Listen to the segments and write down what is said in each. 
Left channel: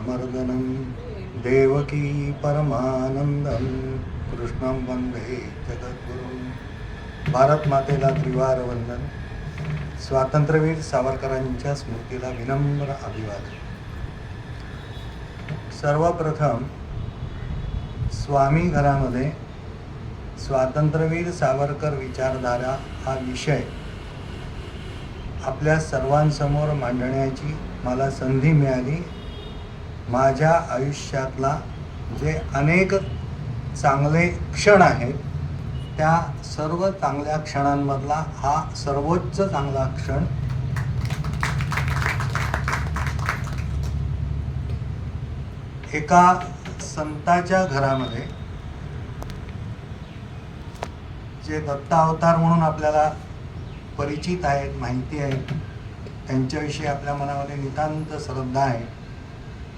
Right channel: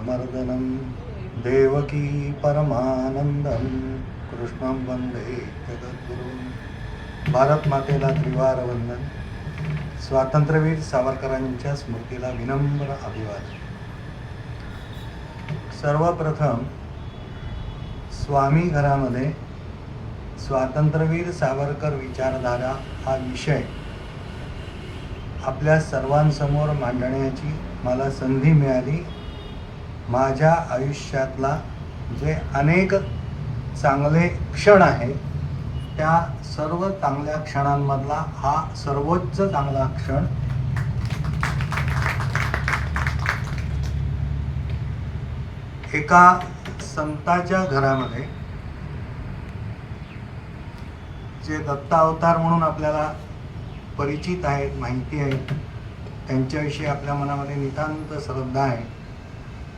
मर्दनं देवकी परमानंदं कृष्णं वंदे जगद्गुरुं। भारत मातेला त्रिवार वंदन। स्वातंत्र्यवीर सावरकरांच्या स्मृतीला विनम्र अभिवादन। सर्वप्रथम स्वामी घरामध्ये स्वातंत्र्यवीर सावरकर विचारधारा हा विषय आपल्या सर्वांसमोर मांडण्याची मला संधी मिळाली। माझ्या आयुष्यातला जे अनेक चांगले क्षण आहेत त्या सर्व चांगल्या क्षणांमधला हा सर्वोच्च चांगला क्षण। एका संताच्या घरामध्ये जे दत्तावतार म्हणून आपल्याला परिचित आहेत, माहिती आहे, त्यांच्याविषयी आपल्या मनामध्ये नितांत श्रद्धा आहे,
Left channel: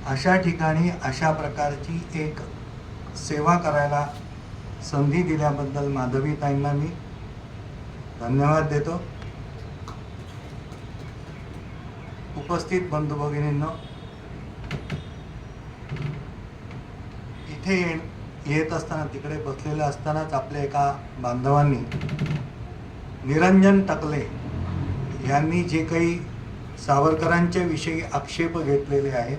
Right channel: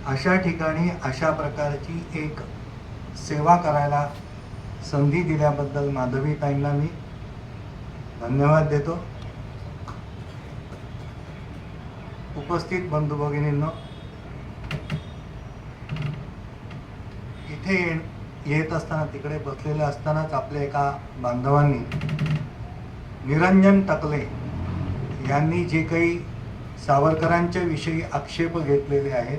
अशा ठिकाणी अशा प्रकारची एक सेवा करायला संधी दिल्याबद्दल माधवीताईंना मी धन्यवाद देतो। उपस्थित बंधू भगिनींनो, इथे येत असताना, तिकडे बसलेलं असतानाच आपल्या एका बांधवांनी निरंजन टकले यांनी जे काही सावरकरांच्या विषयी आक्षेप घेतलेले आहेत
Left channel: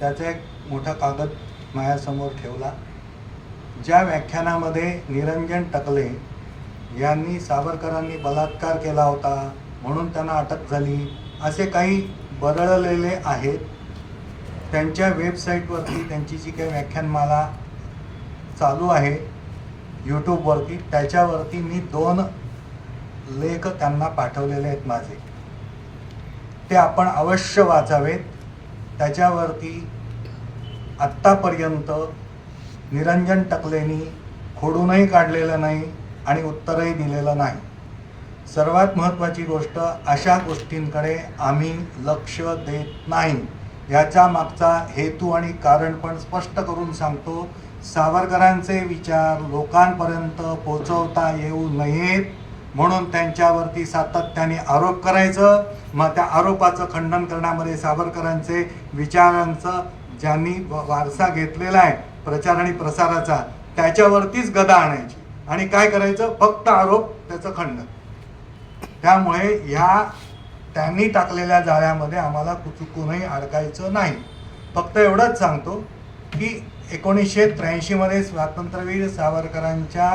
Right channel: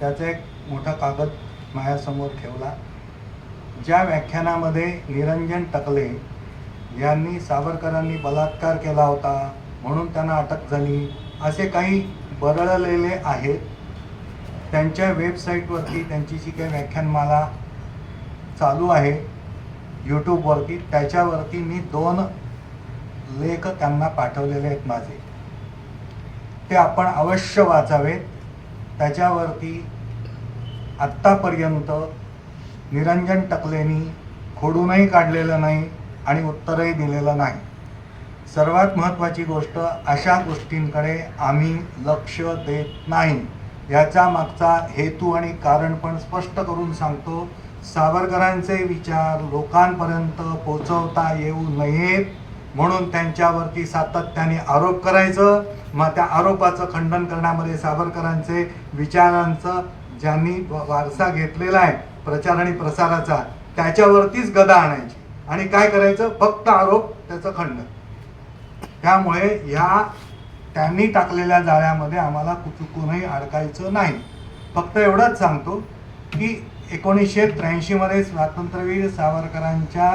त्याचा एक मोठा कागद माझ्यासमोर ठेवला। ज्या व्याख्यानामध्ये निरंजन टकले यांनी सावरकरांनी बलात्कार केला होता म्हणून त्यांना अटक झाली असे काही बरळलेले आहेत, त्यांच्या वेबसाईटवरती त्यांची जी काही व्याख्यानमाला चालू आहे यूट्यूबवरती, त्याच्यावरती मी 2 लेख त्यांना पाठवलेले आहेत माझे, ते आपण अवश्य वाचावेत। त्याच्यावरती आत्तापर्यंत निरंजन टकलेंनी खोडूनही काढलेलं नाही आणि उत्तरही दिलेलं नाही। सर्वात महत्त्वाची गोष्ट, अशा गोष्टींकडे आम्ही लक्ष देत नाही। याचा मागचा हेतू आणि कारण पण स्पष्ट करून सांगतो। सावरकरांचे विचार लोकांपर्यंत पोहोचवता येऊ नयेत म्हणून त्यांच्यावरती सातत्याने आरोप करायचं, मग त्या आरोपाचं खंडन करण्यामध्ये सावरकरांचे विचारांचं ज्यांनी वारसा घेतलेला आहे प्रचार आणि प्रसाराचा, त्याच्यावरतीच गदा आणायची आणि काय करायचं, फक्त आरोप, त्याचं खंडन। त्यामुळे ह्या त्यांनी टाकलेल्या जाळ्यामध्ये आम्हाला चुकूनही अडकायचं नाही। फक्त एवढंच सांगतो की 1983 मध्ये स्वातंत्र्यवीर सावरकरांच्या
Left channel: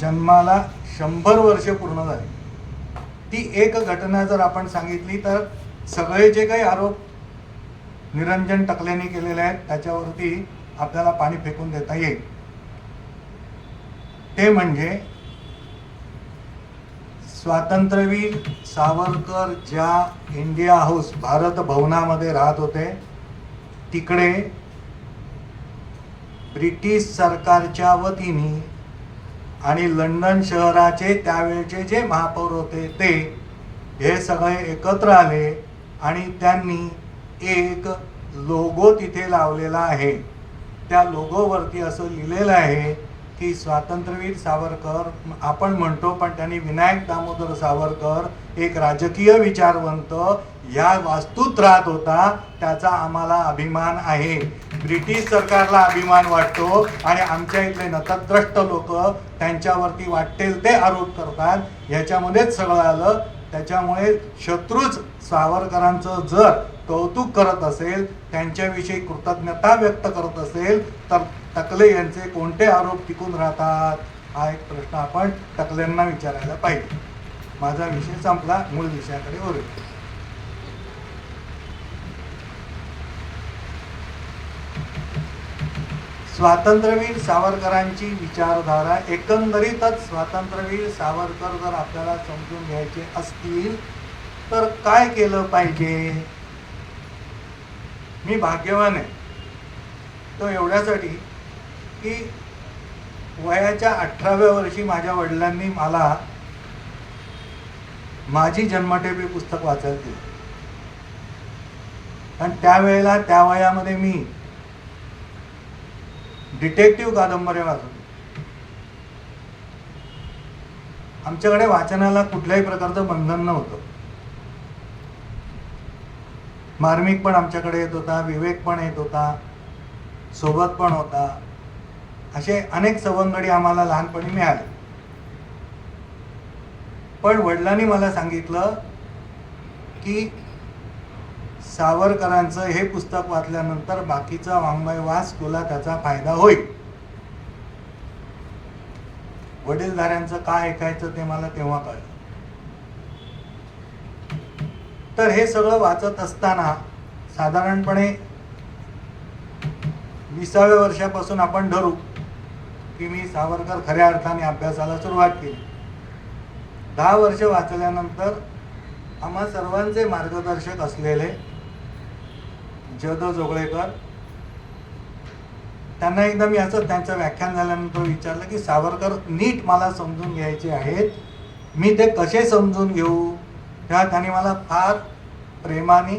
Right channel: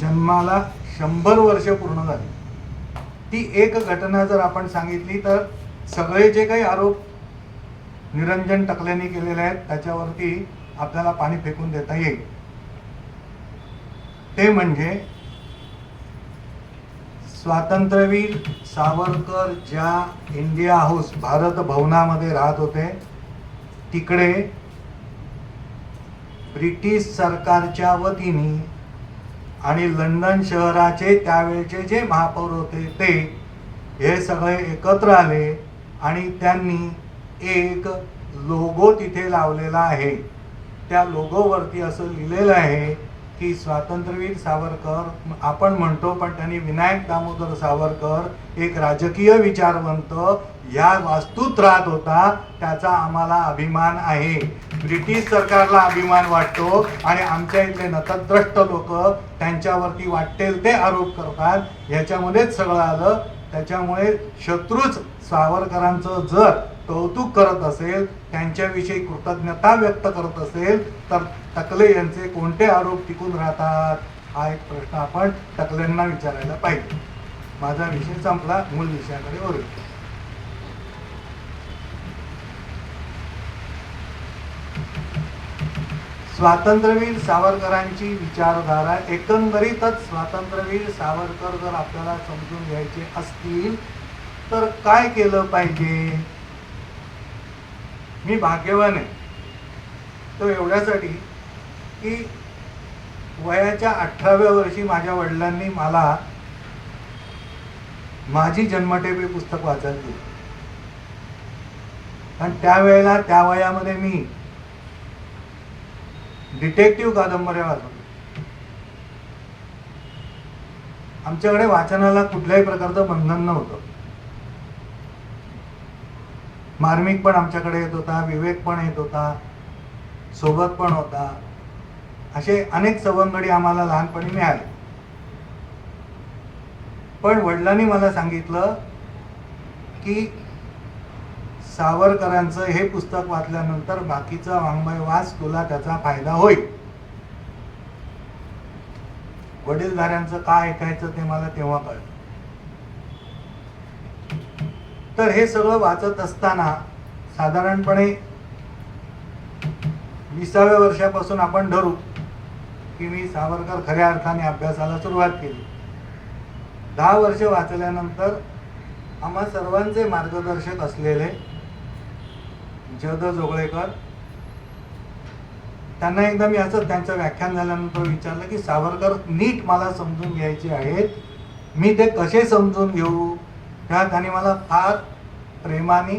जन्माला 100 वर्षे पूर्ण झाली। ती एक घटना जर आपण सांगितली तर सगळे जे काही आरोप निरंजन टकलेंनी केलेले आहेत त्याच्यावरती आपल्याला पाणी फेकून देता येईल। ते म्हणजे स्वातंत्र्यवीर सावरकर ज्या इंडिया हाऊस भारत भवनामध्ये राहत होते तिकडे ब्रिटिश सरकारच्या वतीने आणि लंडन शहराचे त्यावेळचे जे महापौर होते ते हे सगळे एकत्र आले आणि त्यांनी एक लोगो तिथे लावलेला आहे। त्या लोगोवरती असं लिहिलेलं आहे की स्वातंत्र्यवीर सावरकर, आपण म्हणतो पण त्यांनी विनायक दामोदर सावरकर एक राजकीय विचारवंत या वास्तूत राहत होता, त्याचा आम्हाला अभिमान आहे। ब्रिटिश सरकारला अभिमान वाटतो आणि आमच्या इथले नतद्रष्ट लोक त्यांच्यावरती वाटेल ते आरोप करतात, ह्याच्यामध्येच सगळं आलं। त्याच्यामुळे शत्रूच सावरकरांचं जर कौतुक करत असेल, त्यांच्याविषयी कृतज्ञता व्यक्त करत असेल तर टकले यांचे कोणते आरोप टिकून राहतात, हा एक प्रश्न आपण टकलेंना विचारायला पाहिजे। माझा विषय संपला, मूळ विषयाकडे वळूया। स्वातंत्र्यवीर सावरकरांची विचारधारा, एकंदरीतच स्वातंत्र्यवीर सावरकर जर आपल्याला समजून घ्यायचे असतील तर काय केलं पाहिजे। मी भाग्यवान आहे तो एवढ्यासाठी की वयाच्या 18व्या वर्षी माझ्या वडिलांनी मला माझी जन्मठेपी पुस्तक वाचायला दिलं आणि त्यावेळेला त्या वयामध्ये मी डिटेक्टिव्ह कादंबऱ्या वाचतो। आमच्याकडे वाचनाला कुठल्याही प्रकारचं बंधन नव्हतं। मार्मिक पण आमच्याकडे येत होता, विवेक पण येत होता, सोबत पण होता. असे अनेक सवंगडी आम्हाला लहानपणी मिळाले. पण वडिलांनी मला सांगितलं की सावरकरांचं हे पुस्तक वाचल्यानंतर बाकीचा वाङ्मय वाच, तुला त्याचा फायदा होईल. वडीलधाऱ्यांचं काय ऐकायचं ते मला तेव्हा कळलं. तर हे सगळं वाचत असताना साधारणपणे 20व्या वर्षापासून आपण धरू की मी सावरकर खऱ्या अर्थाने अभ्यासाला सुरुवात केली. 10 वर्ष वाचल्यानंतर आम्हा सर्वांचे मार्गदर्शक असलेले जद जोगळेकर, त्यांना एकदा मी असं त्यांचं व्याख्यान झाल्यानंतर विचारलं की सावरकर नीट मला समजून घ्यायचे आहेत, मी ते कसे समजून घेऊ. तेव्हा त्यांनी मला फार प्रेमाने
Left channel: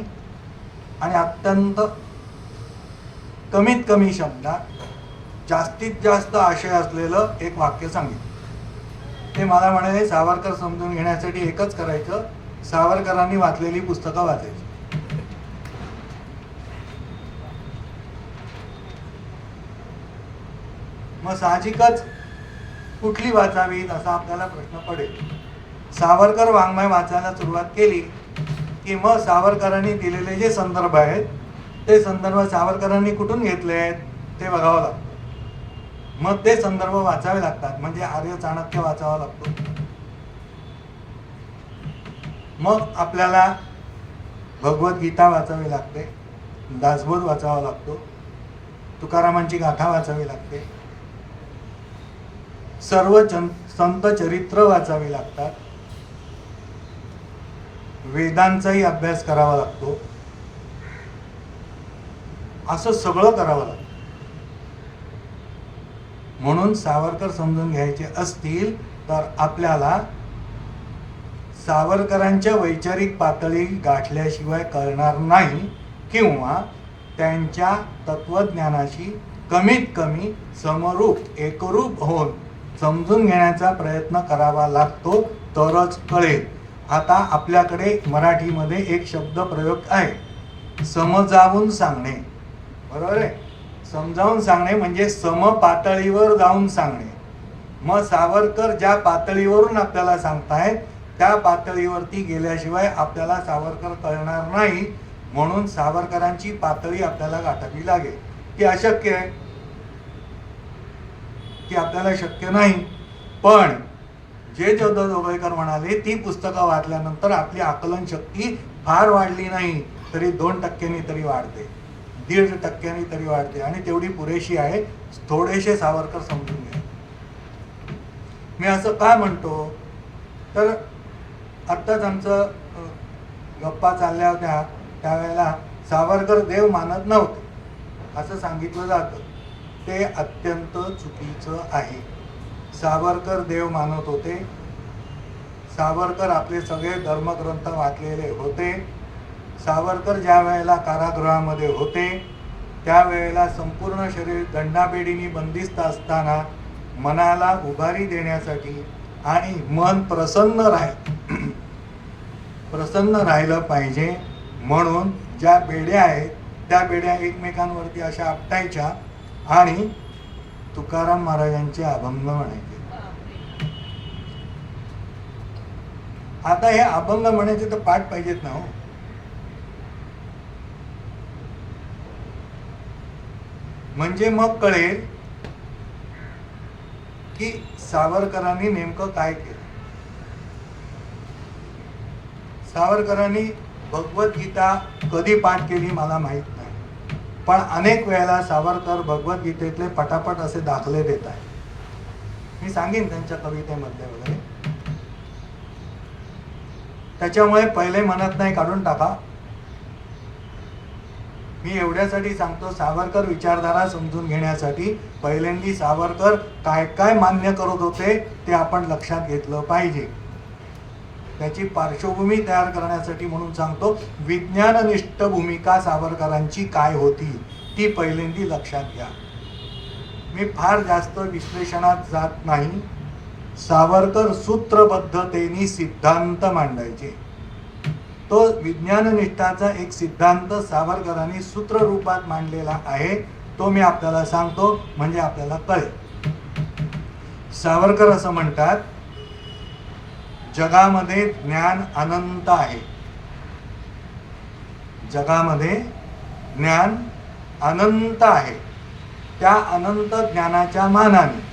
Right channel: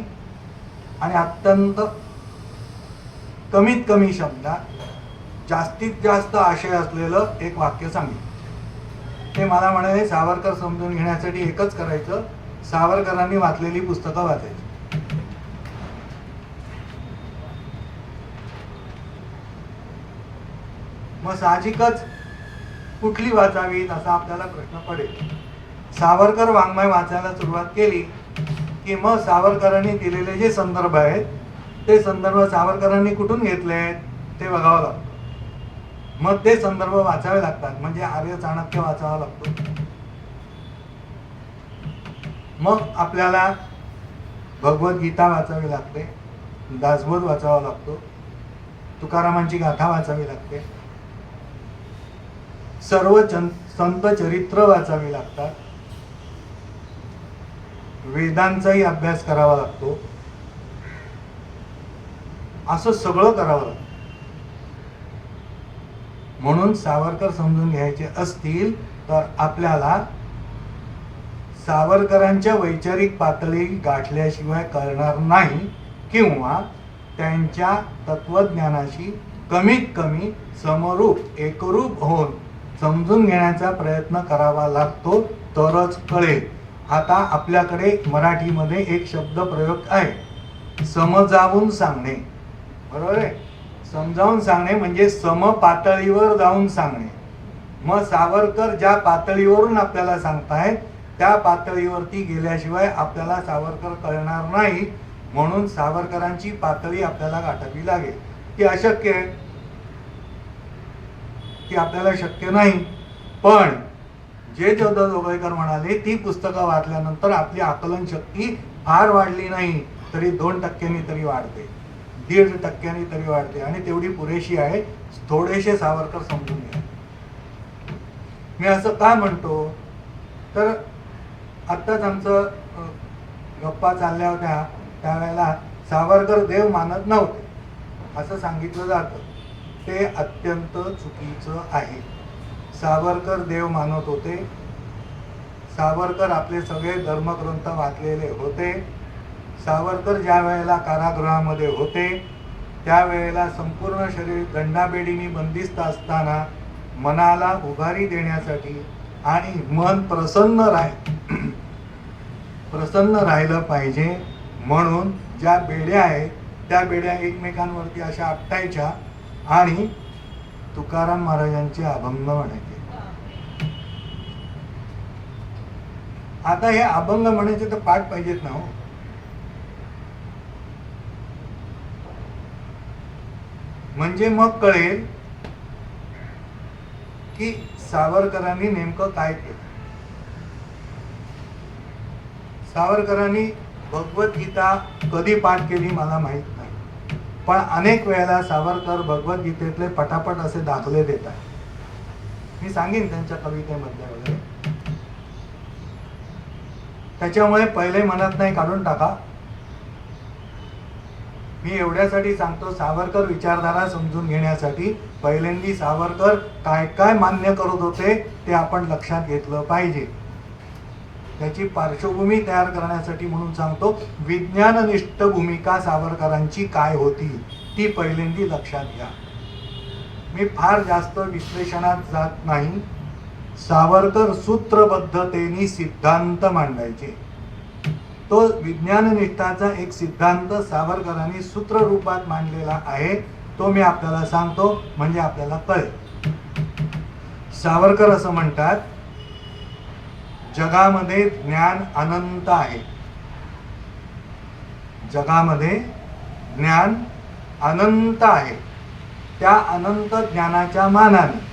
आणि अत्यंत कमीत कमी शब्दात जास्तीत जास्त आशय असलेलं एक वाक्य सांगितलं. ते मला म्हणाले, सावरकर समजून घेण्यासाठी एकच करायचं, सावरकरांनी वाचलेली पुस्तकं वाचायची. मग साहजिकच कुठली वाचावीत असा आपल्याला प्रश्न पडेल. सावरकर वाङ्मय वाचायला सुरुवात केली की मग सावरकरांनी दिलेले जे संदर्भ आहेत ते संदर्भ सावरकरांनी कुठून घेतले आहेत ते बघावं लागतं. मग ते संदर्भ वाचावे लागतात. म्हणजे आर्य चाणक्य वाचावा लागतो. मग आपल्याला भगवद्गीता वाचावी लागते, दासबोध वाचावा लागतो, तुकारामांची गाथा वाचावी लागते, सर्व संत चरित्र वाचावी लागतात, वेदांचाही अभ्यास करावा लागतो. असं सगळं करावं लागतं. म्हणून सावरकर समजून घ्यायचे असतील तर आपल्याला सावरकरांच्या वैचारिक पातळी गाठल्याशिवाय कळणार नाही, किंवा त्यांच्या तत्वज्ञानाशी कमीत कमी समरूप एकरूप होऊन समजून घेण्याचा प्रयत्न करावा लागतो, तरच कळेल. आता आपल्याकडे मराठीमध्ये एक शब्द प्रयोग आहे, समजावून सांगणे. बरोबर आहे. समजावून सांगणे म्हणजे समपातळीवर जाऊन सांगणे. मग सावरकर ज्या पातळीवरून आपल्याला सांगतायत त्या पातळीवरती गेल्याशिवाय आपल्याला सावरकर कळणार नाही. म्हणून सावरकरांची पातळी आपल्याला गाठावी लागेल. ती अशक्य आहे, ती आपल्याला शक्य नाही. पण जे जद जोगळेकर म्हणाले, ती पुस्तकं वाचल्यानंतर आपली आकलन शक्ती फार वाढली नाही तरी 2% तरी वाढते, 1.5% तरी वाढते, आणि तेवढी पुरेशी आहे. थोडेसे सावरकर समजून घ्या. मी असं का म्हणतो तर आत्ताच आमचं गप्पा चालल्या होत्या त्यावेळेला सावरकर देव मानत नव्हते असं सांगितलं जातं. ते अत्यंत चुकीचं आहे. सावरकर देव मानत होते. सावरकर आपले सगळे धर्मग्रंथ वाचलेले होते. सावरकर ज्या वेळेला कारागृहामध्ये होते त्यावेळेला संपूर्ण शरीर दंडाबेडीने बंदिस्त असताना मनाला उभारी देण्यासाठी आणि मन प्रसन्न राहिलं पाहिजे म्हणून ज्या बेड्या आहेत त्या बेड्या एकमेकांवरती अशा आपटायच्या आणि तुकाराम महाराजांचे अभंग म्हणायचे. आता हे अभंग म्हणायचे तर पाठ पाहिजेत ना. म्हणजे मग कळेल की सावरकरांनी नेमकं काय केलं. सावरकरांनी भगवद्गीता कधी पाठ केली मला माहित नाही, पण अनेक वेळेला सावरकर भगवद्गीतेतले पटापट असे दाखले देत आहेत. मी सांगेन त्यांच्या कवितेमध्ये वगैरे. त्याच्यामुळे पहिले मनात नाही काढून टाका. मी एवढ्यासाठी सांगतो, सावरकर विचारधारा समजून घेण्यासाठी पहिल्यांदी सावरकर काय काय मान्य करत होते ते आपण लक्षात घेतलं पाहिजे. त्याची पार्श्वभूमी तयार करण्यासाठी म्हणून सांगतो, विज्ञाननिष्ठ भूमिका सावरकरांची काय होती ती पहिल्यांदी लक्षात घ्या. मी फार जास्त विश्लेषणात जात नाही. सावरकर सूत्रबद्धतेने सिद्धांत मांडायचे. तो विज्ञाननिष्ठाचा एक सिद्धांत सावरकरांनी सूत्र रूपात मांडलेला आहे. तो मी आपल्याला सांगतो म्हणजे आपल्याला कळेल. सावरकर असं म्हणतात, जगामध्ये ज्ञान अनंत आहे. जगामध्ये ज्ञान अनंत आहे. त्या अनंत ज्ञानाच्या मानाने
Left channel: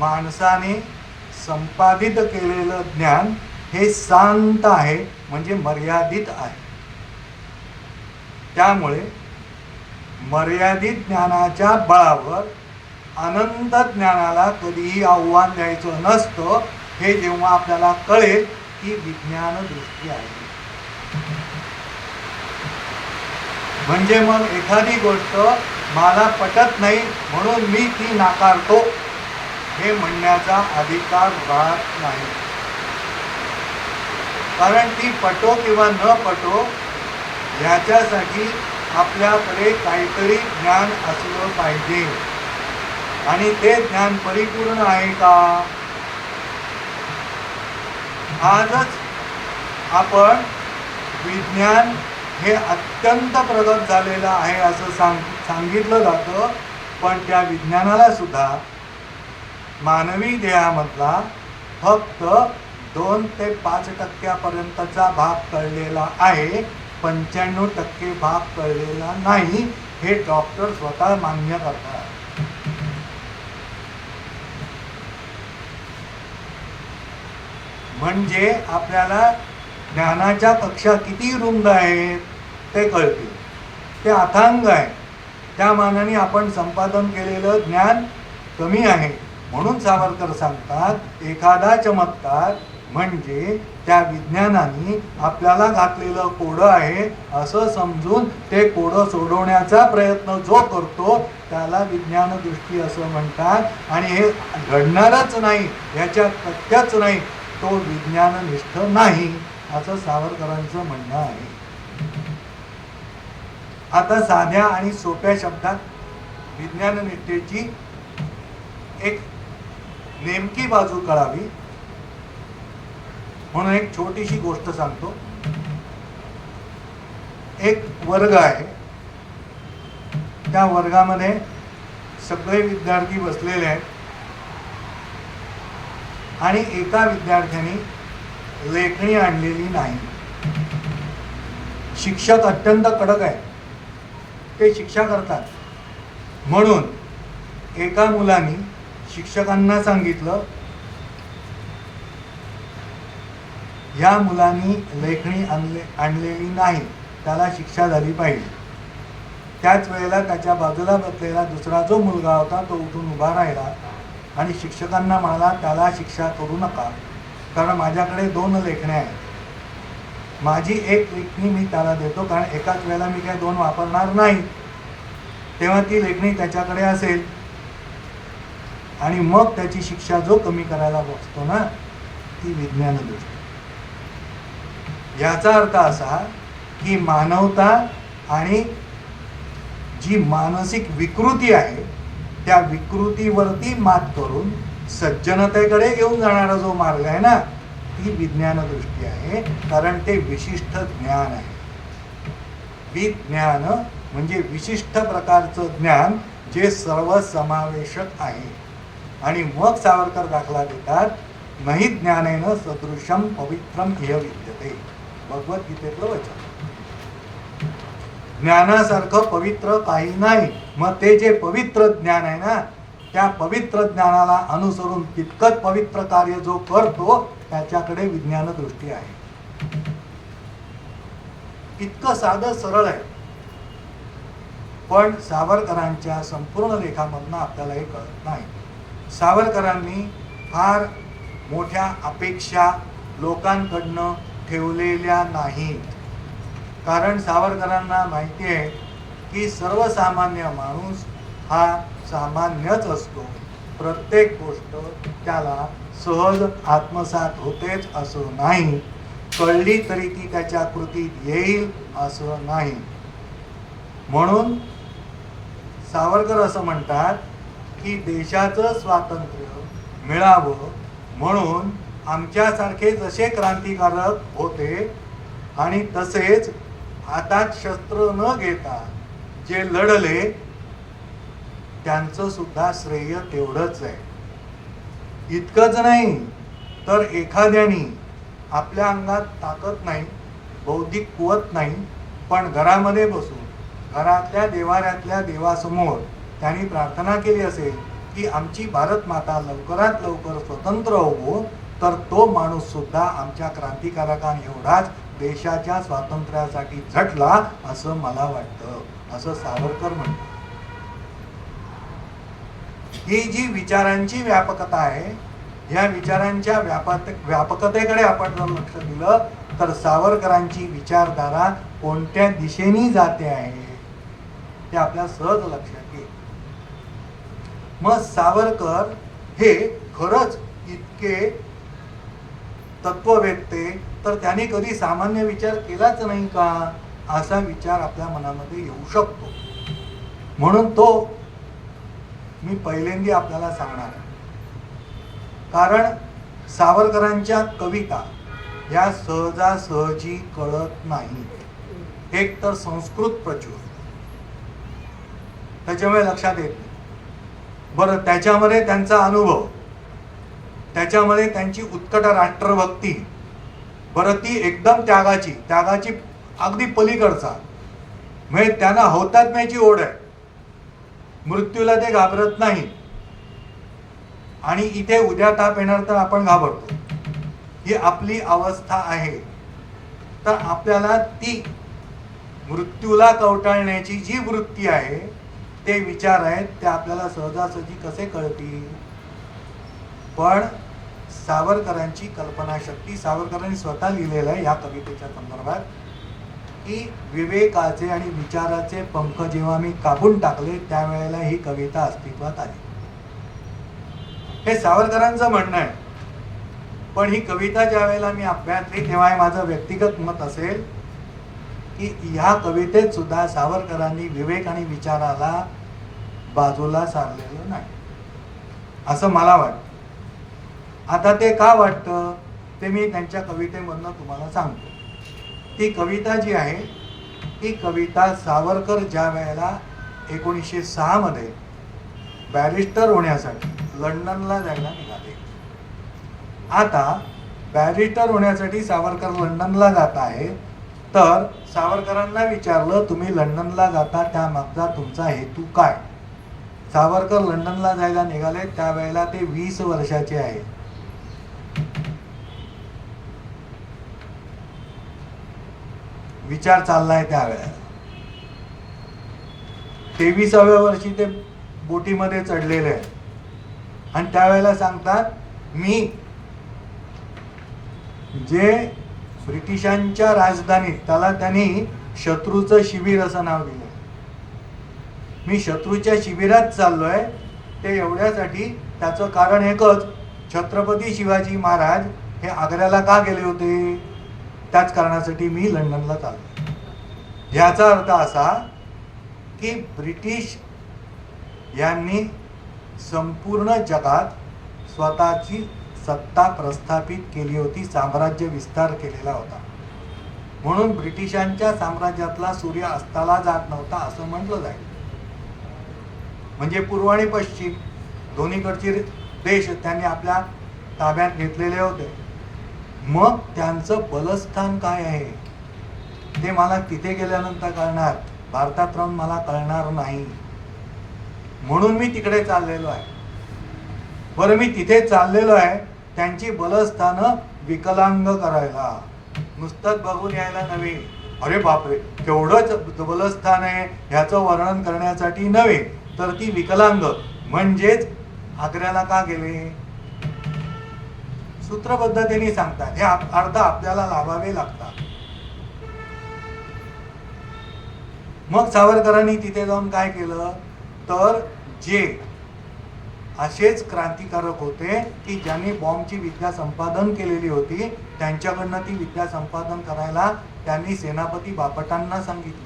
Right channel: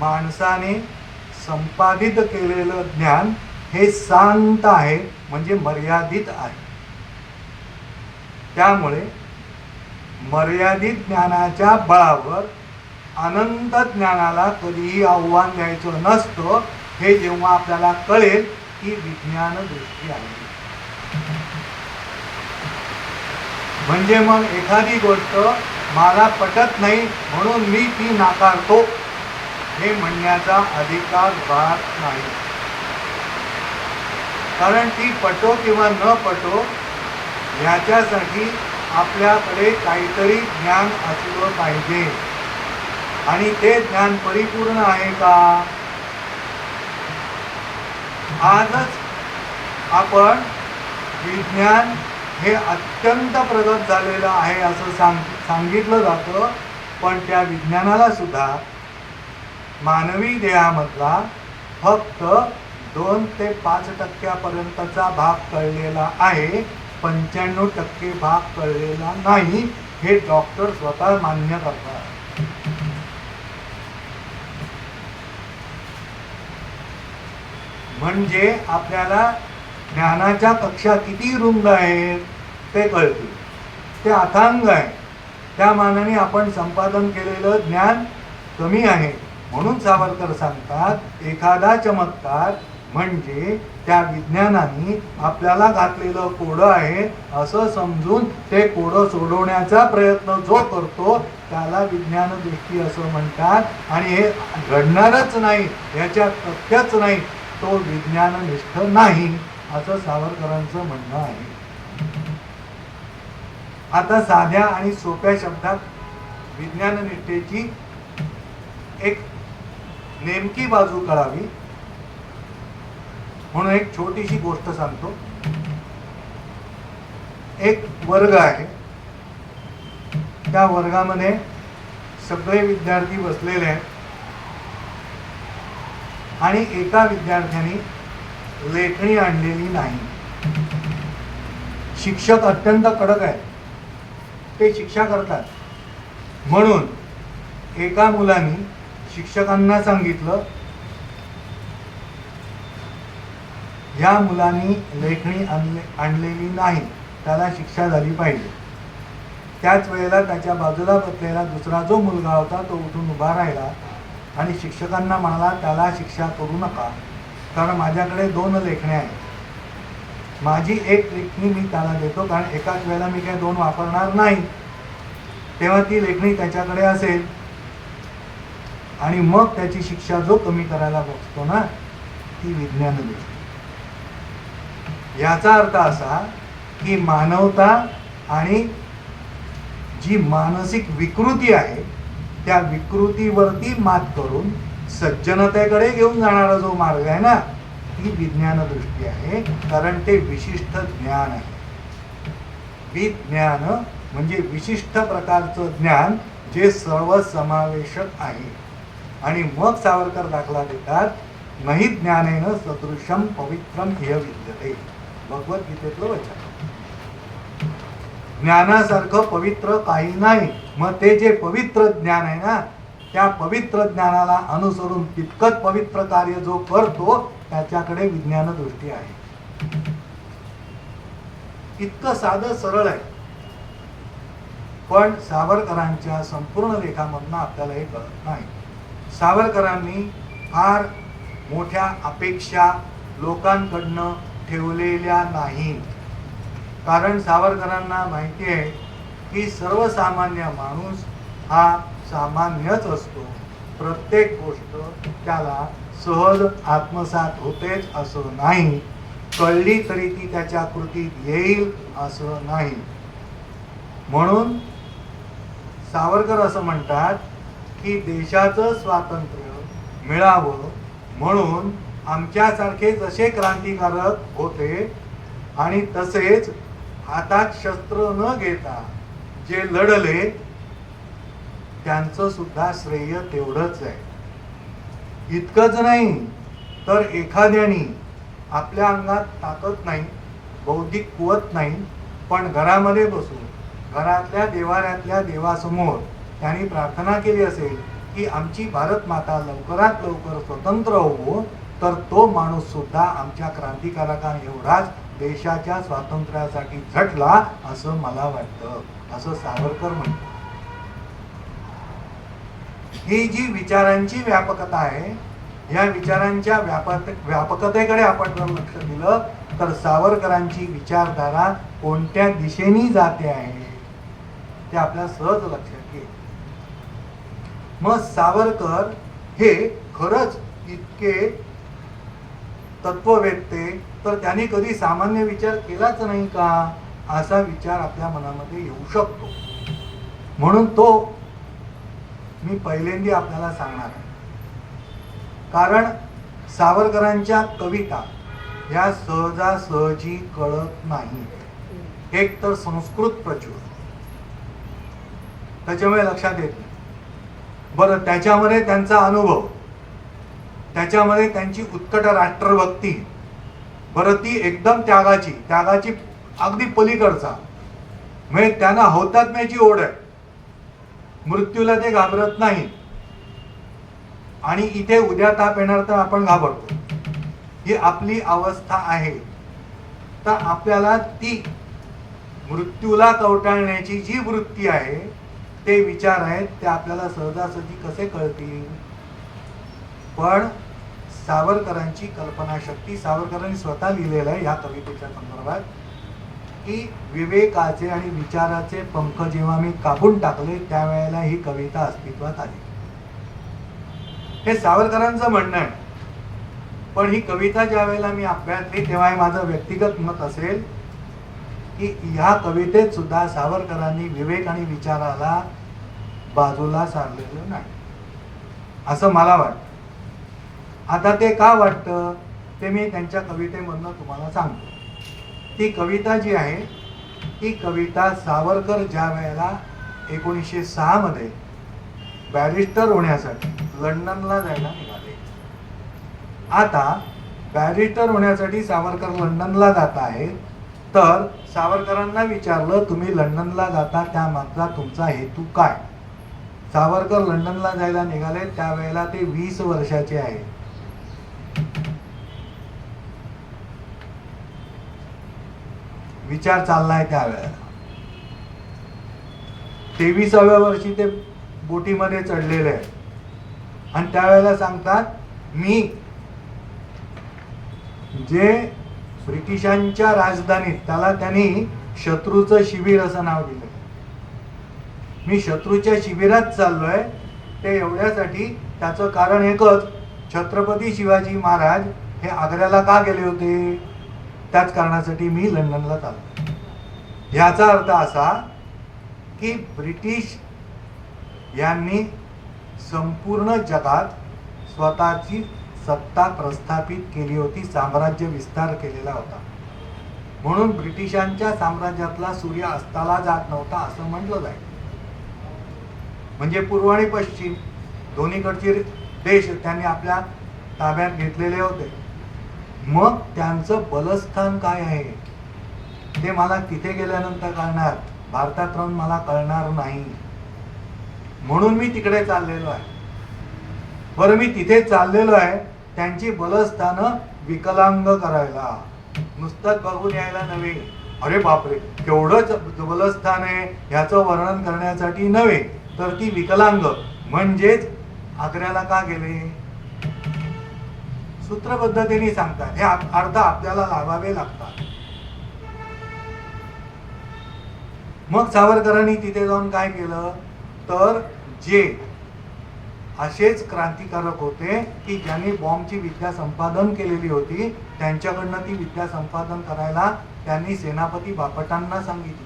माणसाने संपादित केलेलं ज्ञान हे शांत आहे, म्हणजे मर्यादित आहे. त्यामुळे मर्यादित ज्ञानाच्या बळावर अनंत ज्ञानाला कधीही आव्हान द्यायचं नसतं. हे जेव्हा आपल्याला कळेल की विज्ञान दृष्टी आहे. म्हणजे मग एखादी गोष्ट मला पटत नाही म्हणून मी ती नाकारतो हे म्हणण्याचा अधिकार राहत नाही. कारण ती पटो किंवा न पटो याच्यासाठी आपल्याकडे काहीतरी ज्ञान असलं पाहिजे. आणि ते ज्ञान परिपूर्ण आहे का? आजच आपण विज्ञान हे अत्यंत प्रगत झालेलं आहे असं सांगितलं जातं. पण त्या विज्ञानाला सुद्धा मानवी देहामधला फक्त 2 ते 5% भाग कळलेला आहे. 95% भाग कळलेला नाही. हे डॉक्टर स्वतः मान्य करतात. म्हणजे आपल्याला ज्ञानाच्या कक्षा किती रुंद आहेत ते कळते. ते अथांग आहे. त्या मानाने आपण संपादन केलेलं ज्ञान कमी आहे. म्हणून सावरकर सांगतात, एखादा चमत्कार म्हणजे त्या विज्ञानाने आपल्याला घातलेलं कोडं आहे असं समजून ते कोडं सोडवण्याचा प्रयत्न जो करतो त्याला विज्ञान दृष्टी असं म्हणतात. आणि हे घडणारच नाही, याच्या तथ्यच नाही, तो विज्ञाननिष्ठ नाही असं सावरकरांचं म्हणणं आहे. आता साध्या आणि सोप्या शब्दात विज्ञाननिष्ठेची एक नेमकी बाजू कळावी म्हणून एक छोटीशी गोष्ट सांगतो. एक वर्ग आहे. त्या वर्गामध्ये सगळे विद्यार्थी बसलेले आहेत आणि एका विद्यार्थ्याने लेखणी आणलेली नाही. शिक्षक अत्यंत कडक आहे, ते शिक्षा करतात. म्हणून एका मुलाने शिक्षकांना सांगितलं, ह्या मुलांनी लेखणी आणलेली नाही, त्याला शिक्षा झाली पाहिजे. त्याच वेळेला त्याच्या बाजूला बसलेला दुसरा जो मुलगा होता तो उठून उभा राहिला आणि शिक्षकांना म्हणाला, त्याला शिक्षा करू नका, कारण माझ्याकडे 2 लेखण्या आहेत. माझी एक लेखणी मी त्याला देतो, कारण एकाच वेळेला मी काही 2 वापरणार नाही. तेव्हा ती लेखणी त्याच्याकडे असेल आणि मग त्याची शिक्षा जो कमी करायला बसतो ना, ती विज्ञान दृष्टी. याचा अर्थ असा की मानवता आणि जी मानसिक विकृती आहे त्या विकृतीवरती मात करून सज्जनतेकडे घेऊन जाणारा जो मार्ग आहे ना, ती विज्ञान दृष्टी आहे. कारण ते विशिष्ट ज्ञान आहे. विज्ञान म्हणजे विशिष्ट प्रकारचं ज्ञान जे सर्वसमावेशक आहे. आणि मग सावरकर दाखला देतात, नहि ज्ञानेन सदृशम पवित्रम इह विद्यते, भगवद्गीतेतलं वचन. ज्ञानासारखं पवित्र काही नाही. मग ते जे पवित्र ज्ञान आहे ना, त्या पवित्र ज्ञानाला अनुसरून तितकंच पवित्र कार्य जो करतो त्याच्याकडे विज्ञान दृष्टी आहे. इतकं साधं सरळ आहे. पण सावरकरांच्या संपूर्ण लेखामधनं आपल्याला हे कळत नाही. सावरकरांनी फार मोठ्या अपेक्षा लोकांकडनं ठेवलेल्या नाहीत. कारण सावरकरांना माहिती आहे की सर्वसामान्य माणूस हा सामान्यच असतो. प्रत्येक गोष्ट त्याला सहज आत्मसात होतेच असं नाही, कळली तरी ती त्याच्या कृतीत येईल असं नाही. म्हणून सावरकर असं म्हणतात की देशाचं स्वातंत्र्य मिळावं म्हणून आमच्यासारखे जसे क्रांतिकारक होते आणि तसेच हातात शस्त्र न घेता जे लढले त्यांचं सुद्धा श्रेय तेवढंच आहे. इतकंच नाही तर एखाद्याने आपल्या अंगात ताकद नाही, बौद्धिक कुवत नाही, पण घरामध्ये बसून घरातल्या देवाऱ्यातल्या देवासमोर त्यांनी प्रार्थना केली असेल की आमची भारत माता लवकरात लवकर स्वतंत्र हो, तर तो माणूस सुद्धा आमच्या क्रांतिकारकां एवढाच देशाच्या स्वातंत्र्यासाठी झटला असं मला वाटतं, असं सावरकर म्हणतो. ही जी विचारांची व्यापकता आहे, या विचारांच्या व्यापकतेकडे आपण जर लक्ष दिलं तर सावरकरांची विचारधारा कोणत्या दिशेने जाते आहे ते आपल्या सहज लक्षात येईल. मग सावरकर हे खरंच इतके तत्ववेत्ते, तर त्याने कधी सामान्य विचार केलाच नाही का, असा विचार आपल्या मनामध्ये येऊ शकतो. म्हणून तो मी पहिल्यांदा आपल्याला सांगणार आहे. कारण सावरकरांच्या कविता या सहजासहजी कळत नाहीत. एक तर संस्कृत प्रचूर, त्याच्यामुळे लक्षात येत नाही. बरं, त्याच्यामध्ये त्यांचा अनुभव, त्याच्यामध्ये त्यांची उत्कट राष्ट्रभक्ती, बरं ती एकदम त्यागाची अगदी पलीकडचा, म्हणजे त्यांना हौतात्म्याची ओढ आहे, मृत्यूला ते घाबरत नाही. आणि इथे उद्या ताप येणार तर आपण घाबरतो, ही आपली अवस्था आहे. तर आपल्याला ती मृत्यूला कवटाळण्याची जी वृत्ती आहे, ते विचार आहेत, ते आपल्याला सहजासहजी कसे कळतील. पण सावरकरांची कल्पनाशक्ती, सावरकरांनी स्वतः लिहिलेलं आहे या कवितेच्या संदर्भात की विवेकाचे आणि विचाराचे पंख जेव्हा मी कापून टाकले त्यावेळेला ही कविता अस्तित्वात आली. हे सावरकरांचं म्हणणं आहे. पण ही कविता ज्या वेळेला मी अभ्यासली तेव्हा हे माझं व्यक्तिगत मत असेल की ह्या कवितेत सुद्धा सावरकरांनी विवेक आणि विचाराला बाजूला सारलेलं नाही, असं मला वाटतं. आता ते का वाटतं ते मी त्यांच्या कवितेमधनं तुम्हाला सांगतो. ती कविता जी आहे, ती कविता सावरकर ज्या वेळेला 1906 मध्ये बॅरिस्टर होण्यासाठी लंडनला जायला निघाले. आता बॅरिस्टर होण्यासाठी सावरकर लंडनला जात आहेत, तर सावरकरांना विचारलं तुम्ही लंडनला जाता त्यामागचा तुमचा हेतू काय. सावरकर लंडनला जायला निघाले त्यावेळेला ते 20 वर्षाचे आहेत. विचार चाललाय त्यावेळेला 23व्या वर्षी ते बोटीमध्ये चढलेले आहे आणि त्यावेळेला सांगतात मी जे ब्रिटिशांच्या राजधानीत, त्याला त्यांनी शत्रूचं शिबिर असं नाव दिलं, मी शत्रूच्या शिबिरात चाललोय. ते एवढ्यासाठी त्याचं कारण एकच, छत्रपती शिवाजी महाराज हे आग्र्याला का गेले होते, त्याच कारणासाठी मी लंडनला चाललो. याचा अर्थ असा की ब्रिटिश यांनी संपूर्ण जगात स्वतःची सत्ता प्रस्थापित केली होती, साम्राज्य विस्तार केलेला होता. म्हणून ब्रिटिशांच्या साम्राज्यातला सूर्य अस्ताला जात नव्हता असं म्हटलं जाईल. म्हणजे पूर्व आणि पश्चिम दोन्हीकडचे देश त्यांनी आपल्या ताब्यात घेतलेले होते. मग त्यांचं बलस्थान काय आहे ते मला तिथे गेल्यानंतर कळणार, भारतात राहून मला कळणार नाही. म्हणून मी तिकडे चाललेलो आहे. बरं, मी तिथे चाललेलो आहे त्यांची बलस्थानं विकलांग करायला, नुसतंच बघून यायला नव्हे. अरे बापरे केवढंच बलस्थान आहे ह्याचं वर्णन करण्यासाठी नव्हे, तर ती विकलांग म्हणजेच आग्र्याला का गेले सूत्रबद्धतेने सांगतात. हे अर्थ आपल्याला लावावे लागतात. मग सावरकरांनी तिथे जाऊन काय केलं, तर जे असेच क्रांतिकारक होते की ज्यांनी बॉम्बची विद्या संपादन केलेली होती, त्यांच्याकडनं ती विद्या संपादन करायला त्यांनी सेनापती बापटांना सांगितलं.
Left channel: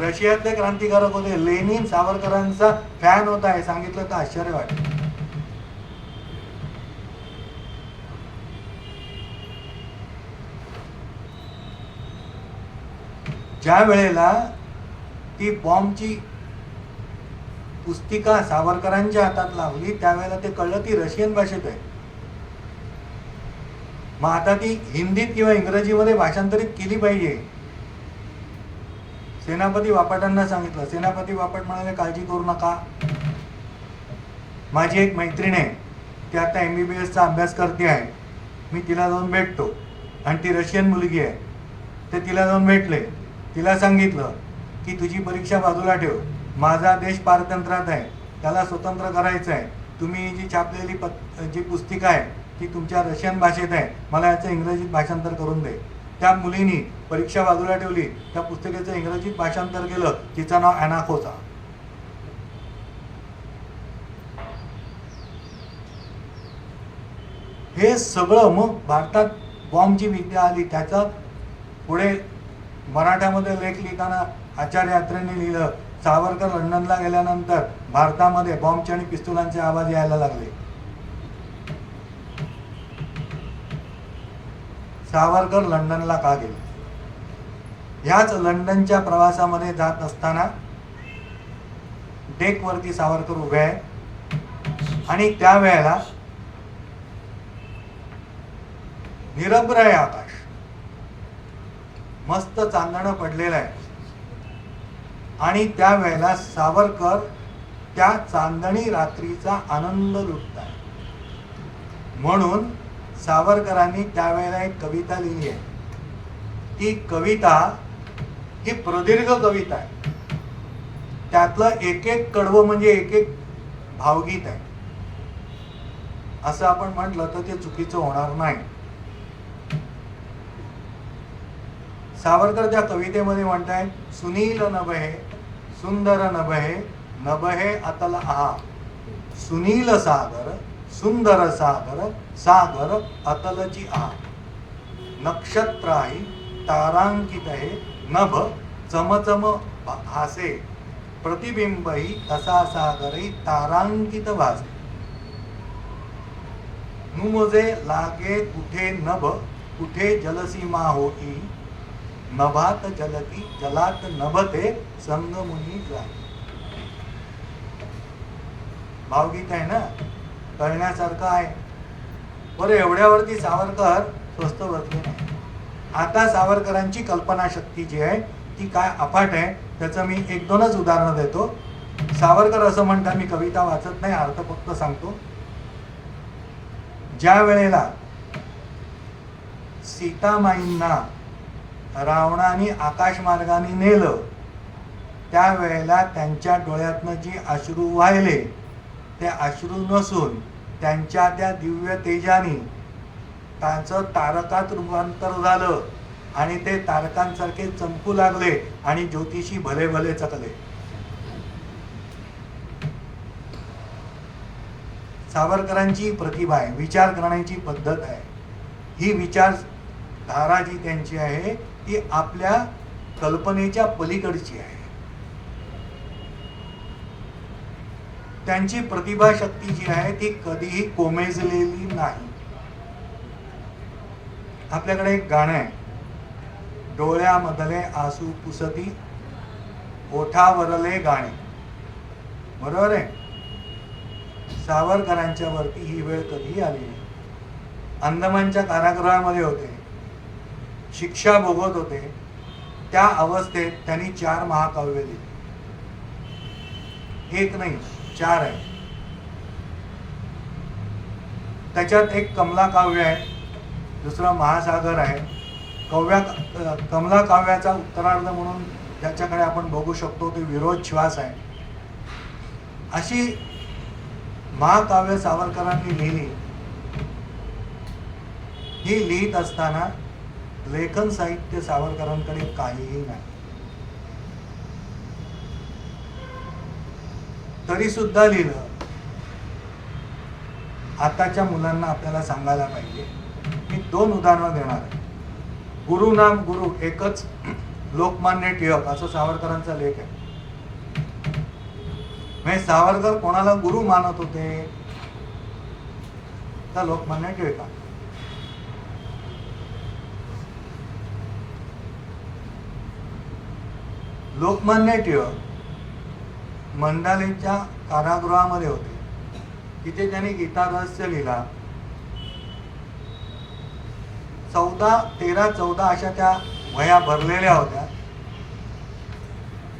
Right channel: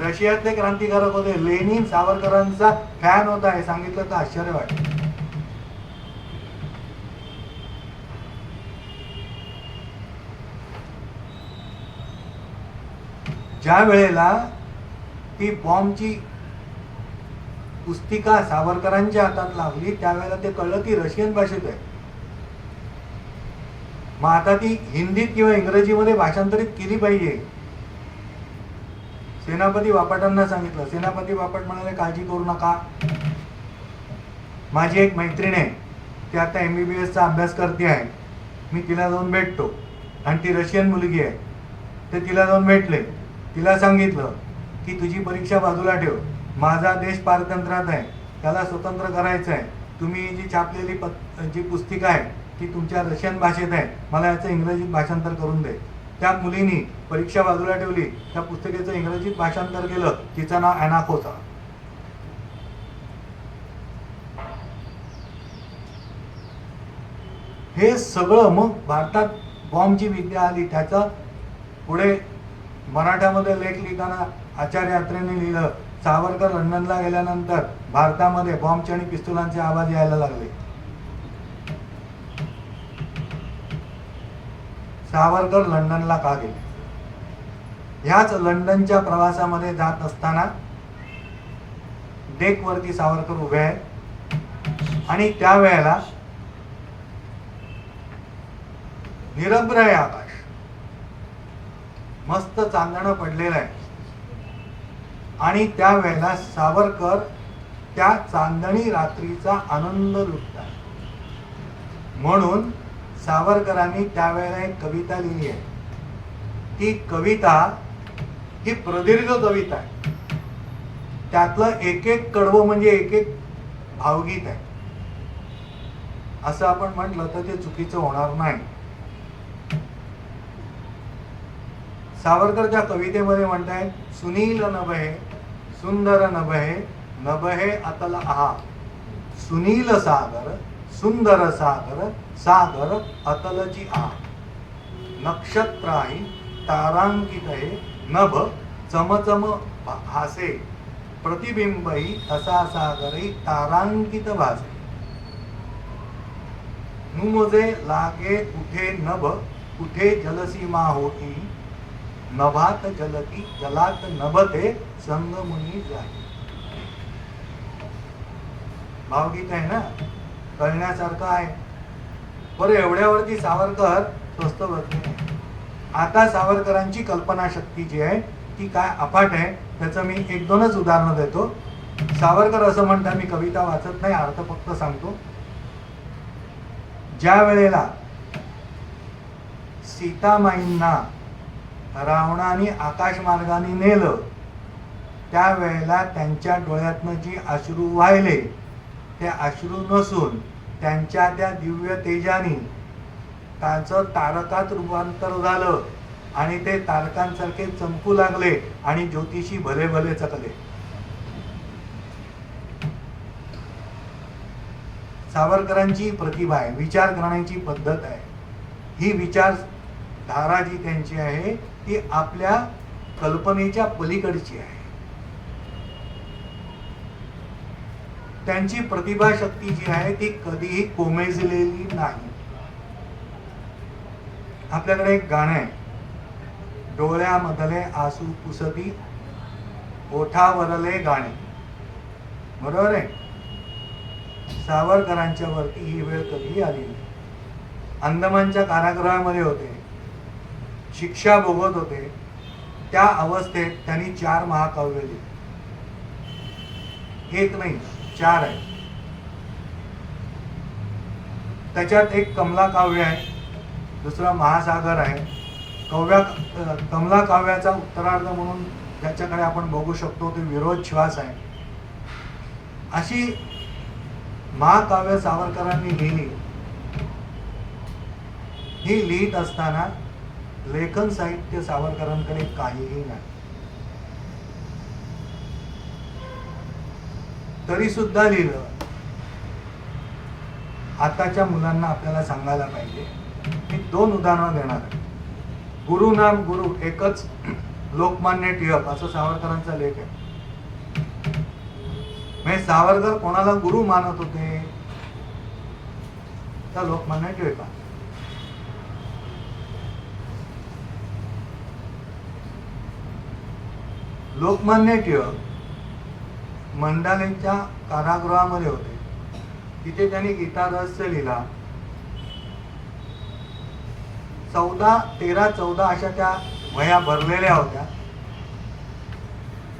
रशियातले क्रांतिकारक होते, लेनिन सावरकरांचा फॅन होता, हे सांगितलं तर आश्चर्य वाटतं. ज्या वेळेला ती बॉम्बची पुस्तिका सावरकरांच्या हातात लागली त्यावेळेला ते कळलं ती रशियन भाषेत आहे. मग आता ती हिंदीत किंवा इंग्रजीमध्ये भाषांतरित केली पाहिजे. सेनापती बापटांना सांगितलं. सेनापती बापट म्हणाले काळजी करू नका, माझी एक मैत्रीण आहे, ती आता MBBSचा अभ्यास करते आहे, मी तिला जाऊन भेटतो. आणि ती रशियन मुलगी आहे, ते तिला जाऊन भेटले. तिला सांगितलं की तुझी परीक्षा बाजूला ठेव, माझा देश पारतंत्र्यात आहे, त्याला स्वतंत्र करायचं आहे, तुम्ही जी छापलेली जी पुस्तिका आहे ती तुमच्या रशियन भाषेत आहे, मला याचं इंग्रजीत भाषांतर करून दे. त्या मुलीनी परीक्षा बाजूला ठेवली, त्या पुस्तिकेचं इंग्रजीत भाषांतर केलं. तिचं नाव ॲना होता. हे सगळं मग भारतात बॉम्बची विद्या आली. त्याचा पुढे मराठ्यामध्ये लेख लिहिताना आचार्य यात्रेने लिहिलं, सावरकर लंडनला गेल्यानंतर भारतामध्ये बॉम्बचे आणि पिस्तुलांचे आवाज यायला लागले. सावरकर लंडनला का गेले? ह्याच लंडनच्या प्रवासामध्ये जात असताना डेकवरती सावरकर उभे आहे आणि त्यावेळेला निरभ्र आहे आकाश, मस्त चांदणं पडलेलं आहे आणि त्यावेळेला सावरकर त्या चांदणी रात्रीचा आनंद लुटतात. म्हणून सावरकरांनी त्यावेळेला एक कविता लिहिली आहे. ती कविता ही प्रदीर्घ कविता आहे. त्यातलं एक एक कडवं म्हणजे एक एक भावगीत आहे. असं आपण म्हटलं तर ते चुकीचं होणार नाही. सावरकर त्या कवितेमध्ये म्हणताय, सुनील नभे सुंदर नभे नभे अतल आहा, सुनील सागर सुंदर सागर सागर अतलची आ, नक्षत्राही तारांकित आहे नभ चमचम हासे, प्रतिबिंबही तसा सागरही तारांकित भासे, नुमजे लागे कुठे नभ कुठे जलसीमा होती, नभात जलती जलात नभते संगमुनी जाई. भावगीत आहे ना, कळण्यासारखं आहे. बरं, एवढ्यावरती सावरकर स्वस्त बसले नाही. आता सावरकरांची कल्पनाशक्ती जी आहे ती काय अफाट आहे. त्याचं मी एक दोनच उदाहरणं देतो. सावरकर असं म्हणतात, मी कविता वाचत नाही, अर्थ फक्त सांगतो. ज्या वेळेला सीतामाईंना रावणाने आकाशमार्गाने नेलं त्यावेळेला त्यांच्या डोळ्यातनं जी अश्रू वाहिले ते अश्रू नसून त्यांच्या त्या दिव्य तेजाने त्यांचं तारकात रूपांतर झालं आणि ते तारकांसारखे चमकू लागले आणि ज्योतिषी भले भले चकले. सावरकरांची प्रतिभा आहे, विचार करण्याची पद्धत आहे. ही विचारधारा जी त्यांची आहे ती आपल्या कल्पनेच्या पलीकडची आहे. त्यांची प्रतिभाशक्ती जी आहे ती कधीही कोमेजलेली नाही. आपल्याकडे एक गाणं आहे, डोळ्यामधले आसू पुसती ओठावरले गाणे, बरोबर आहे. सावरकरांच्या वरती ही वेळ कधीही आली नाही. अंदमानच्या कारागृहामध्ये होते, शिक्षा भोगत होते. त्या अवस्थेत त्यांनी 4 महाकाव्य लिहिली. एक नाही, 4 आहे. त्याच्यात एक कमला काव्य आहे, दुसरा महासागर आहे. कमला काव्याचा उत्तरार्ध म्हणून त्याच्याकडे आपण बघू शकतो ते विरोध श्वास आहे. अशी महाकाव्य सावरकरांनी लिहिली. ही लिहित असताना लेखन साहित्य सावरकरांकडे काहीही नाही. तरी सुद्धा लिहिलं. आताच्या मुलांना आपल्याला सांगायला पाहिजे. मी 2 उदाहरणं देणार आहे. गुरु नाम गुरु एकच लोकमान्य टिळक असं सावरकरांचा लेख आहे. म्हणजे सावरकर कोणाला गुरु मानत होते तर लोकमान्य टिळक. लोकमान्य टिळक मंडालेच्या कारागृहामध्ये होते. तिथे त्यांनी गीता रहस्य लिहिला. 13-14 अशा त्या वह्या भरलेल्या होत्या.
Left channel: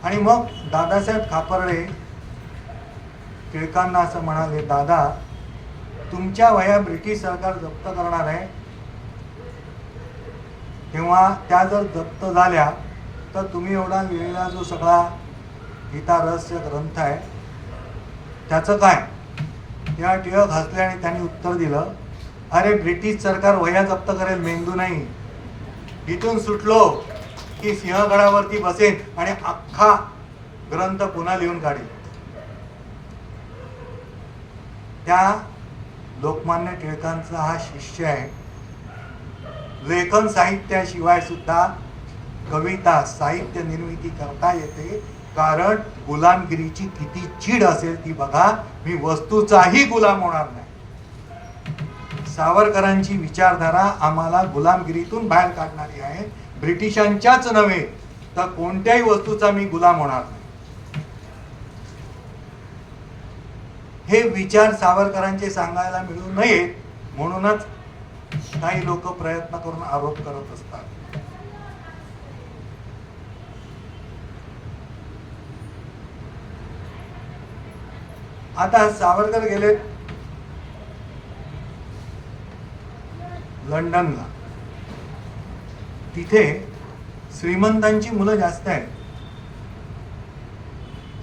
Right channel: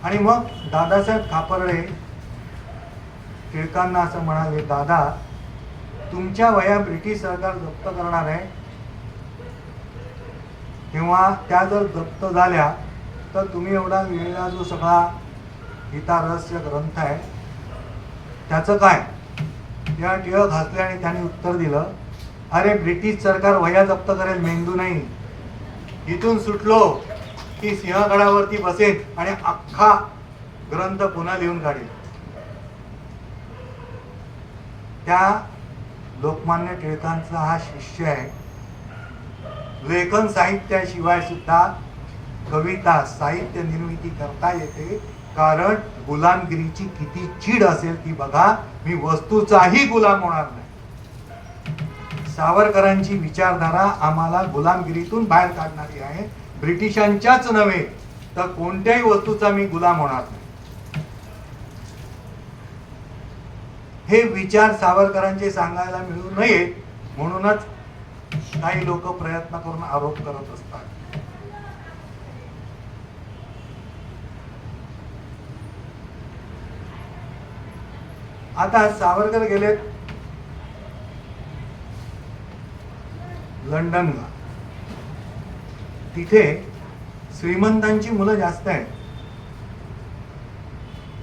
आणि मग दादासाहेब खापर्डे टिळकांना असं म्हणाले, दादा, तुमच्या वह्या ब्रिटिश सरकार जप्त करणार आहे. तेव्हा त्या जर जप्त झाल्या तर तुम्ही एवढा लिहिलेला जो सगळा गीता रहस्य ग्रंथ आहे त्याचं काय? तेव्हा टिळक हसले आणि त्यांनी उत्तर दिलं, अरे ब्रिटिश सरकार वह्या जप्त करेल, मेंदू नाही. इथून सुटलो की सिंहगडावरती बसेन आणि अख्खा ग्रंथ पुन्हा लिहून काढेल. त्या लोकमान्य टिळकांचा हा शिष्य आहे. लेखन साहित्याशिवाय सुद्धा कविता साहित्य निर्मिती करता येते. कारण गुलामगिरीची किती चीड असेल ती बघा. मी वस्तूचाही गुलाम होणार नाही. सावरकरांची विचारधारा आम्हाला गुलामगिरीतून बाहेर काढणारी आहे. ब्रिटिशांच्याच नव्हे तर कोणत्याही वस्तूचा मी गुलाम होणार नाही. हे विचार सावरकरांचे सांगायला मिळू नयेत म्हणूनच काही लोक प्रयत्न करून आरोप करत असतात. आता सावरकर गेले लंडनला. तिथे श्रीमंतांची मुलं जास्त आहेत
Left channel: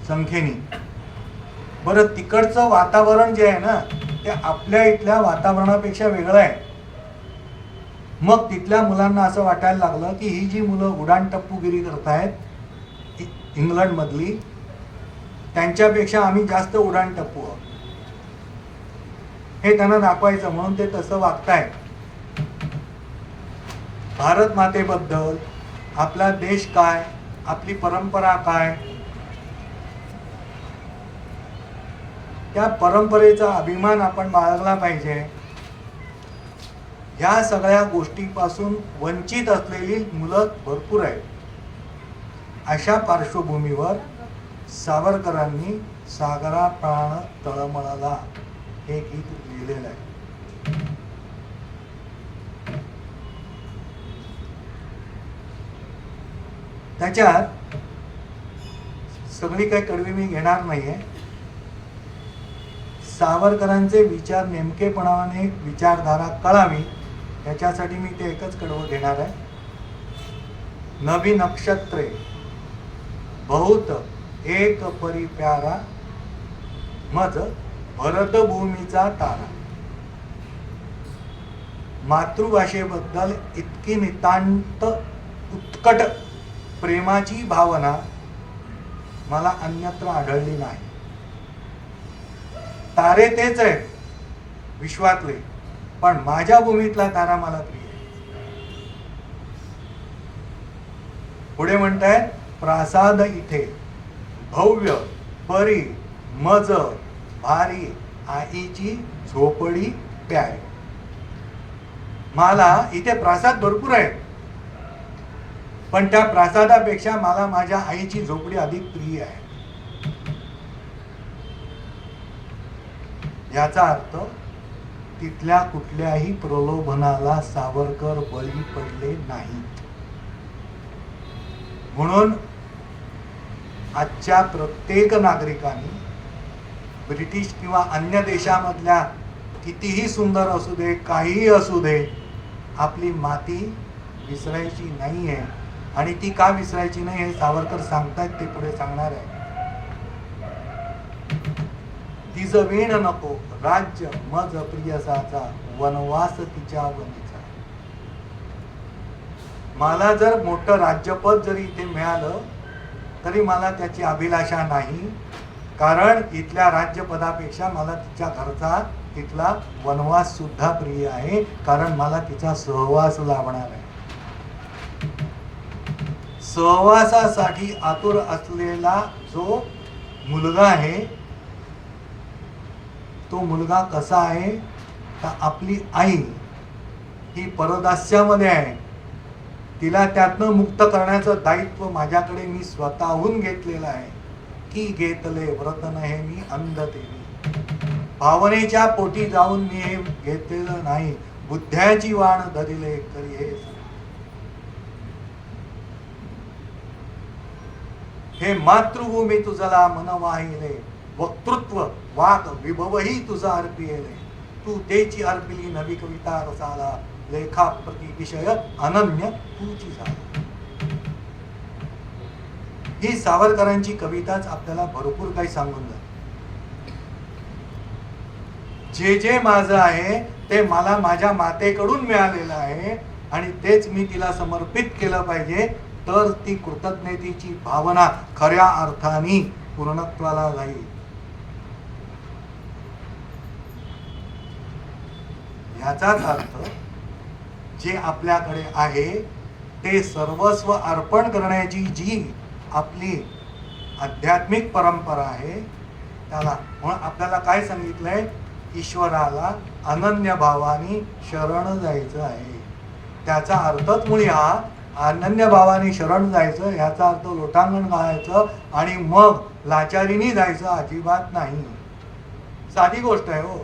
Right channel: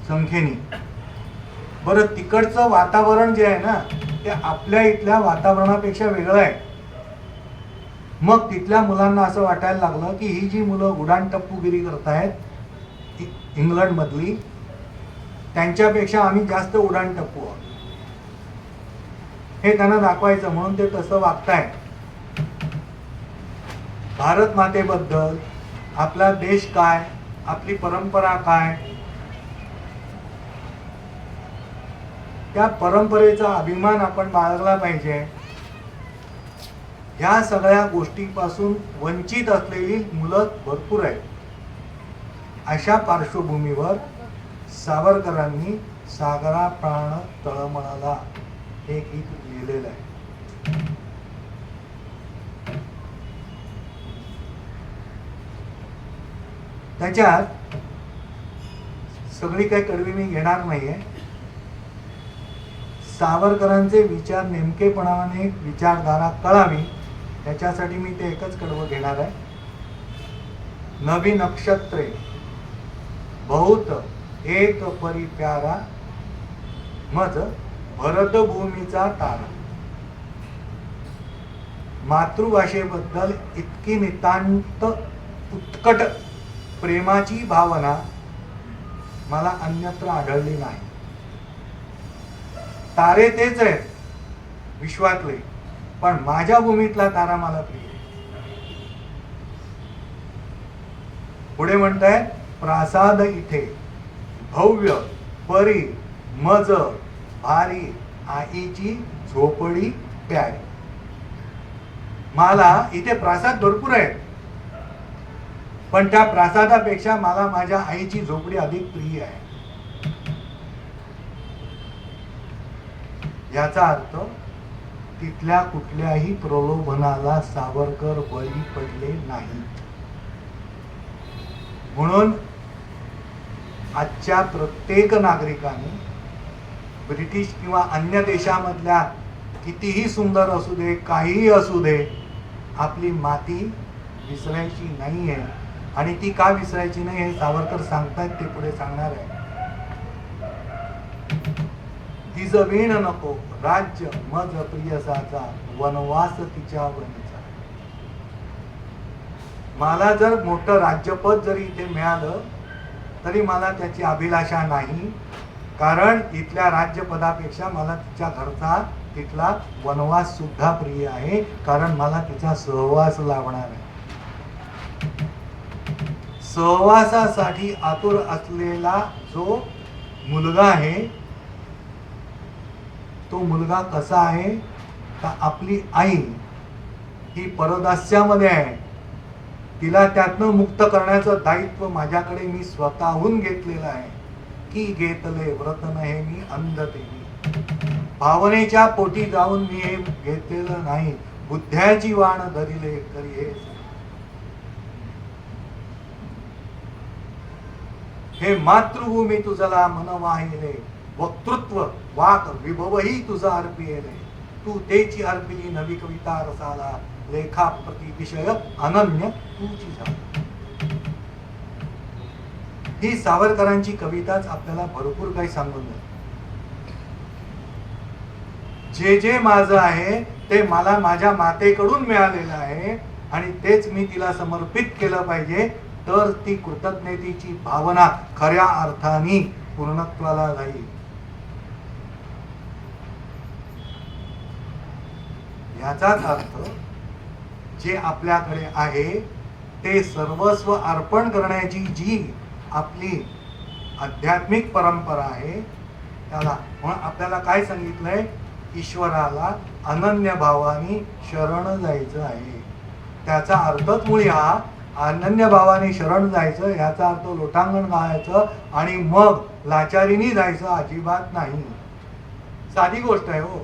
संख्येने. बरं, तिकडचं वातावरण जे आहे ना ते आपल्या इथल्या वातावरणापेक्षा वेगळं आहे. मग तिथल्या मुलांना असं वाटायला लागलं की ही जी मुलं उडाणटप्पूगिरी करतायत इंग्लंडमधली, त्यांच्यापेक्षा आम्ही जास्त उडाणटप्पू आहोत. हे त्यांना दाखवायचं म्हणून ते तसं वागतायत. भारत मातेबद्दल, आपला देश काय, आपली परंपरा काय, त्या परंपरेचा अभिमान आपण बाळगला पाहिजे. ह्या सगळ्या गोष्टींपासून वंचित असलेली मुलं भरपूर आहेत. अशा पार्श्वभूमीवर सावरकरांनी सागरा प्राण तळमळला हे गीत लिहिलेलं आहे. त्याच्यात सगळी काही कडवी मी घेणार नाहीये. सावरकरांचे विचार नेमकेपणाने विचारधारा कळावी त्याच्यासाठी मी ते एकच कडवं घेणार आहे. नवी नक्षत्रे बहुत एक परी प्यारा, मज भरतभूमीचा तारा. मातृभाषेबद्दल इतकी नितांत उत्कट प्रेमाची भावना मला अन्यत्र आढळली नाही. तारे तेच आहेत विश्वातले, पण माझ्या भूमीतला तारा मला प्रिय. पुढे म्हणताय, प्रासाद इथे भव्य परी मज भारी, आईची झोपडी प्यारी. मला इथे प्रासाद भरपूर आहेत, पण त्या प्रासादापेक्षा मला माझ्या आईची झोपडी अधिक प्रिय आहे. याचा अर्थ तिथल्या कुठल्याही प्रलोभनाला सावरकर बळी पडले नाहीत. म्हणून आजच्या प्रत्येक नागरिकाने ब्रिटिश किंवा अन्य देशामधल्या कितीही सुंदर असू दे, काहीही असू दे, आपली माती विसरायची नाही आहे. आणि ती का विसरायची नाही हे सावरकर सांगतायत, ते पुढे सांगणार आहे. तिज वीण नको राज्य मज प्रियसाचा, वनवास तिच्या वनीचा. मला जर मोठं राज्यपद जरी इथे मिळालं तरी मला त्याची अभिलाषा नाही. कारण इथल्या राज्यपदापेक्षा मला तिच्या घरचा तिथला वनवास सुद्धा प्रिय आहे. कारण मला तिचा सहवास लाभणार आहे. सहवासासाठी आतुर असलेला जो मुलगा आहे तो मुलगा कसा आहे तर आपली आई ही परदास्यामध्ये आहे तिला त्यातनं मुक्त करण्याचं दायित्व माझ्याकडे मी स्वतःहून घेतलेलं आहे. की घेतले व्रत नहे मी अंध तेवी, भावनेच्या पोटी जाऊन मी हे घेतलेलं नाही. बुद्ध्याची वाण धरिले करी हे मातृभूमी तुझला मन वाहिले, वक्तृत्व वाक विभवही तुझा अर्पिले. तू तेची अर्पिली नवी कविता रसाला, लेखा प्रति विषय अनन्य तुझी झाला. ही सावरकरांची कविताच आपल्याला भरपूर काही सांगून जाते. जे जे माझं आहे ते मला माझ्या मातेकडून मिळालेलं आहे आणि तेच मी तिला समर्पित केलं पाहिजे, तर ती कृतज्ञतेची भावना खऱ्या अर्थाने पूर्णत्वाला जाईल. याचाच अर्थ जे आपल्याकडे आहे ते सर्वस्व अर्पण करण्याची जी आपली आध्यात्मिक परंपरा आहे त्याला म्हणून आपल्याला काय सांगितलंय, ईश्वराला अनन्य भावाने शरण जायचं आहे. त्याचा अर्थच मुळी हा अनन्य भावाने शरण जायचं, याचा अर्थ लोटांगण घालायचं आणि मग लाचारीनी जायचं अजिबात नाही. साधी गोष्ट आहे हो.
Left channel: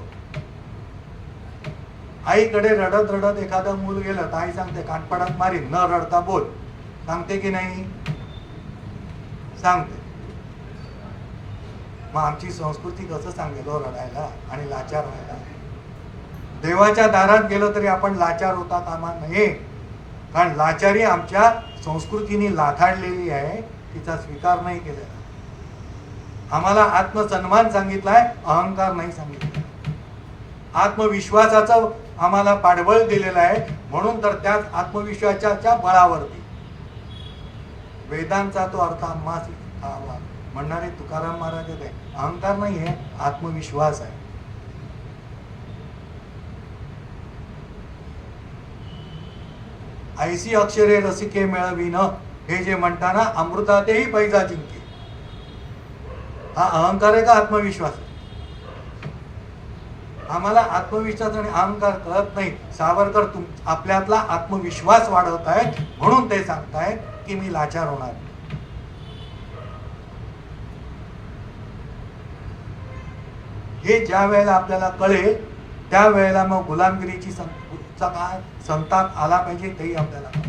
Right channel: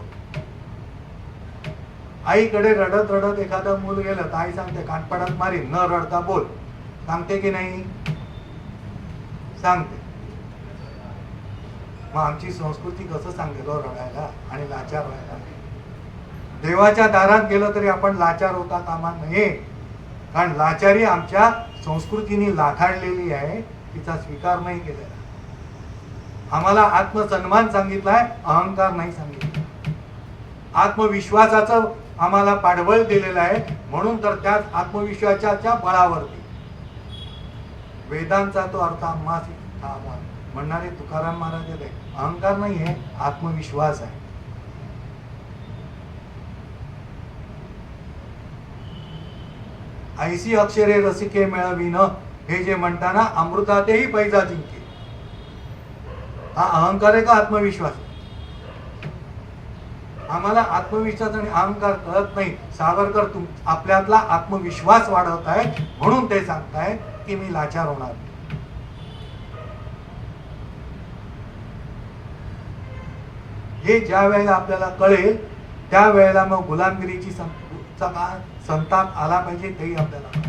आईकडे रडत रडत एखादं मूल गेलं तर आई सांगते कानपडात मारी, न रडता बोल. सांगते की नाही? सांगते. मग आमची संस्कृती कसं सांगेल रडायला आणि लाचार व्हायला? देवाच्या दारात गेलं तरी आपण लाचार होता कामा नये, कारण लाचारी आमच्या संस्कृतीने लाथाडलेली आहे, तिचा स्वीकार नाही केलेला. आम्हाला आत्मसन्मान सांगितलाय, अहंकार नाही सांगितला. आत्मविश्वासाचं आम्हाला पाठबळ दिलेलं आहे, म्हणून तर त्याच आत्मविश्वासाच्या बळावरती वेदांचा तो अर्थ आम्हास म्हणणारे तुकाराम महाराज आहे. अहंकार नाही आहे, आत्मविश्वास आहे. ऐसी अक्षरे रसिके मिळविन, हे जे म्हणताना अमृतातेही पैजा जिंके, हा अहंकार आहे का आत्मविश्वास? आम्हाला आत्मविश्वास आणि अहंकार कळत नाही. सावरकर आपल्यातला आत्मविश्वास वाढवत आहेत, म्हणून ते सांगतायत की मी लाचार होणार. हे ज्या वेळेला आपल्याला कळेल त्या वेळेला मग गुलामगिरीची संताप आला पाहिजे, तेही आपल्याला.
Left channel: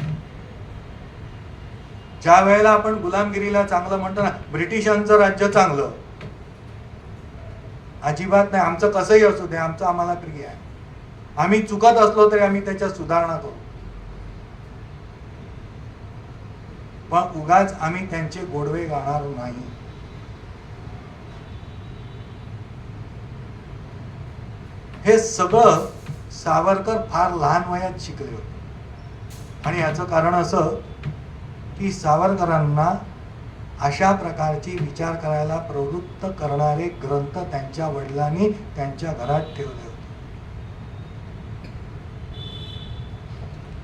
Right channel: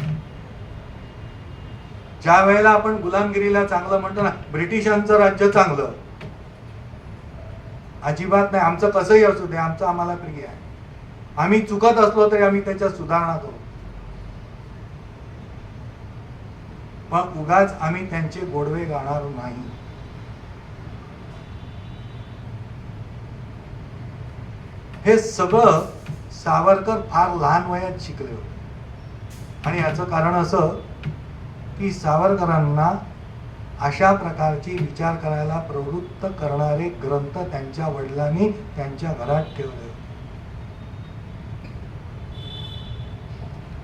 ज्या वेळेला आपण गुलामगिरीला चांगलं म्हणतो ना, ब्रिटिशांचं राज्य चांगलं, अजिबात नाही. आमचं कसंही असू दे, आमचं आम्हाला प्रिय आहे. आम्ही चुकत असलो तरी आम्ही त्याच्यात सुधारणा करू, पण उगाच आम्ही त्यांचे गोडवे गाणार नाही. हे सगळं सावरकर फार लहान वयात शिकले होते आणि याचं कारण असं की सावरकरांना अशा प्रकारची विचार करायला प्रवृत्त करणारे ग्रंथ त्यांच्या वडिलांनी त्यांच्या घरात ठेवले.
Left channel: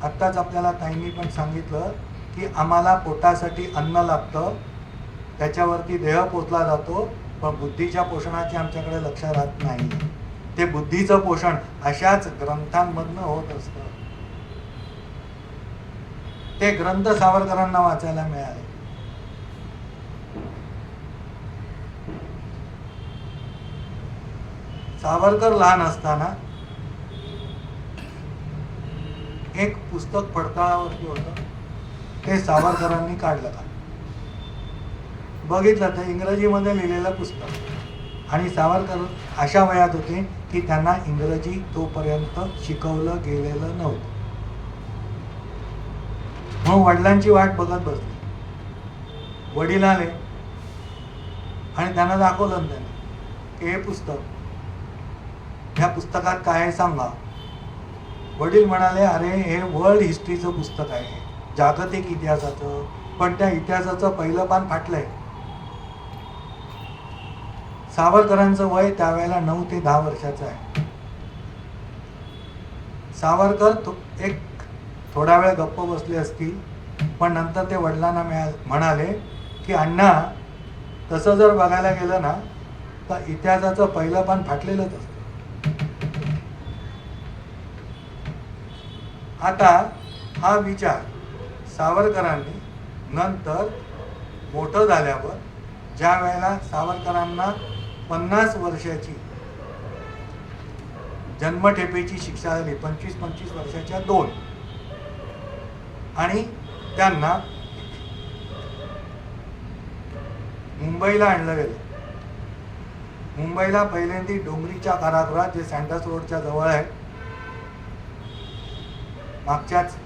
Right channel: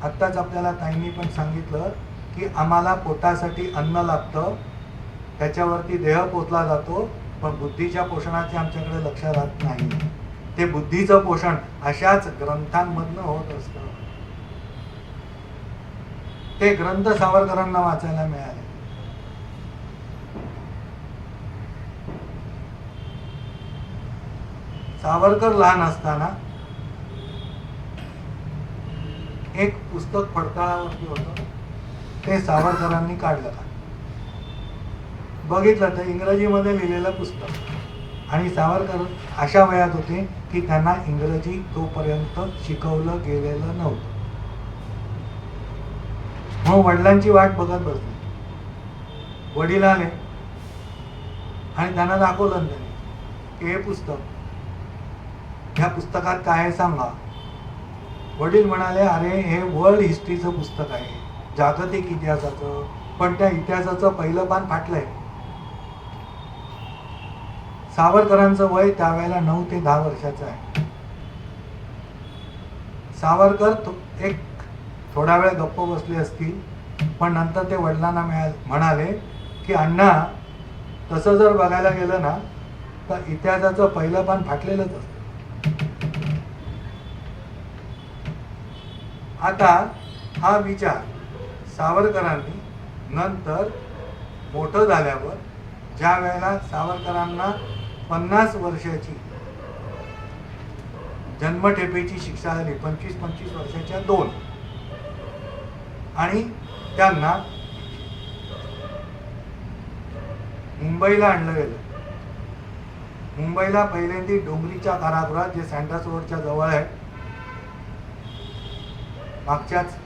आत्ताच आपल्याला ताईंनी पण सांगितलं की आम्हाला पोटासाठी अन्न लागतं, त्याच्यावरती देह पोचला जातो, पण बुद्धीच्या पोषणाचे आमच्याकडे लक्ष राहत नाही. ते बुद्धीचं पोषण अशाच ग्रंथांमधनं होत असतं. ते ग्रंथ सावरकरांना वाचायला मिळाले. सावरकर लहान असताना एक पुस्तक फडताळावरती होतं, ते सावरकरांनी काढलं. बघितलं तर इंग्रजीमध्ये लिहिलेलं पुस्तक, आणि सावरकर अशा वयात होते की त्यांना इंग्रजी तोपर्यंत शिकवलं गेलेलं नव्हतं. म्हणून वडिलांची वाट बघत बसले. वडील आले आणि त्यांना दाखवलं त्याने की हे पुस्तक, ह्या पुस्तकात काय आहे सांगा. वडील म्हणाले, अरे हे वर्ल्ड हिस्ट्रीचं पुस्तक आहे, जागतिक इतिहासाचं, पण त्या इतिहासाचं पहिलं पान फाटलंय. सावरकरांचं वय त्यावेळेला 9 ते 10 वर्षाचं आहे. सावरकर एक थोडा वेळ गप्प बसले असतील, पण नंतर ते वडिलांना म्हणाले की अण्णा, तसं जर बघायला गेलं ना तर इतिहासाचं पहिलं पान फाटलेलंच असतं. आता हा विचार सावरकरांनी नंतर मोठं झाल्यावर ज्या वेळेला सावरकरांना 50 वर्षाची जन्मठेपेची शिक्षा झाली, 25-25 वर्षाच्या 2, आणि त्यांना मुंबईला आणलं गेलं. मुंबईला पहिल्यांदा डोंगरीच्या कारागृहात, जे सँडर्स रोडच्या जवळ आहे, मागच्याच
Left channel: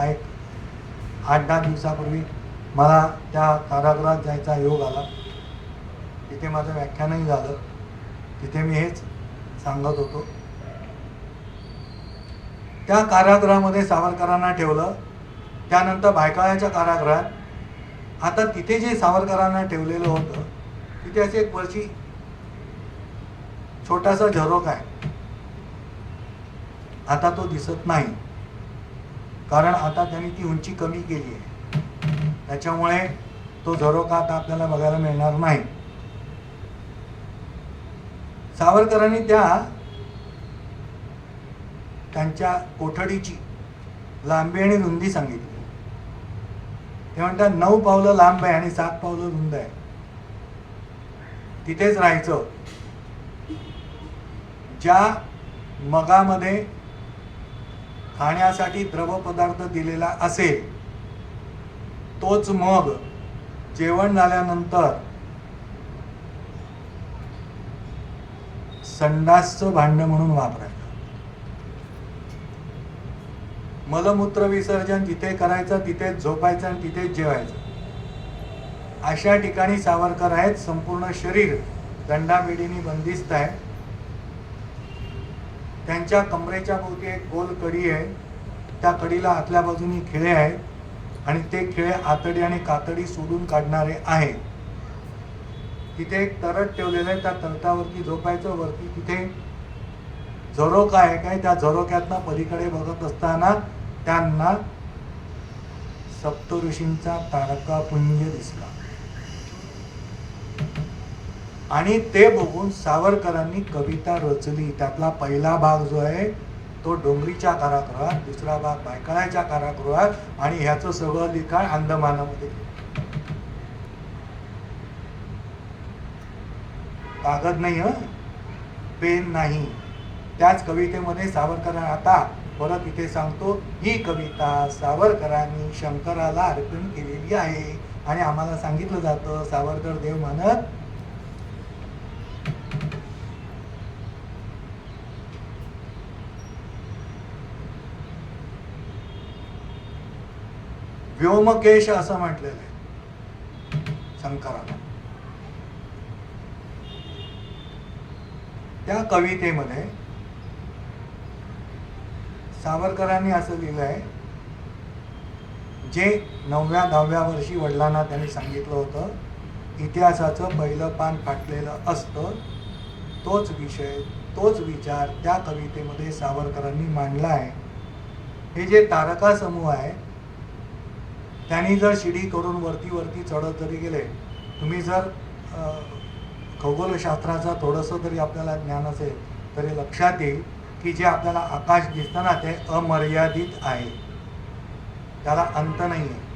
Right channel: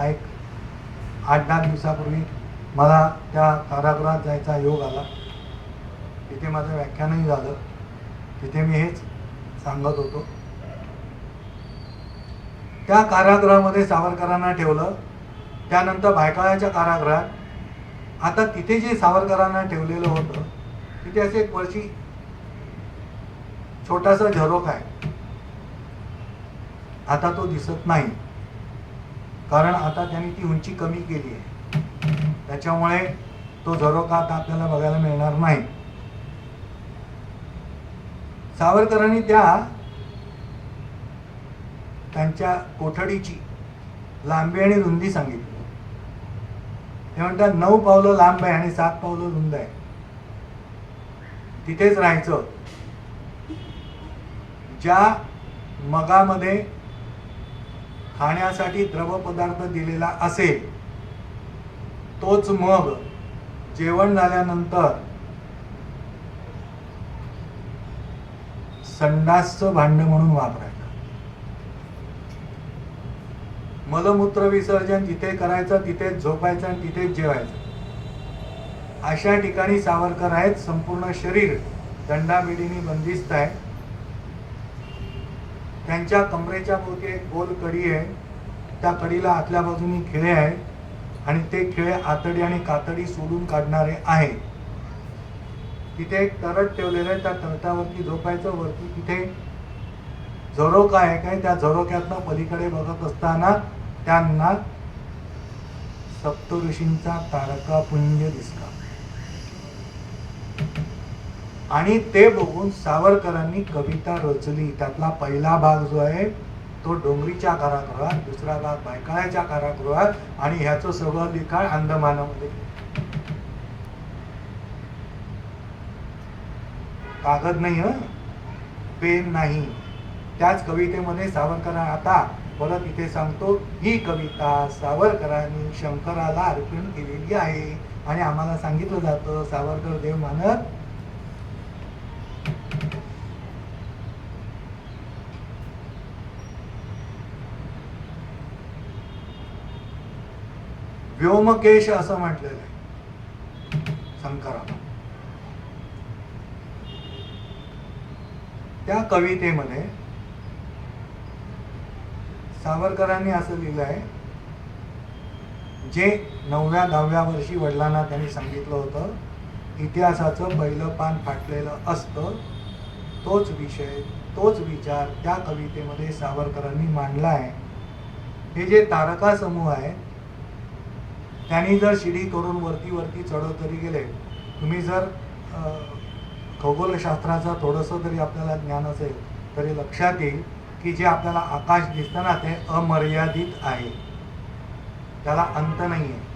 एक 8-10 दिवसापूर्वी मला त्या कारागृहात जायचा योग आला. तिथे माझं व्याख्यानही झालं. तिथे मी हेच सांगत होतो. त्या कारागृहामध्ये सावरकरांना ठेवलं. त्यानंतर भायखळ्याच्या कारागृहात, आता तिथे जे सावरकरांना ठेवलेलं होतं तिथे असे एक वरची छोटासा झरोका आहे. आता तो दिसत नाही, कारण आता त्यांनी ती उंची कमी केली आहे. त्याच्यामुळे तो झरोका आता आपल्याला बघायला मिळणार नाही. सावरकरांनी त्यांच्या कोठडीची लांबी आणि रुंदी सांगितली. ते म्हणतात 9 पावलं लांब आहे आणि 7 पावलं रुंद आहे. तिथेच राहायचं. ज्या मगामध्ये खाण्यासाठी द्रव पदार्थ दिलेला असेल तोच मग जेवण झाल्यानंतर संडासचं भांड म्हणून वापरायचं. मलमूत्र विसर्जन जिथे करायचं तिथेच झोपायचं आणि तिथेच जेवायचं. अशा ठिकाणी सावरकर आहेत. संपूर्ण शरीर दंडाबिडीने बंदिस्त आहे. त्यांच्या कमरेच्या भोवती एक गोल कडी आहे. त्या कडीला आतल्या बाजूनी खिळे आहेत आणि ते खिळे आतडी आणि कातडी सोडून काढणारे आहेत. तिथे एक तरट ठेवलेलं आहे. त्या तरटावरती झोपायचं. वरती तिथे झरोका आहे काय, त्या झरोक्यातनं पलीकडे बघत असताना त्यांना सप्तऋषींचा तारकापुंज दिसला आणि ते बघून सावरकरांनी कविता रचली. त्यातला पहिला भाग जो आहे तो डोंगरीच्या कारागृहात, दुसरा भाग भायखळ्याच्या कारागृहात, आणि ह्याचं सगळं लिखाण अंदमानामध्ये. कागद नाही, पेन नाही. त्याच कवितेमध्ये सावरकर, आता परत इथे सांगतो, ही कविता सावरकरांनी शंकराला अर्पण केलेली आहे. आणि आम्हाला सांगितलं जातं सावरकर देव मानत व्योमकेश असं म्हटलेलं आहे शंकराला. त्या कवितेमध्ये सावरकरांनी असं लिहिलं आहे, जे 9व्या-10व्या वर्षी वडिलांना त्यांनी सांगितलं होतं, इतिहासाचं पहिलं पान फाटलेलं असतं. तोच विषय, तोच विचार त्या कवितेमध्ये सावरकरांनी मांडला आहे. हे जे तारका समूह आहे त्यांनी जर शिडी करून वरती चढत जरी गेले, तुम्ही जर खगोलशास्त्राचा थोडंसं तरी आपल्याला ज्ञान असेल तरी लक्षात येईल की जे आपल्याला आकाश दिसतं ना ते अमर्यादित आहे, त्याला अंत नाही आहे.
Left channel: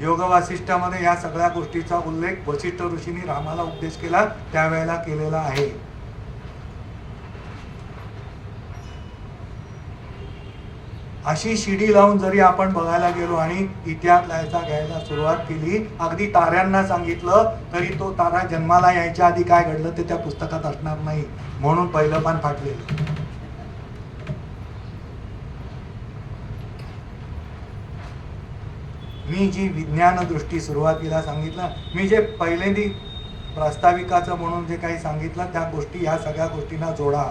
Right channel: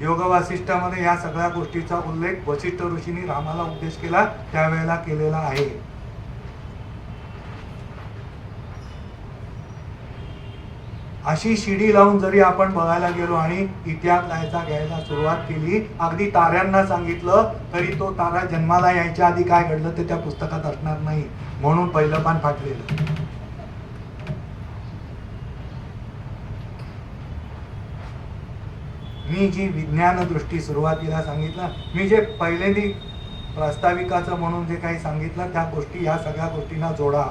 योग वासिष्ठामध्ये या सगळ्या गोष्टीचा उल्लेख वसिष्ठ ऋषींनी रामाला उपदेश केला त्यावेळेला केलेला आहे. अशी शिडी लावून जरी आपण बघायला गेलो आणि इतिहास घ्यायला सुरुवात केली, अगदी ताऱ्यांना सांगितलं तरी तो तारा जन्माला यायच्या आधी काय घडलं ते त्या पुस्तकात असणार नाही, म्हणून पहिलं पान फाटलेलं. मी जी विज्ञान दृष्टी सुरुवातीला सांगितलं, मी जे पहिल्यांदी प्रास्ताविकाचं म्हणून जे काही सांगितलं त्या गोष्टी, या सगळ्या गोष्टींना जोडा.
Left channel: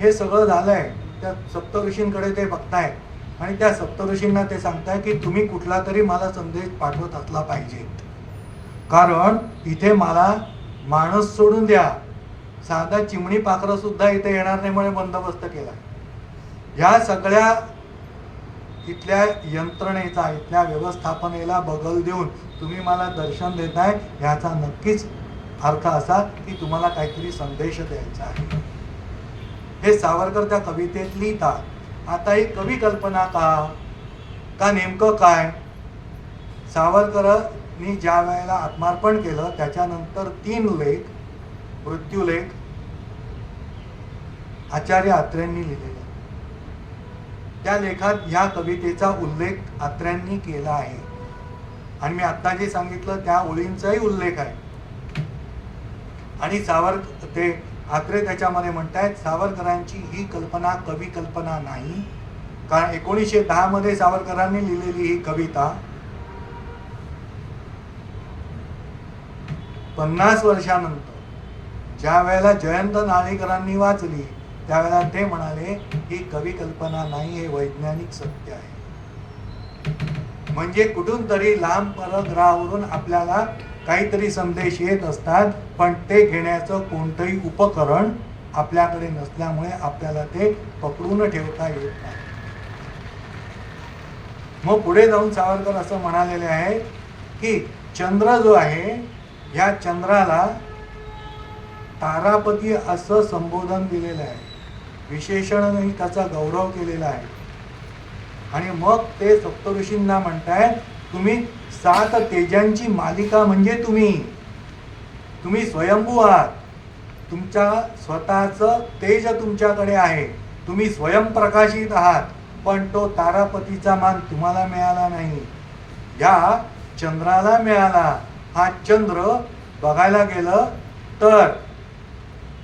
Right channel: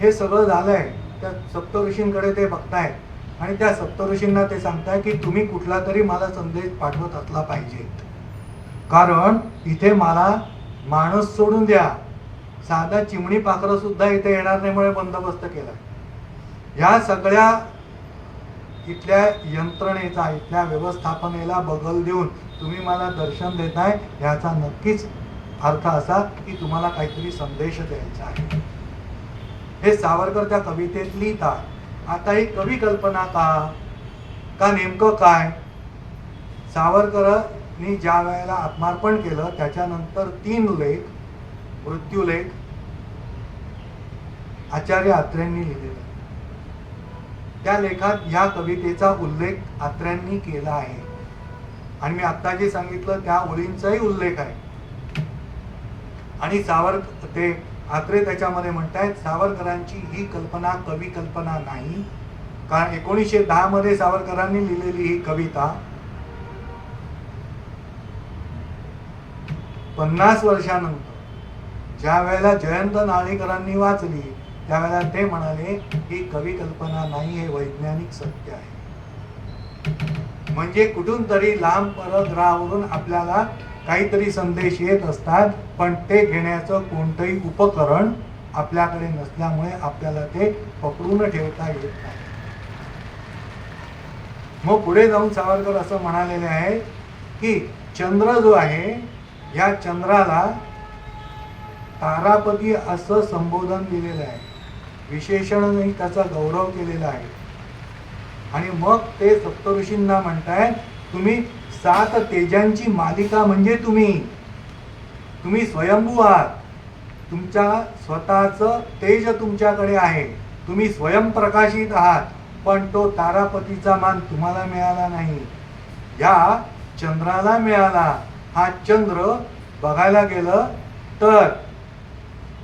हे सगळं झालंय, त्या सप्तऋषींकडे ते बघतायत आणि त्या सप्तऋषींना ते सांगताय की तुम्ही कुठला तरी मला संदेश पाठवत असला पाहिजे, कारण इथे मला माणूस सोडून द्या, साधा चिमणी पाखरं सुद्धा इथे येणार नाही म्हणून बंदोबस्त केला. या सगळ्या इथल्या यंत्रणेचा, इथल्या व्यवस्थापनेला बगल देऊन तुम्ही मला दर्शन देताय, याचा नक्कीच अर्थ असा की तुम्हाला काहीतरी संदेश द्यायचा आहे. हे सावरकर त्या कवितेत लिहितात. आता ही कवी कल्पना का नेमकं काय? सावरकरांनी ज्या वेळेला आत्मार्पण केलं त्याच्यानंतर 3 लेख, मृत्यूलेख आचार्य अत्र्यांनी लिहिलेले. त्या लेखात ह्या कवितेचा उल्लेख अत्र्यांनी केला आहे आणि मी आता जे सांगितलं त्या ओळींचाही उल्लेख आहे. आणि ते अत्रे त्याच्यामध्ये म्हणतायत सावरकरांची ही कल्पना कवी कल्पना नाही, कारण 1910 मध्ये सावरकरांनी लिहिलेली ही कविता 50 वर्षानंतर ज्या वेळेला जयंत नारळीकरांनी वाचली त्यावेळेला ते म्हणाले ही कवी कल्पना नाही, हे वैज्ञानिक सत्य आहे. म्हणजे कुठून तरी लांब परग्रहावरून आपल्याला काहीतरी संदेश येत असतात, पण ते घेण्याचं कोणतंही उपकरण आपल्याकडे नसल्यामुळे आपल्याला ते पकडून ठेवता येत नाही. मग पुढे जाऊन सावरकर असं म्हणालेले आहे की चंद्र जो आहे, या चंद्राला तारापती असं संबोधन दिलेलं आहे, विशेषणही त्याचा गौरव केलेला आहे. आणि मग ते सप्तऋषींना म्हणतायत तुम्ही 7 तेजांची मालिका म्हणजे तुम्ही स्वयंभू आहात, तुमच्या स्वतःचं तेज तुमच्याकडे आहे, तुम्ही स्वयंप्रकाशित आहात, पण तो तारापतीचा मान तुम्हाला मिळाला नाही, या चंद्राला मिळाला. हा चंद्र बघायला गेलं तर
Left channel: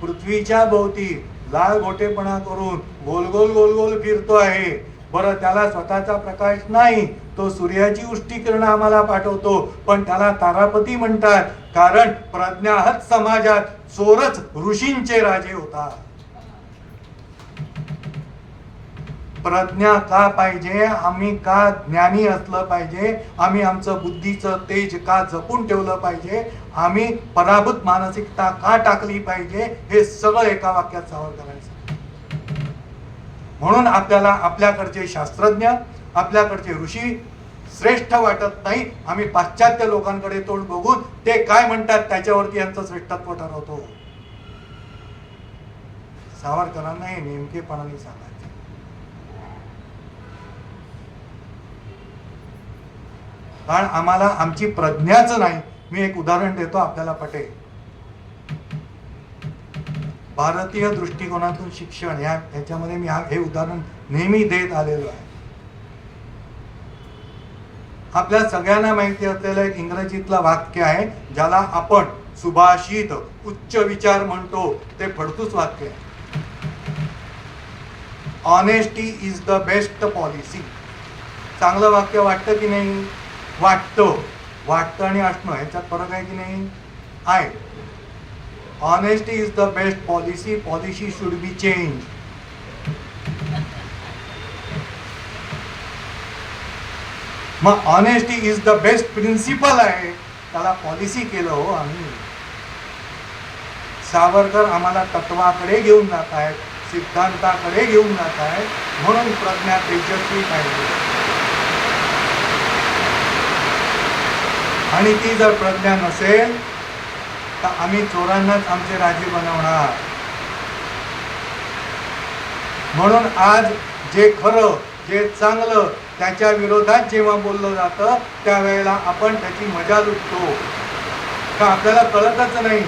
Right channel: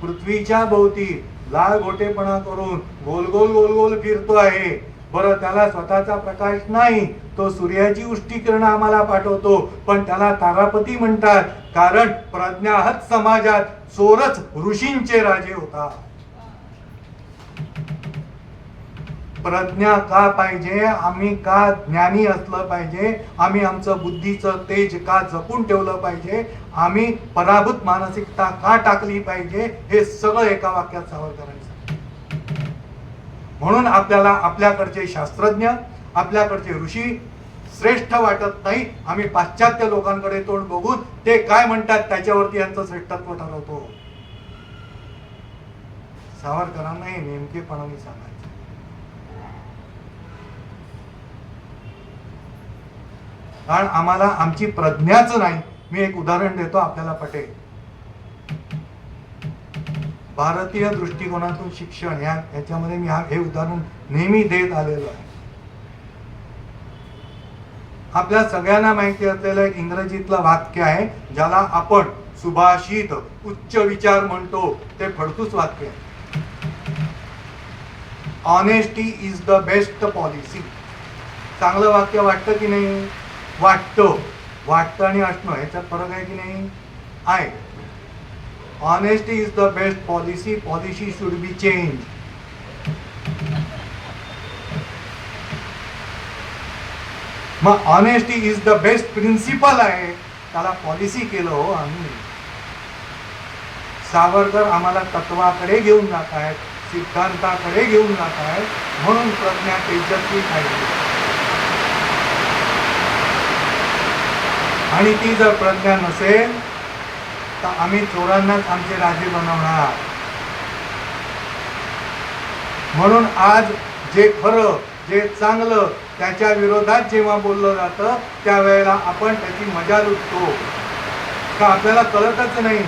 पृथ्वीच्या भोवती लाल गोटेपणा करून गोल गोल गोल गोल फिरतो आहे. बरं, त्याला स्वतःचा प्रकाश नाही, तो सूर्याची उष्टीकिरण आम्हाला पाठवतो, पण त्याला तारापती म्हणतात, कारण प्रज्ञाहत समाजात चोरच ऋषींचे राजे होता. प्रज्ञा का पाहिजे? आम्ही का ज्ञानी असलं पाहिजे? आम्ही आमचं बुद्धीचं तेज का जपून ठेवलं पाहिजे? आम्ही पराभूत मानसिकता का टाकली पाहिजे? हे सगळं एका वाक्यात सावरकरांचं. म्हणून आपल्याला आपल्याकडचे शास्त्रज्ञ, आपल्याकडचे ऋषी श्रेष्ठ वाटत नाही. आम्ही पाश्चात्य लोकांकडे तोंड बघून ते काय म्हणतात त्याच्यावरती यांचं श्रेष्ठत्व ठरवतो. सावरकरांना हे नेमकेपणाने सांगायचं. कारण आम्हाला आमची प्रज्ञाच नाही. मी एक उदाहरण देतो, आपल्याला पटेल. भारतीय दृष्टिकोनातून शिक्षण याच्यामध्ये मी हे उदाहरण नेहमी देत आलेलो आहे. आपल्या सगळ्यांना माहिती असलेलं एक इंग्रजीतलं वाक्य आहे ज्याला आपण सुभाषित, उच्च विचार म्हणतो, ते फडतूस वाक्य आहे. Honesty is the best policy. चांगलं वाक्य वाटतं की नाही? वाटतं आणि असणं ह्याच्यात फरक आहे की नाही? आहे. Honesty is the best policy, policy should be change. मग honesty is the best principle आहे, त्याला पॉलिसी केलं हो आम्ही. सावरकर आम्हाला तत्वाकडे घेऊन जात आहेत, सिद्धांताकडे घेऊन जात आहेत, म्हणून प्रज्ञा तेजस्वी पाहिजे. आणि ती जर प्रज्ञा नसेल तर आम्ही चोरांनाच आमचे राजे बनवणार. म्हणून आज जे खरं, जे चांगलं, त्याच्या विरोधात जेव्हा बोललं जातं त्यावेळेला आपण त्याची मजा लुटतो का आपल्याला कळतच नाही.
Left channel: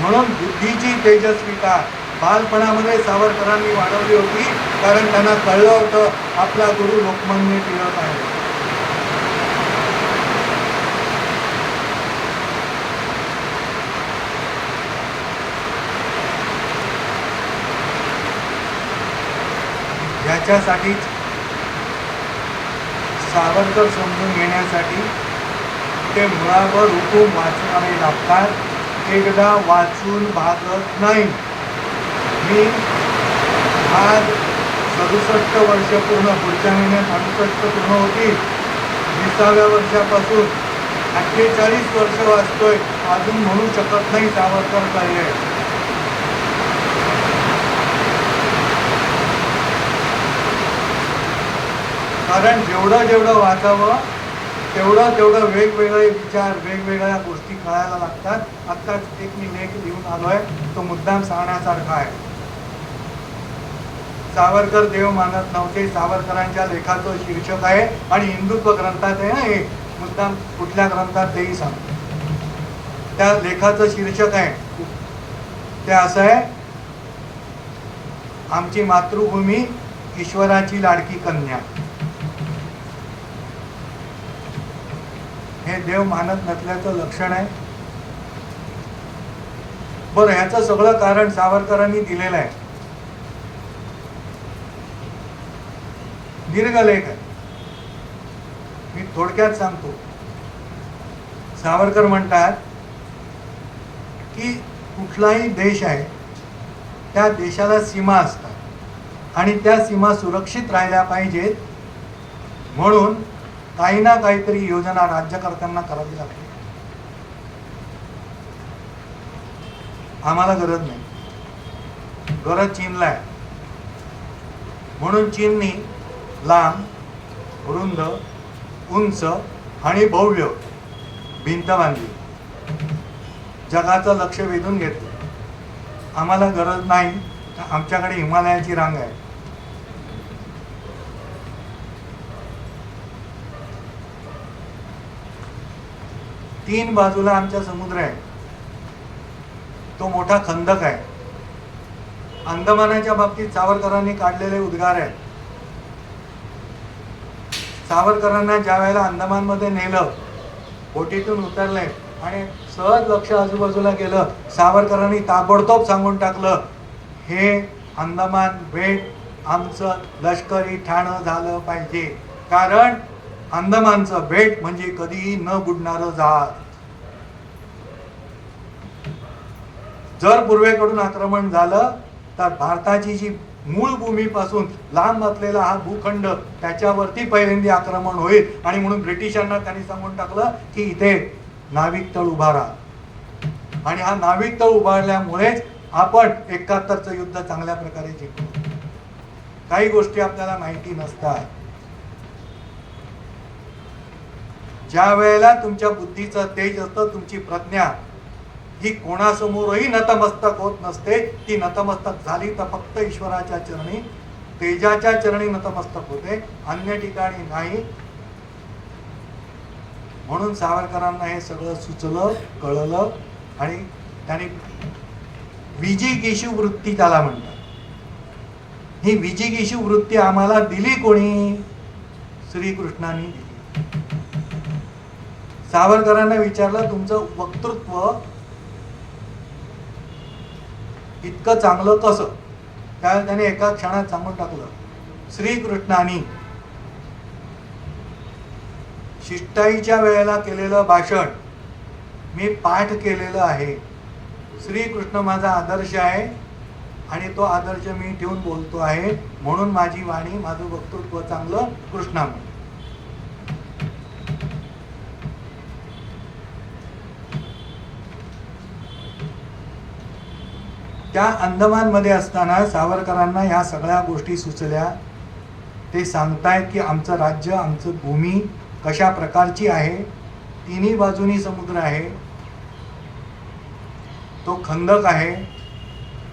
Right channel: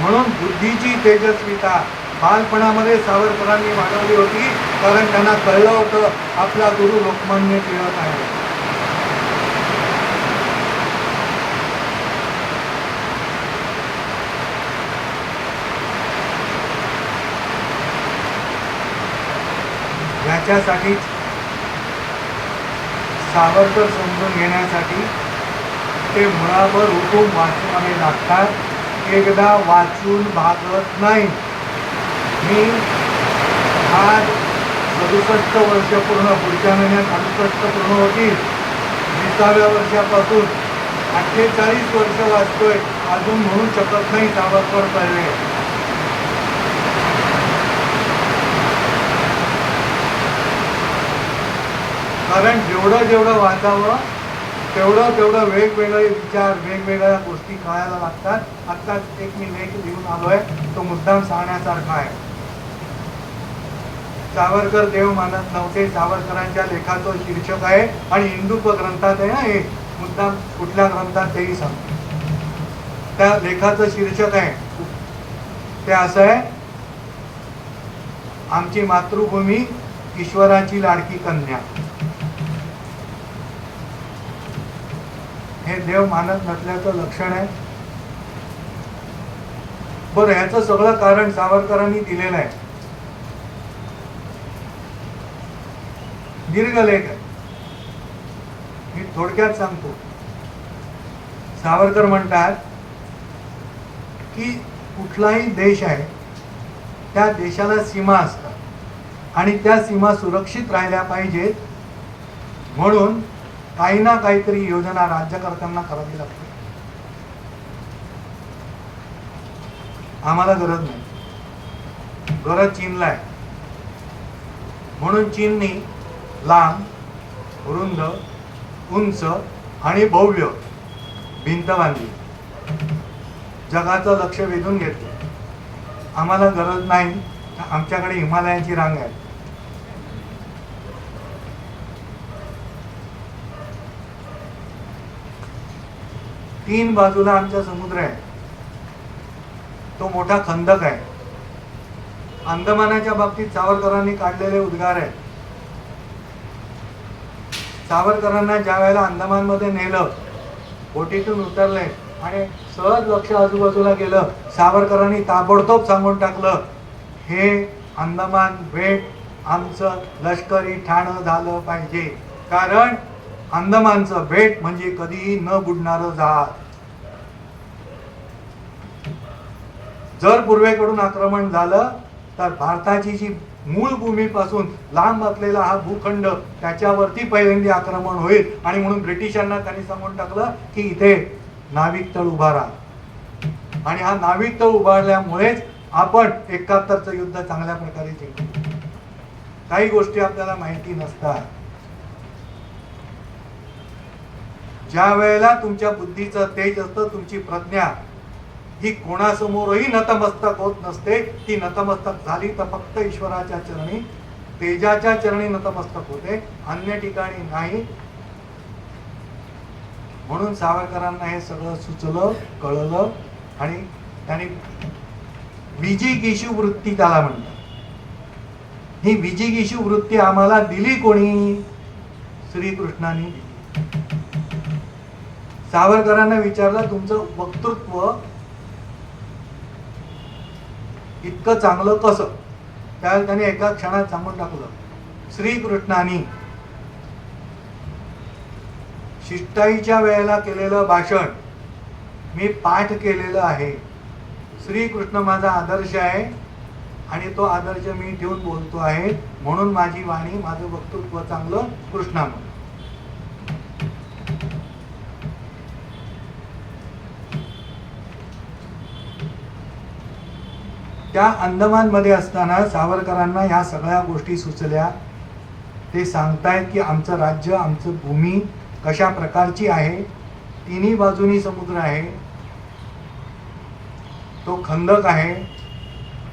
म्हणून बुद्धीची तेजस्विता बालपणामध्ये सावरकरांनी वाढवली होती, कारण त्यांना कळलं होतं आपला गुरु लोकमान्य टिळक आहे. याच्यासाठी सावरकर समजून घेण्यासाठी ते मुळावर उठून वाचवावे लागतात. एकदा वाचून भागत नाही. मी आज 67 वर्ष पूर्ण, पुढच्या महिन्यात 68 पूर्ण होतील. 20व्या वर्षापासून 48 वर्ष वाचतोय, अजून म्हणू शकत नाही सावरकर कळले. कारण जेवढं जेवढं वाचावं तेवढं तेवढं वेगवेगळे विचार, वेगवेगळ्या गोष्टी कळायला लागतात. आत्ताच एक मी लेख लिहून आलोय, तो मुद्दाम सांगण्यासारखा आहे. सावरकर देव मानत नव्हते, सावरकरांच्या लेखाचं शीर्षक आहे आणि हिंदुत्व ग्रंथात आहे ना हे, मुद्दाम कुठल्या ग्रंथात तेही सांगतो. त्या लेखाचं शीर्षक आहे ते असं आहे, आमची मातृभूमी ईश्वराची लाडकी कन्या. हे देव मानत नसल्याचं लक्षण आहे. बरं, ह्याचं सगळं कारण सावरकरांनी दिलेलं आहे. दीर्घ लेख आहे, मी थोडक्यात सांगतो. सावरकर म्हणतात की कुठलाही देश आहे त्या देशाला सीमा असतात आणि त्या सीमा सुरक्षित राहिल्या पाहिजेत, म्हणून काही ना काहीतरी योजना राज्यकर्त्यांना करावी लागते. आम्हाला गरज नाही, गरज चीनला आहे. म्हणून चीननी लांब, रुंद, उंच आणि भव्य भिंत बांधली, जगाचं लक्ष वेधून घेतलं. आम्हाला गरज नाही, आमच्याकडे हिमालयाची रांग आहे. तीन बाजूला आमचा समुद्र आहे, तो मोठा खंदक आहे. अंदमानाच्या बाबतीत सावरकरांनी काढलेले उद्गार आहे. सावरकरांना ज्या वेळेला अंदमानमध्ये नेलं, बोटीतून उतरले आणि सहज लक्ष आजूबाजूला गेलं, सावरकरांनी ताबडतोब सांगून टाकलं, हे अंदमान बेट आमचं लष्करी ठाणं झालं पाहिजे, कारण अंदमानचं बेट म्हणजे कधीही न बुडणारं जहाज. जर पूर्वेकडून आक्रमण झालं तर भारताची जी मूळ भूमीपासून लांब असलेला हा भूखंड, त्याच्यावरती पहिल्यांदा आक्रमण होईल. आणि म्हणून ब्रिटिशांना त्यांनी सांगून टाकलं की इथे नाविक तळ उभारा. आणि हा नाविक तळ उभारल्यामुळेच आपण 71चं युद्ध चांगल्या प्रकारे जिंकलो. काही गोष्टी आपल्याला माहिती नसतात. ज्या वेळेला तुमच्या बुद्धीचं तेज असतं, तुमची प्रज्ञा ही कोणासमोरही नतमस्तक होत नसते. ती नतमस्तक झाली तर फक्त ईश्वराच्या चरणी, तेजाच्या चरणी नतमस्तक होते, अन्य ठिकाणी नाही. म्हणून सावरकरांना हे सगळं सुचलं, कळलं आणि त्यांनी विजिगीषू वृत्ती त्याला म्हणतात. ही विजिगीषू वृत्ती आम्हाला दिली कोणी? श्रीकृष्णाने दिली. सावरकरांना विचारलं, तुमचं वक्तृत्व इतकं चांगलं कसं? त्यावेळेला त्याने एका क्षणात सांगून टाकलं, श्रीकृष्णाने शिष्टाईच्या वेळेला केलेलं भाषण मी पाठ केलेलं आहे. श्रीकृष्ण माझा आदर्श आहे आणि तो आदर्श मी ठेवून बोलतो आहे, म्हणून माझी वाणी, माझं वक्तृत्व चांगलं कृष्णामुळे. त्या अंदमानमध्ये असताना सावरकरांना ह्या सगळ्या गोष्टी सुचल्या. ते सांगतायत की आमचं राज्य, आमचं भूमी कशा प्रकारची आहे. तिन्ही बाजूनी समुद्र आहे, तो खंदक आहे.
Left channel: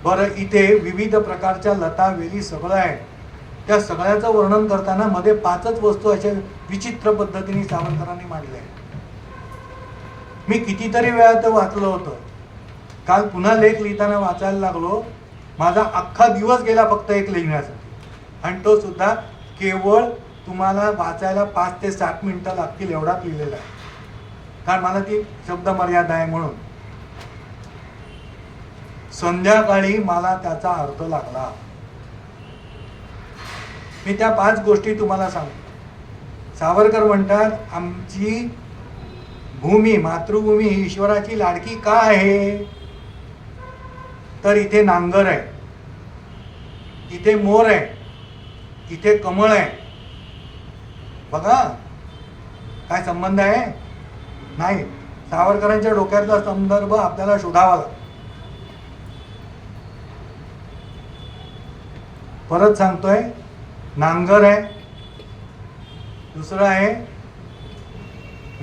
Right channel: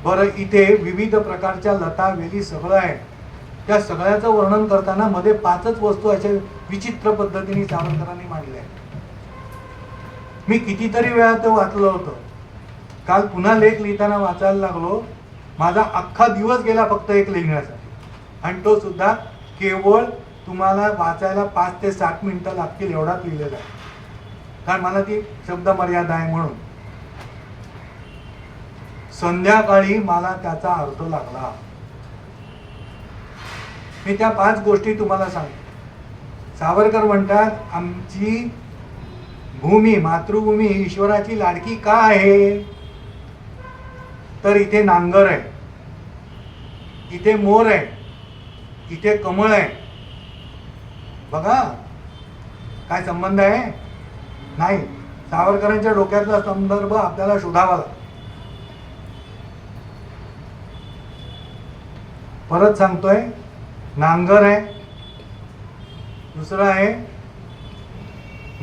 बरं, इथे विविध प्रकारच्या लता वेली सगळं आहे. त्या सगळ्याचं वर्णन करताना मध्ये 5च वस्तू अशा विचित्र पद्धतीने सावरकरांनी मांडल्या. मी कितीतरी वेळा ते वाचलं होतं. काल पुन्हा लेख लिहिताना वाचायला लागलो. माझा अख्खा दिवस गेला फक्त एक लिहिण्यासाठी, आणि तो सुद्धा केवळ तुम्हाला वाचायला 5 ते 7 मिनिटं लागतील एवढाच लिहिलेला आहे, कारण मला ती शब्द मर्यादा आहे. म्हणून संध्याकाळी मला त्याचा अर्थ लागला. मी त्या 5 गोष्टी तुम्हाला सांगतो. सावरकर म्हणतात, आमची भूमी, मातृभूमी ही ईश्वराची लाडकी का आहे? तर इथे नांगर आहे, इथे मोर आहे, इथे कमळ आहे. बघा काय संबंध आहे? नाही, सावरकरांच्या डोक्यातला संदर्भ आपल्याला शोधावा लागतो. परत सांगतोय, नांगर आहे, दुसरं आहे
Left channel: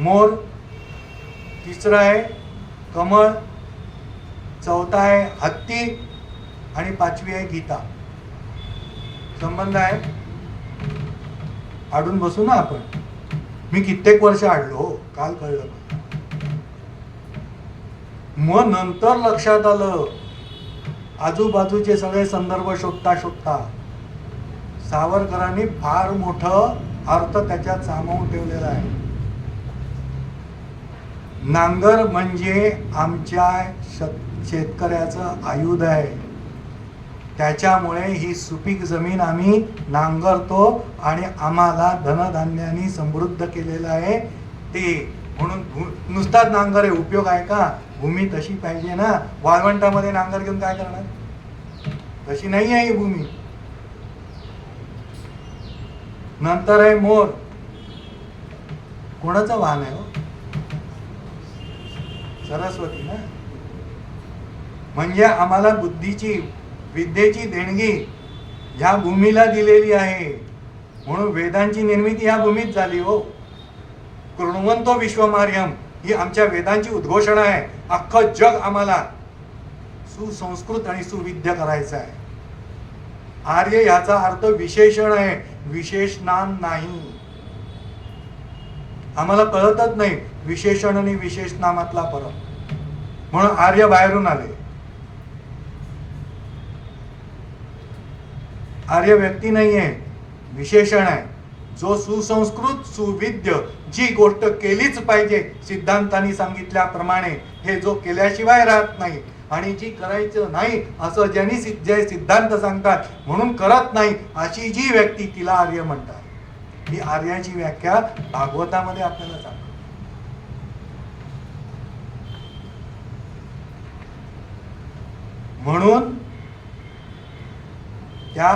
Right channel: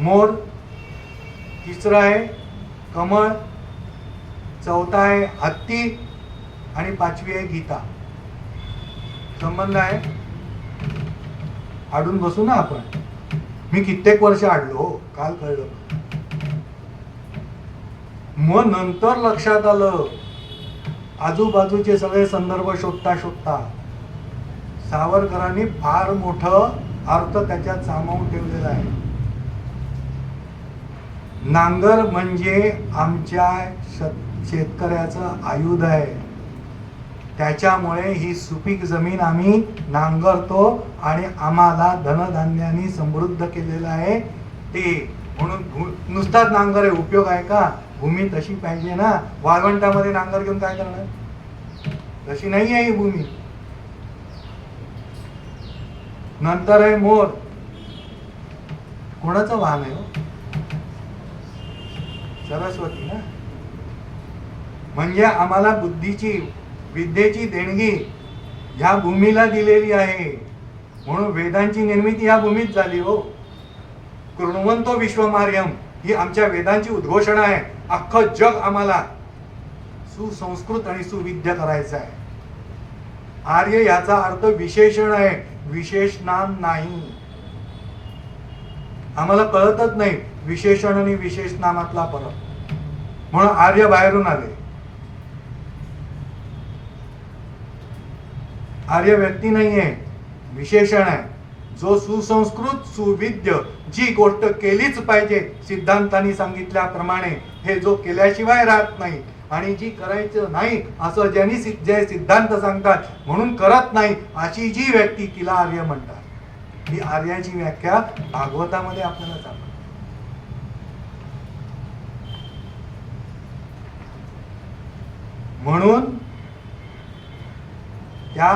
मोर, तिसरं आहे कमळ, चौथा आहे हत्ती आणि पाचवी आहे गीता. संबंध आहे. आडून बसू ना आपण. मी कित्येक वर्ष आडलो हो, काल कळलं. मग नंतर लक्षात आलं, आजूबाजूचे सगळे संदर्भ शोधता शोधता सावरकरांनी फार मोठं अर्थ त्याच्यात सामावून ठेवलेला आहे. नांगर म्हणजे आमच्या शेतकऱ्याचं आयुध आहे. त्याच्यामुळे ही सुपीक जमीन आम्ही नांगरतो आणि आम्हाला धनधान्याने समृद्ध केलेलं आहे. ते म्हणून नुसताच नांगर आहे, उपयोग आहे का? भूमी तशी पाहिजे ना. वाळवंटामध्ये नांगर घेऊन काय करणार? तशी नाही आहे ही भूमी. नंतर आहे मोर. कोणाचं वाहन आहे हो? सरस्वती ना. म्हणजे आम्हाला बुद्धीची, विद्येची देणगी ह्या भूमीला दिलेली आहे. म्हणून वेदांची निर्मिती ह्या भूमीत झाली हो. कृण्वन्तो विश्वमार्यम ही आमच्या वेदांची उद्घोषणा आहे. अख्खं जग आम्हाला सुसंस्कृत आणि सुविद्य करायचं आहे. आर्य याचा अर्थ विशेषण आहे, विशेष नाम नाही. आम्हाला कळतच नाही विशेषण आणि विशेष नामातला फरक. म्हणून आर्य बाहेरून आले. आर्य व्यक्ती नाहीये, विशेषण आहे. जो सुसंस्कृत सुविद्य जी गोष्ट केलीच पाहिजे सिद्धांतांनी सांगितल्याप्रमाणे, हे जो केल्याशिवाय राहत नाही आणि जी करायचं नाही असं ज्यांनी जे सिद्धांत सांगतात म्हणून करत नाही, अशी जी व्यक्ती तिला आर्य म्हणतात. ही आर्याची व्याख्या भागवतामध्ये आपल्याला सांगतात. म्हणून त्या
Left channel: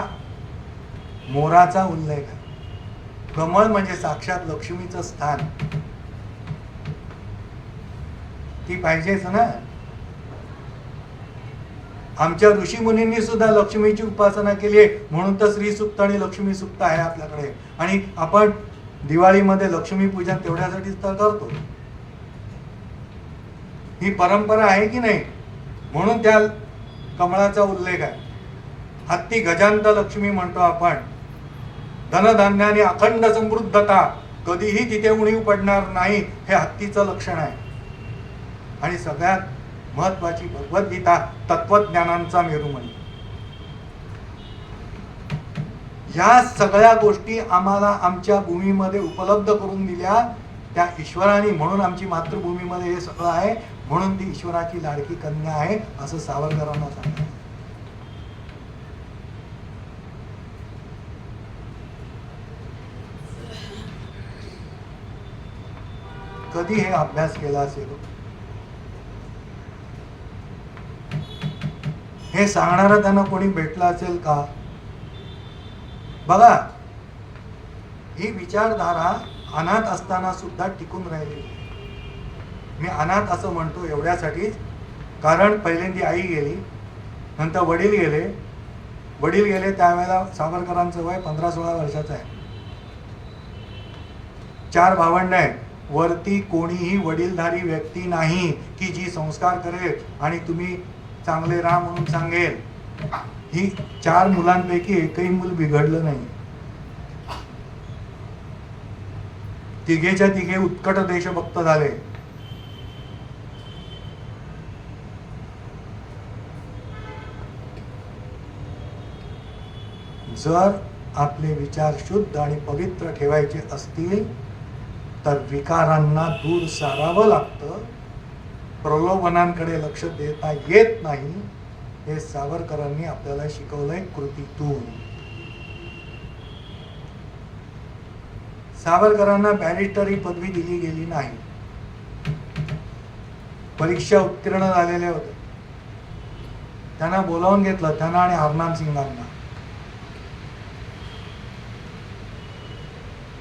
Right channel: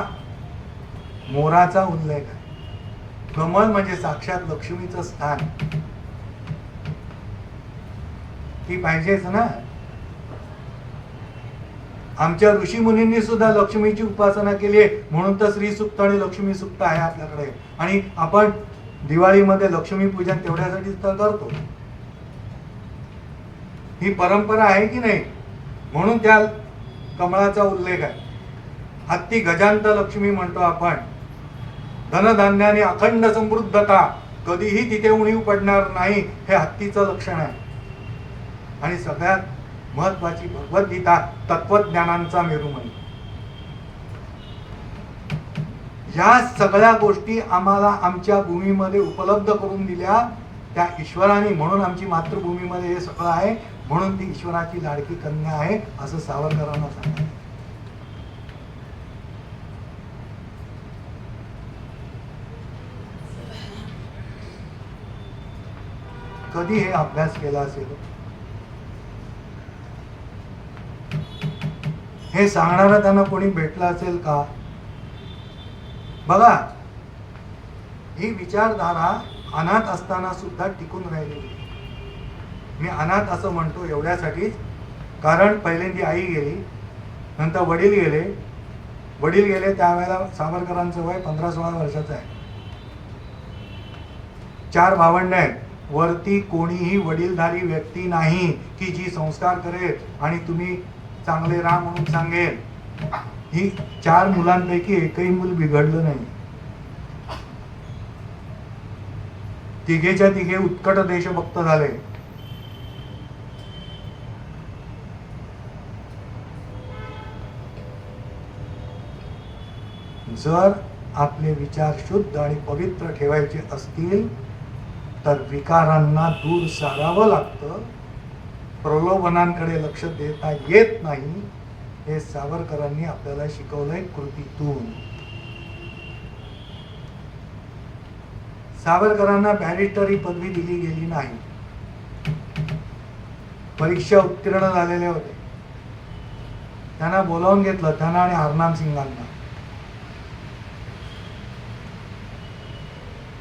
मोराचा उल्लेख आहे. कमळ म्हणजे साक्षात लक्ष्मीचं स्थान. ती पाहिजेच ना. आमच्या ऋषी मुनींनी सुद्धा लक्ष्मीची उपासना केली आहे. म्हणून तर श्री सुक्त आणि लक्ष्मी सुक्त आहे आपल्याकडे. आणि आपण दिवाळीमध्ये लक्ष्मी पूजन तेवढ्यासाठीच तर करतो. ही परंपरा आहे की नाही. म्हणून त्या कमळाचा उल्लेख आहे. हत्ती गजांत लक्ष्मी म्हणतो आपण. धनधान्याने अखंड समृद्धता, कधीही तिथे उणीव पडणार नाही, हे हत्तीचं लक्षण आहे. आणि सगळ्यात महत्वाची भगवद्गीता तत्वज्ञानांचा मेरू म्हणतो. ह्या सगळ्या गोष्टी आम्हाला आमच्या भूमीमध्ये उपलब्ध करून दिल्या त्या ईश्वराने. म्हणून आमची मातृभूमीमध्ये हे सगळं आहे. म्हणून ती ईश्वराची लाडकी कन्या आहे असं सावरकरांना सांगतात. कधी हे अभ्यास केला असेल? हे सांगणारा त्यांना कोणी भेटला असेल का? बघा, ही विचारधारा अनाथ असताना सुद्धा टिकून राहिलेली. मी अनाथ असं म्हणतो एवढ्यासाठीच कारण पहिल्यांदी आई गेली, नंतर वडील गेले. वडील गेले त्यावेळेला सावरकरांचं वय 15-16 वर्षाचं आहे. 4 भावंड आहेत. वरती कोणीही वडीलधारी व्यक्ती नाही की जी संस्कार करेल आणि तुम्ही चांगले राहा म्हणून सांगेल. ही 4 मुलांपैकी एकही मूल बिघडलं नाही. तिघेच्या तिघे उत्कट देशभक्त झाले. जर आपले विचार शुद्ध आणि पवित्र ठेवायचे असतील तर विकारांना दूर सारावं लागतं. प्रलोभनांकडे लक्ष देता येत नाही. हे सावरकरांनी आपल्याला शिकवलंय कृतीतून. सावरकरांना बॅरिस्टर ही पदवी दिली गेली नाही. परीक्षा उत्तीर्ण झालेले होते. त्यांना बोलावून घेतलं, त्यांना आणि हरनाम सिंगांना.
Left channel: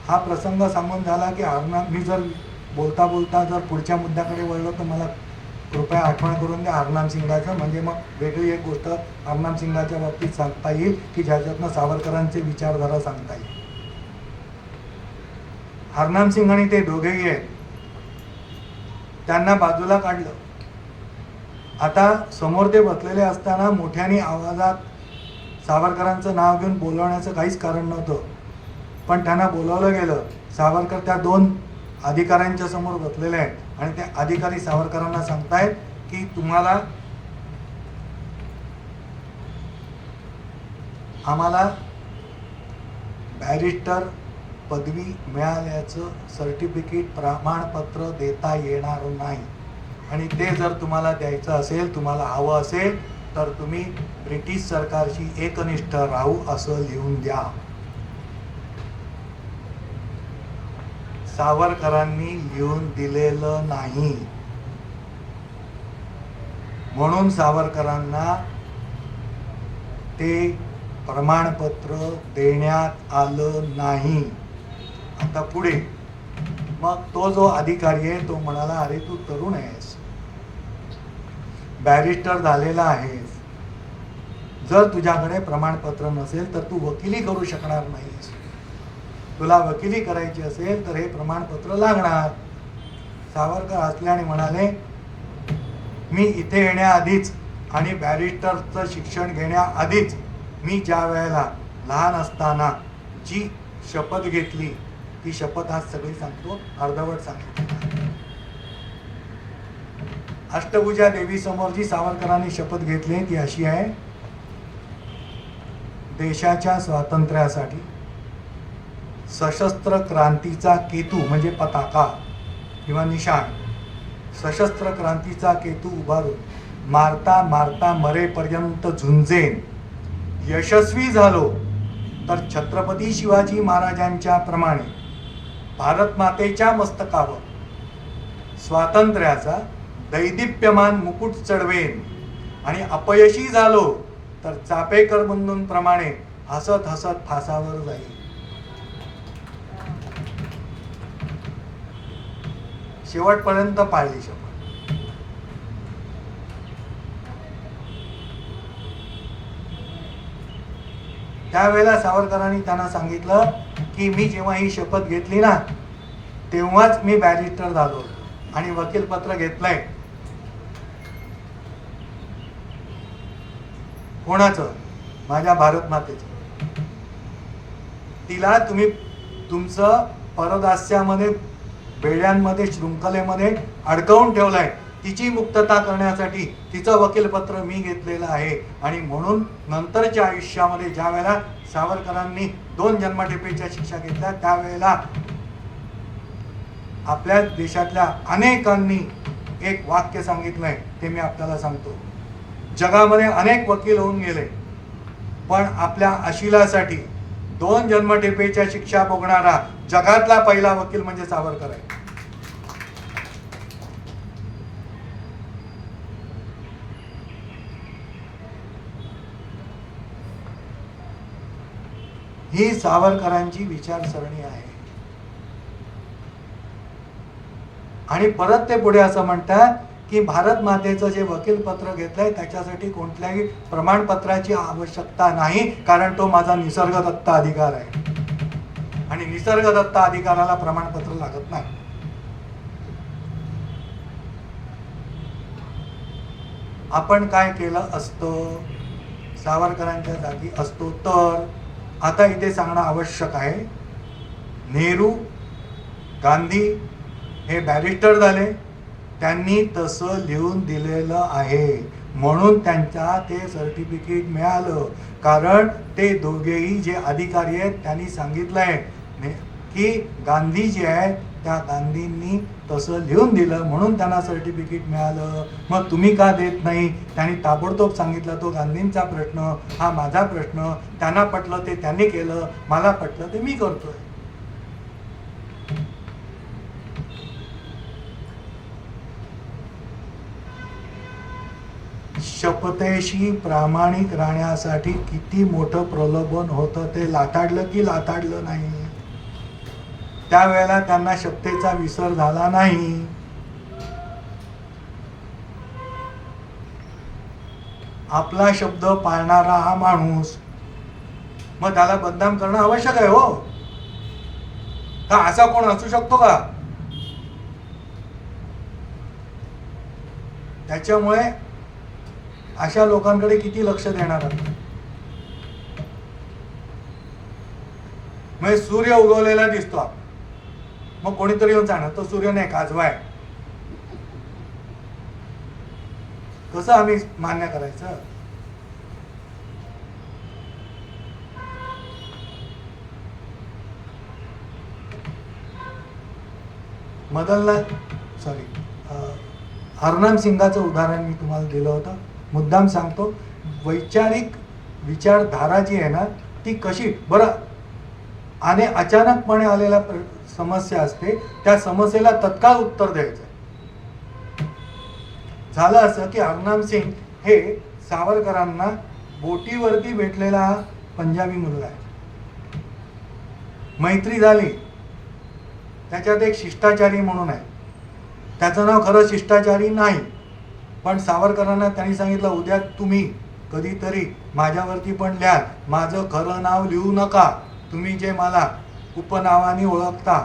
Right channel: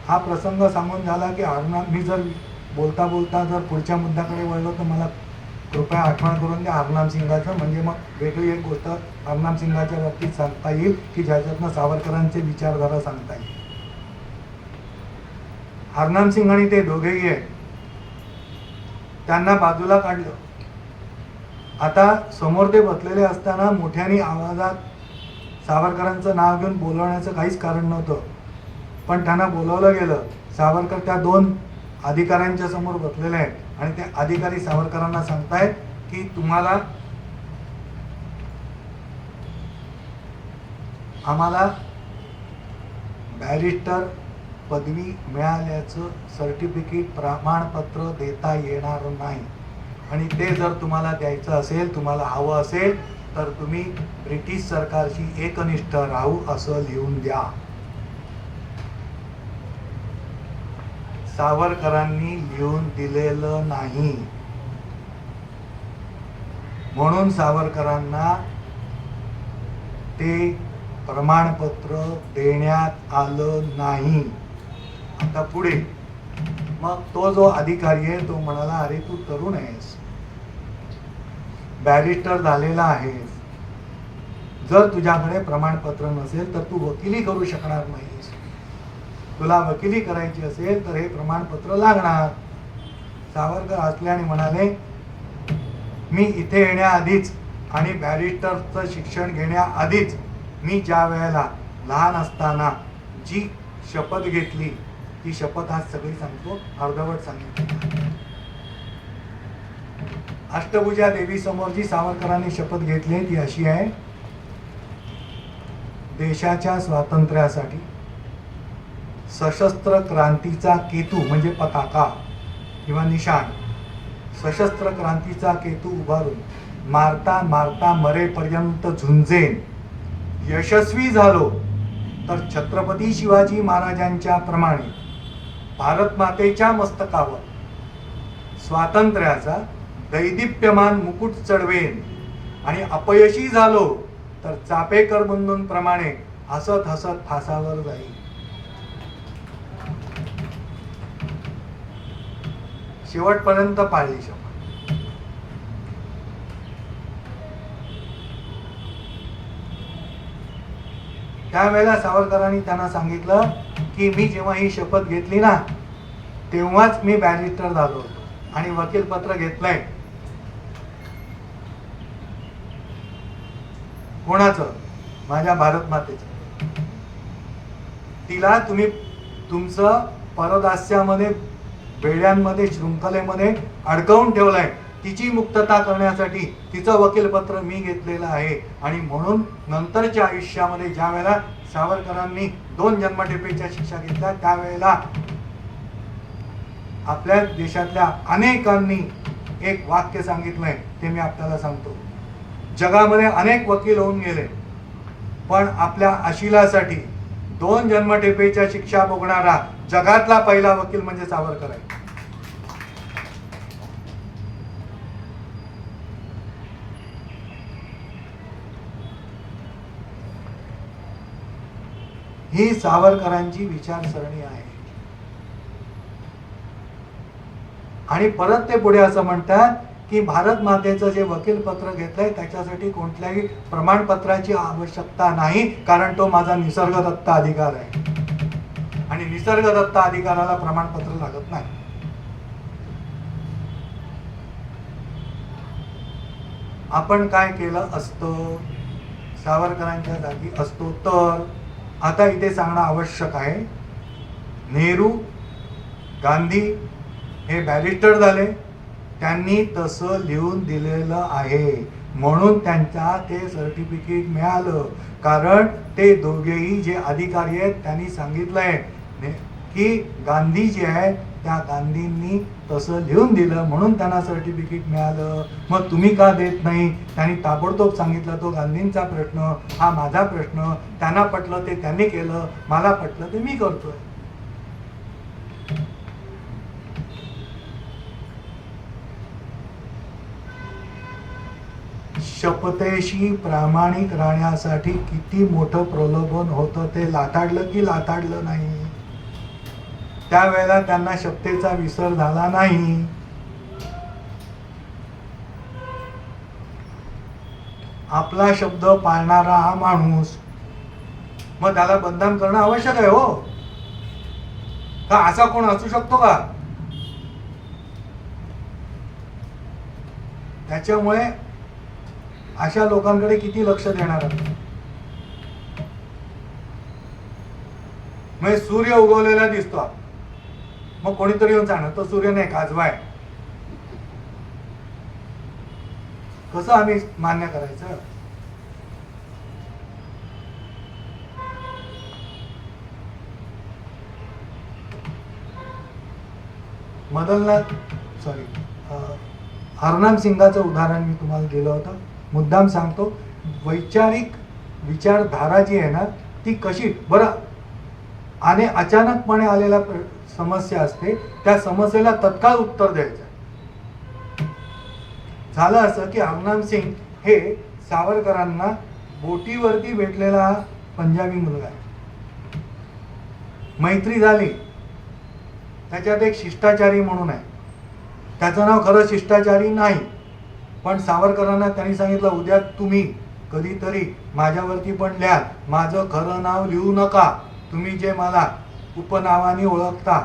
हा प्रसंग सांगून झाला की हरनाम, मी जर बोलता बोलता जर पुढच्या मुद्द्याकडे वळलो तर मला कृपया आठवण करून द्या हरनाम सिंगाचं. म्हणजे मग वेगळी एक गोष्ट हरनाम सिंगाच्या बाबतीत सांगता येईल की ज्याच्यातनं सावरकरांचे विचारधारा सांगता येईल. हरनाम सिंग आणि ते दोघेही आहेत, त्यांना बाजूला काढलं. आता समोर ते बसलेले असताना मोठ्याने आवाजात सावरकरांचं नाव घेऊन बोलवण्याचं काहीच कारण नव्हतं, पण त्यांना बोलवलं गेलं. सावरकर त्या दोन अधिकाऱ्यांच्या समोर बसलेले आहेत आणि ते अधिकारी सावरकरांना सांगतायत की तुम्हाला आम्हाला बॅरिस्टर पदवी मिळाल्याचं सर्टिफिकेट प्रमाणपत्र देता येणार नाही आणि ते जर तुम्हाला द्यायचं असेल, तुम्हाला हवं असेल तर तुम्ही ब्रिटिश सरकारशी एकनिष्ठ राहू असं लिहून द्या. सावरकरांनी लिहून दिलेलं नाही म्हणून सावरकरांना ते प्रमाणपत्र देण्यात आलं नाही. आता पुढे मग तो जो अधिकारी आहे तो म्हणाला, अरे तू तरुण आहेस, बॅरिस्टर झालेला आहेस, जर तुझ्याकडे प्रमाणपत्र नसेल तर तू वकिली करू शकणार नाहीस, तुला वकिली करायची असेल तर हे प्रमाणपत्र लागणार. सावरकर हसल्याने म्हणाले, मी इथे येण्याआधीच आणि बॅरिस्टरचं शिक्षण घेण्याआधीच मी ज्या वेळेला लहान असताना जी शपथ घेतली ती शपथ आज सगळी सांगतो, अर्धवट सांगितली. अष्टभुजा देवी समोर जी सावरकरांनी शपथ घेतली ती अशी आहे, देशाच्या स्वातंत्र्यासाठी सशस्त्र क्रांतीचा केतू म्हणजे पताका किंवा निशाण, सशस्त्र क्रांतीचा केतू उभारून मारता मारता मरेपर्यंत झुंजेन, यशस्वी झालो तर छत्रपती शिवाजी महाराजांच्या प्रमाणे भारत मातेच्या मस्तकावर स्वातंत्र्याचा दैदिप्यमान मुकुट चढवेन आणि अपयशी झालो तर चापेकर बंधूंप्रमाणे हसत हसत फासावर जाईल. शेवटपर्यंत पाळली शपथ. त्यावेळेला सावरकरांनी त्यांना सांगितलं की मी जेव्हा ही शपथ घेतली ना तेव्हाच मी बॅरिस्टर झालो आणि वकीलपत्र घेतलंय. कोणाचं? माझ्या भारत मातेचं. तिला तुम्ही तुमचं परदास्यामध्ये, बेड्यांमध्ये, शृंखलेमध्ये अडकवून ठेवलंय. तिची मुक्तता करण्यासाठी तिचं वकीलपत्र मी घेतलेलं आहे आणि म्हणून नंतरच्या आयुष्यामध्ये ज्या वेळेला सावरकरांनी 2 जन्मठेपेच्या शिक्षा घेतल्या त्यावेळेला आपल्या देशातल्या अनेकांनी एक वाक्य सांगितलंय, ते मी आपल्याला सांगतो. जगामध्ये अनेक वकील होऊन गेले पण आपल्या अशिलासाठी 2 जन्मठेपेच्या शिक्षा भोगणारा जगातला पहिला वकील म्हणजे सावरकर आहे. ही सावरकरांची विचारसरणी आहे. आणि परत ते पुढे असं म्हणतात की भारत मातेचं जे वकीलपत्र घेतलंय त्याच्यासाठी कोणत्याही प्रमाणपत्राची आवश्यकता नाही, कारण तो माझा निसर्गदत्त अधिकार आहे आणि निसर्गदत्त अधिकाराला प्रमाणपत्र लागत नाही. आपण काय केलं असतं सावरकरांच्या जागी असतो तर आता इथे सांगणं आवश्यक आहे. नेहरू, गांधी हे बॅरिस्टर झाले, त्यांनी तसं लिहून दिलेलं आहे म्हणून त्यांचा ते सर्टिफिकेट मिळालं. कारण ते दोघेही जे अधिकारी आहेत त्यांनी सांगितलंय की गांधी जे आहेत त्या गांधींनी तसं लिहून दिलं म्हणून त्यांना सर्टिफिकेट मिळालं. मग तुम्ही का देत नाही? त्यांनी ताबडतोब सांगितलं, तो गांधींचा प्रश्न, हा माझा प्रश्न. त्यांना पटलं ते त्यांनी केलं, मला पटलं ते मी करतोय. शपथेशी प्रामाणिक राहण्यासाठी किती मोठं प्रलोभन होतं ते लाथाडलं की लाथाडलं नाही. त्यावेळेला त्यांना शपथेचा विसर झाला नाही. आपला शब्द पाळणारा हा माणूस, मग त्याला बदनाम करणं आवश्यक आहे हो. तर असा कोण असू शकतो का? त्याच्यामुळे अशा लोकांकडे किती लक्ष देणार आहे? म्हणजे सूर्य उगवलेला दिसतो, मग कोणीतरी येऊन सांगणार तो सूर्य नाही, काजवा आहे. कसं आम्ही मान्य करायचं? मदनलाल सॉरी हरनाम सिंगाचं उदाहरण मी तुम्हाला दिलं होतं. मुद्दाम सांगतो, वैचारिक विचारधारा जी आहे ना ती कशी बरं आणि अचानकपणे आलेल्या समस्या असते, त्या समस्येला तत्काळ उत्तर द्यायचं. झालं असं की हरनाम सिंग हे सावरकरांना बोटीवरती भेटलेला पंजाबी मुलगा आहे. मैत्री झाली. त्याच्यात एक शिष्टाचारी म्हणून आहे. त्याचं नाव खरं शिष्टाचारी नाही, पण सावरकरांना त्यांनी सांगितलं उद्या तुम्ही कधीतरी माझ्यावरती पण लिहा, माझं खरं नाव लिहू नका, तुम्ही जे मला उपनावाने ओळखता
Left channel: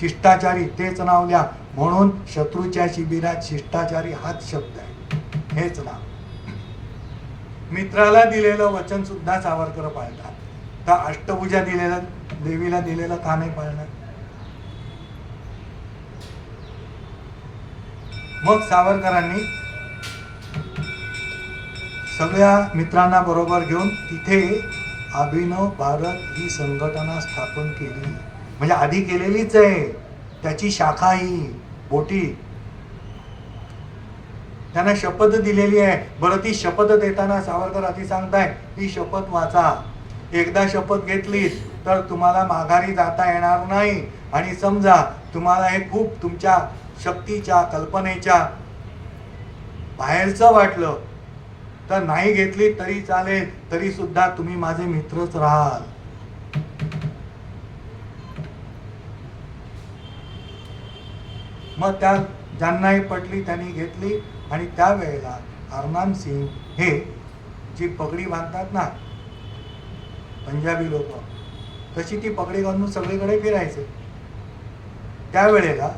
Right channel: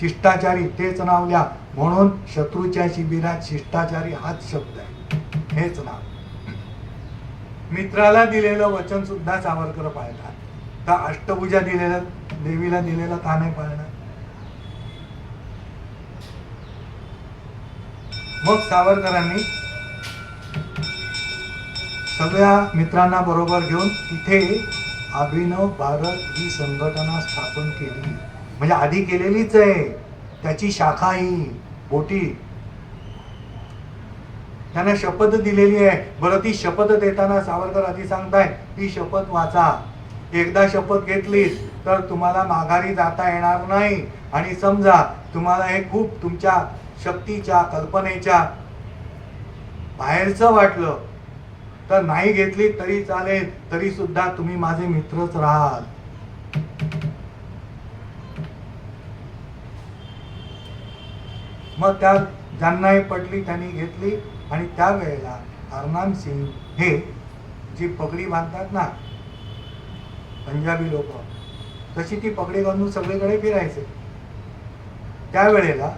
शिष्टाचारी तेच नाव लिहा. म्हणून शत्रूच्या शिबिरात शिष्टाचारी हाच शब्द आहे, हेच नाव. मित्राला दिलेलं वचन सुद्धा सावरकर पाळतात, तर अष्टभुजा दिलेलं देवीला दिलेलं का नाही पाळणार? मग सावरकरांनी सगळ्या मित्रांना बरोबर घेऊन तिथे अभिनव भारत ही संघटना स्थापन केली. म्हणजे आधी केलेलीच आहे, त्याची शाखा ही बोटी. त्यांना शपथ दिलेली आहे. बरं, ती शपथ देताना सावरकर आधी सांगताय ती शपथ वाचा. एकदा शपथ घेतली तर तुम्हाला माघारी जाता येणार नाही. आणि समजा तुम्हाला हे खूप तुमच्या शक्तीच्या कल्पनेच्या बाहेरचं वाटलं तर नाही घेतली तरी चालेल, तरी सुद्धा तुम्ही माझे मित्रच राहाल. मग त्या ज्यांनाही पटली त्यांनी घेतली. आणि त्यावेळेला हरनाम सिंग हे जी पगडी बांधतात ना पंजाबी लोक, तशी ती पगडी घालून सगळीकडे फिरायचे. त्यावेळेला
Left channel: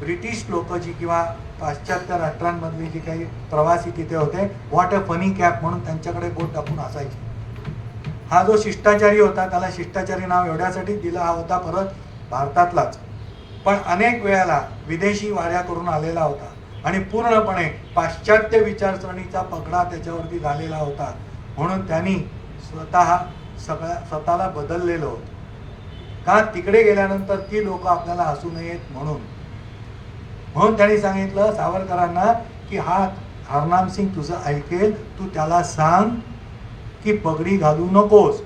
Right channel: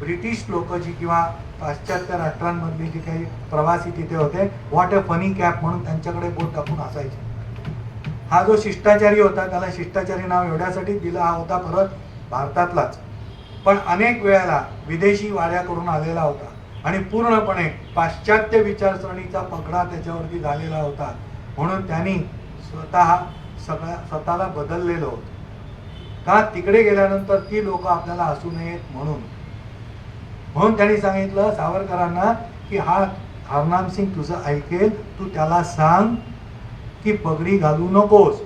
ब्रिटिश लोक जी किंवा पाश्चात्य राष्ट्रांमधली जी काही प्रवासी तिथे होते, व्हॉट अ फनी कॅप म्हणून त्यांच्याकडे बोट टाकून असायचे. हा जो शिष्टाचारी होता त्याला शिष्टाचारी नाव एवढ्यासाठी दिला होता, परत भारतातलाच, पण अनेक वेळेला विदेशी वाड्याकडून आलेला होता आणि पूर्णपणे पाश्चात्य विचारसरणीचा पगडा त्याच्यावरती झालेला होता. म्हणून त्यांनी स्वतःला बदललेलं होतं. का? तिकडे गेल्यानंतर ती लोक आपल्याला हसू नयेत म्हणून. म्हणून त्यांनी सांगितलं सावरकरांना की हा हरनाम सिंग तुझं ऐकेल, तू त्याला सांग की पगडी घालू नकोस.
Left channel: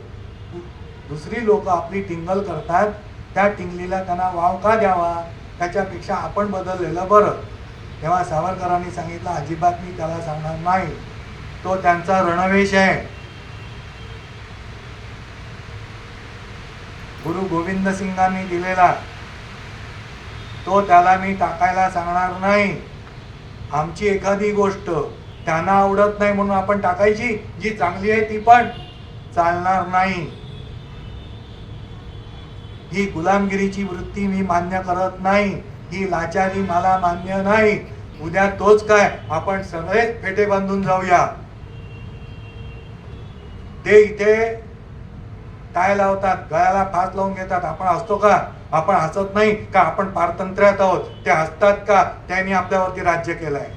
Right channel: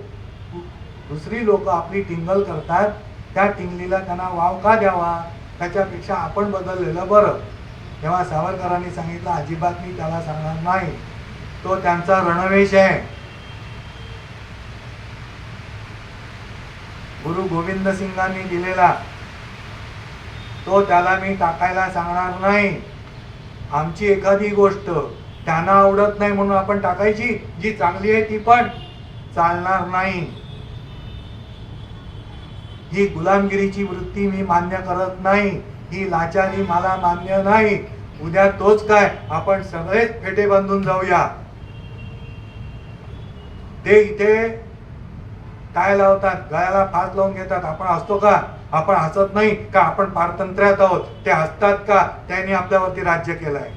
दुसरी लोक आपली टिंगल करतात, त्या टिंगलीला त्यांना वाव का द्यावा, त्याच्यापेक्षा आपण बदललेलं बरं. तेव्हा सावरकरांनी सांगितलं अजिबात मी त्याला सांगणार नाही, तो त्यांचा रणवेश आहे. गुरु गोविंद सिंगांनी दिलेला तो त्याला मी टाकायला सांगणार नाही. आमची एखादी गोष्ट त्यांना आवडत नाही म्हणून आपण टाकायची, जी चांगली आहे ती पण चालणार नाही. ही गुलामगिरीची वृत्ती मी मान्य करत नाही, ही लाचारी मला मान्य नाही. उद्या तोच काय आपण सगळेच फेटे बांधून जाऊया. ते इथे काय लावतात, गळ्याला फास लावून घेतात, आपण हसतो का? आपण हसत नाही का? आपण पारतंत्र्यात आहोत, ते हसतात का? त्यांनी आपल्यावरती राज्य केलंय.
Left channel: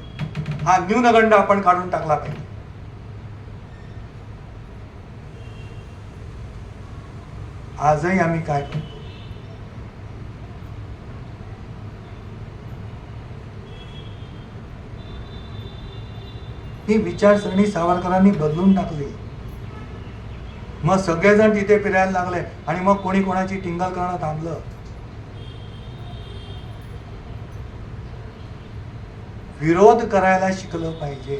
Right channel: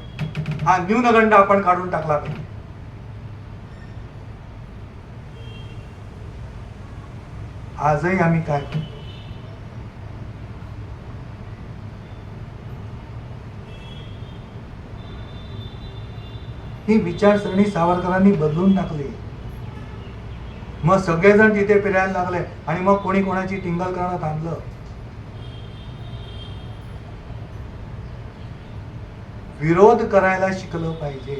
हा न्यूनगंड आपण काढून टाकला पाहिजे. आजही आम्ही काय करतो, ही विचारसरणी सावरकरांनी बदलून टाकली. मग सगळेजण तिथे फिरायला लागले आणि मग कोणी कोणाची टिंगल करणं थांबलं. विरोध करायला शिकलं पाहिजे.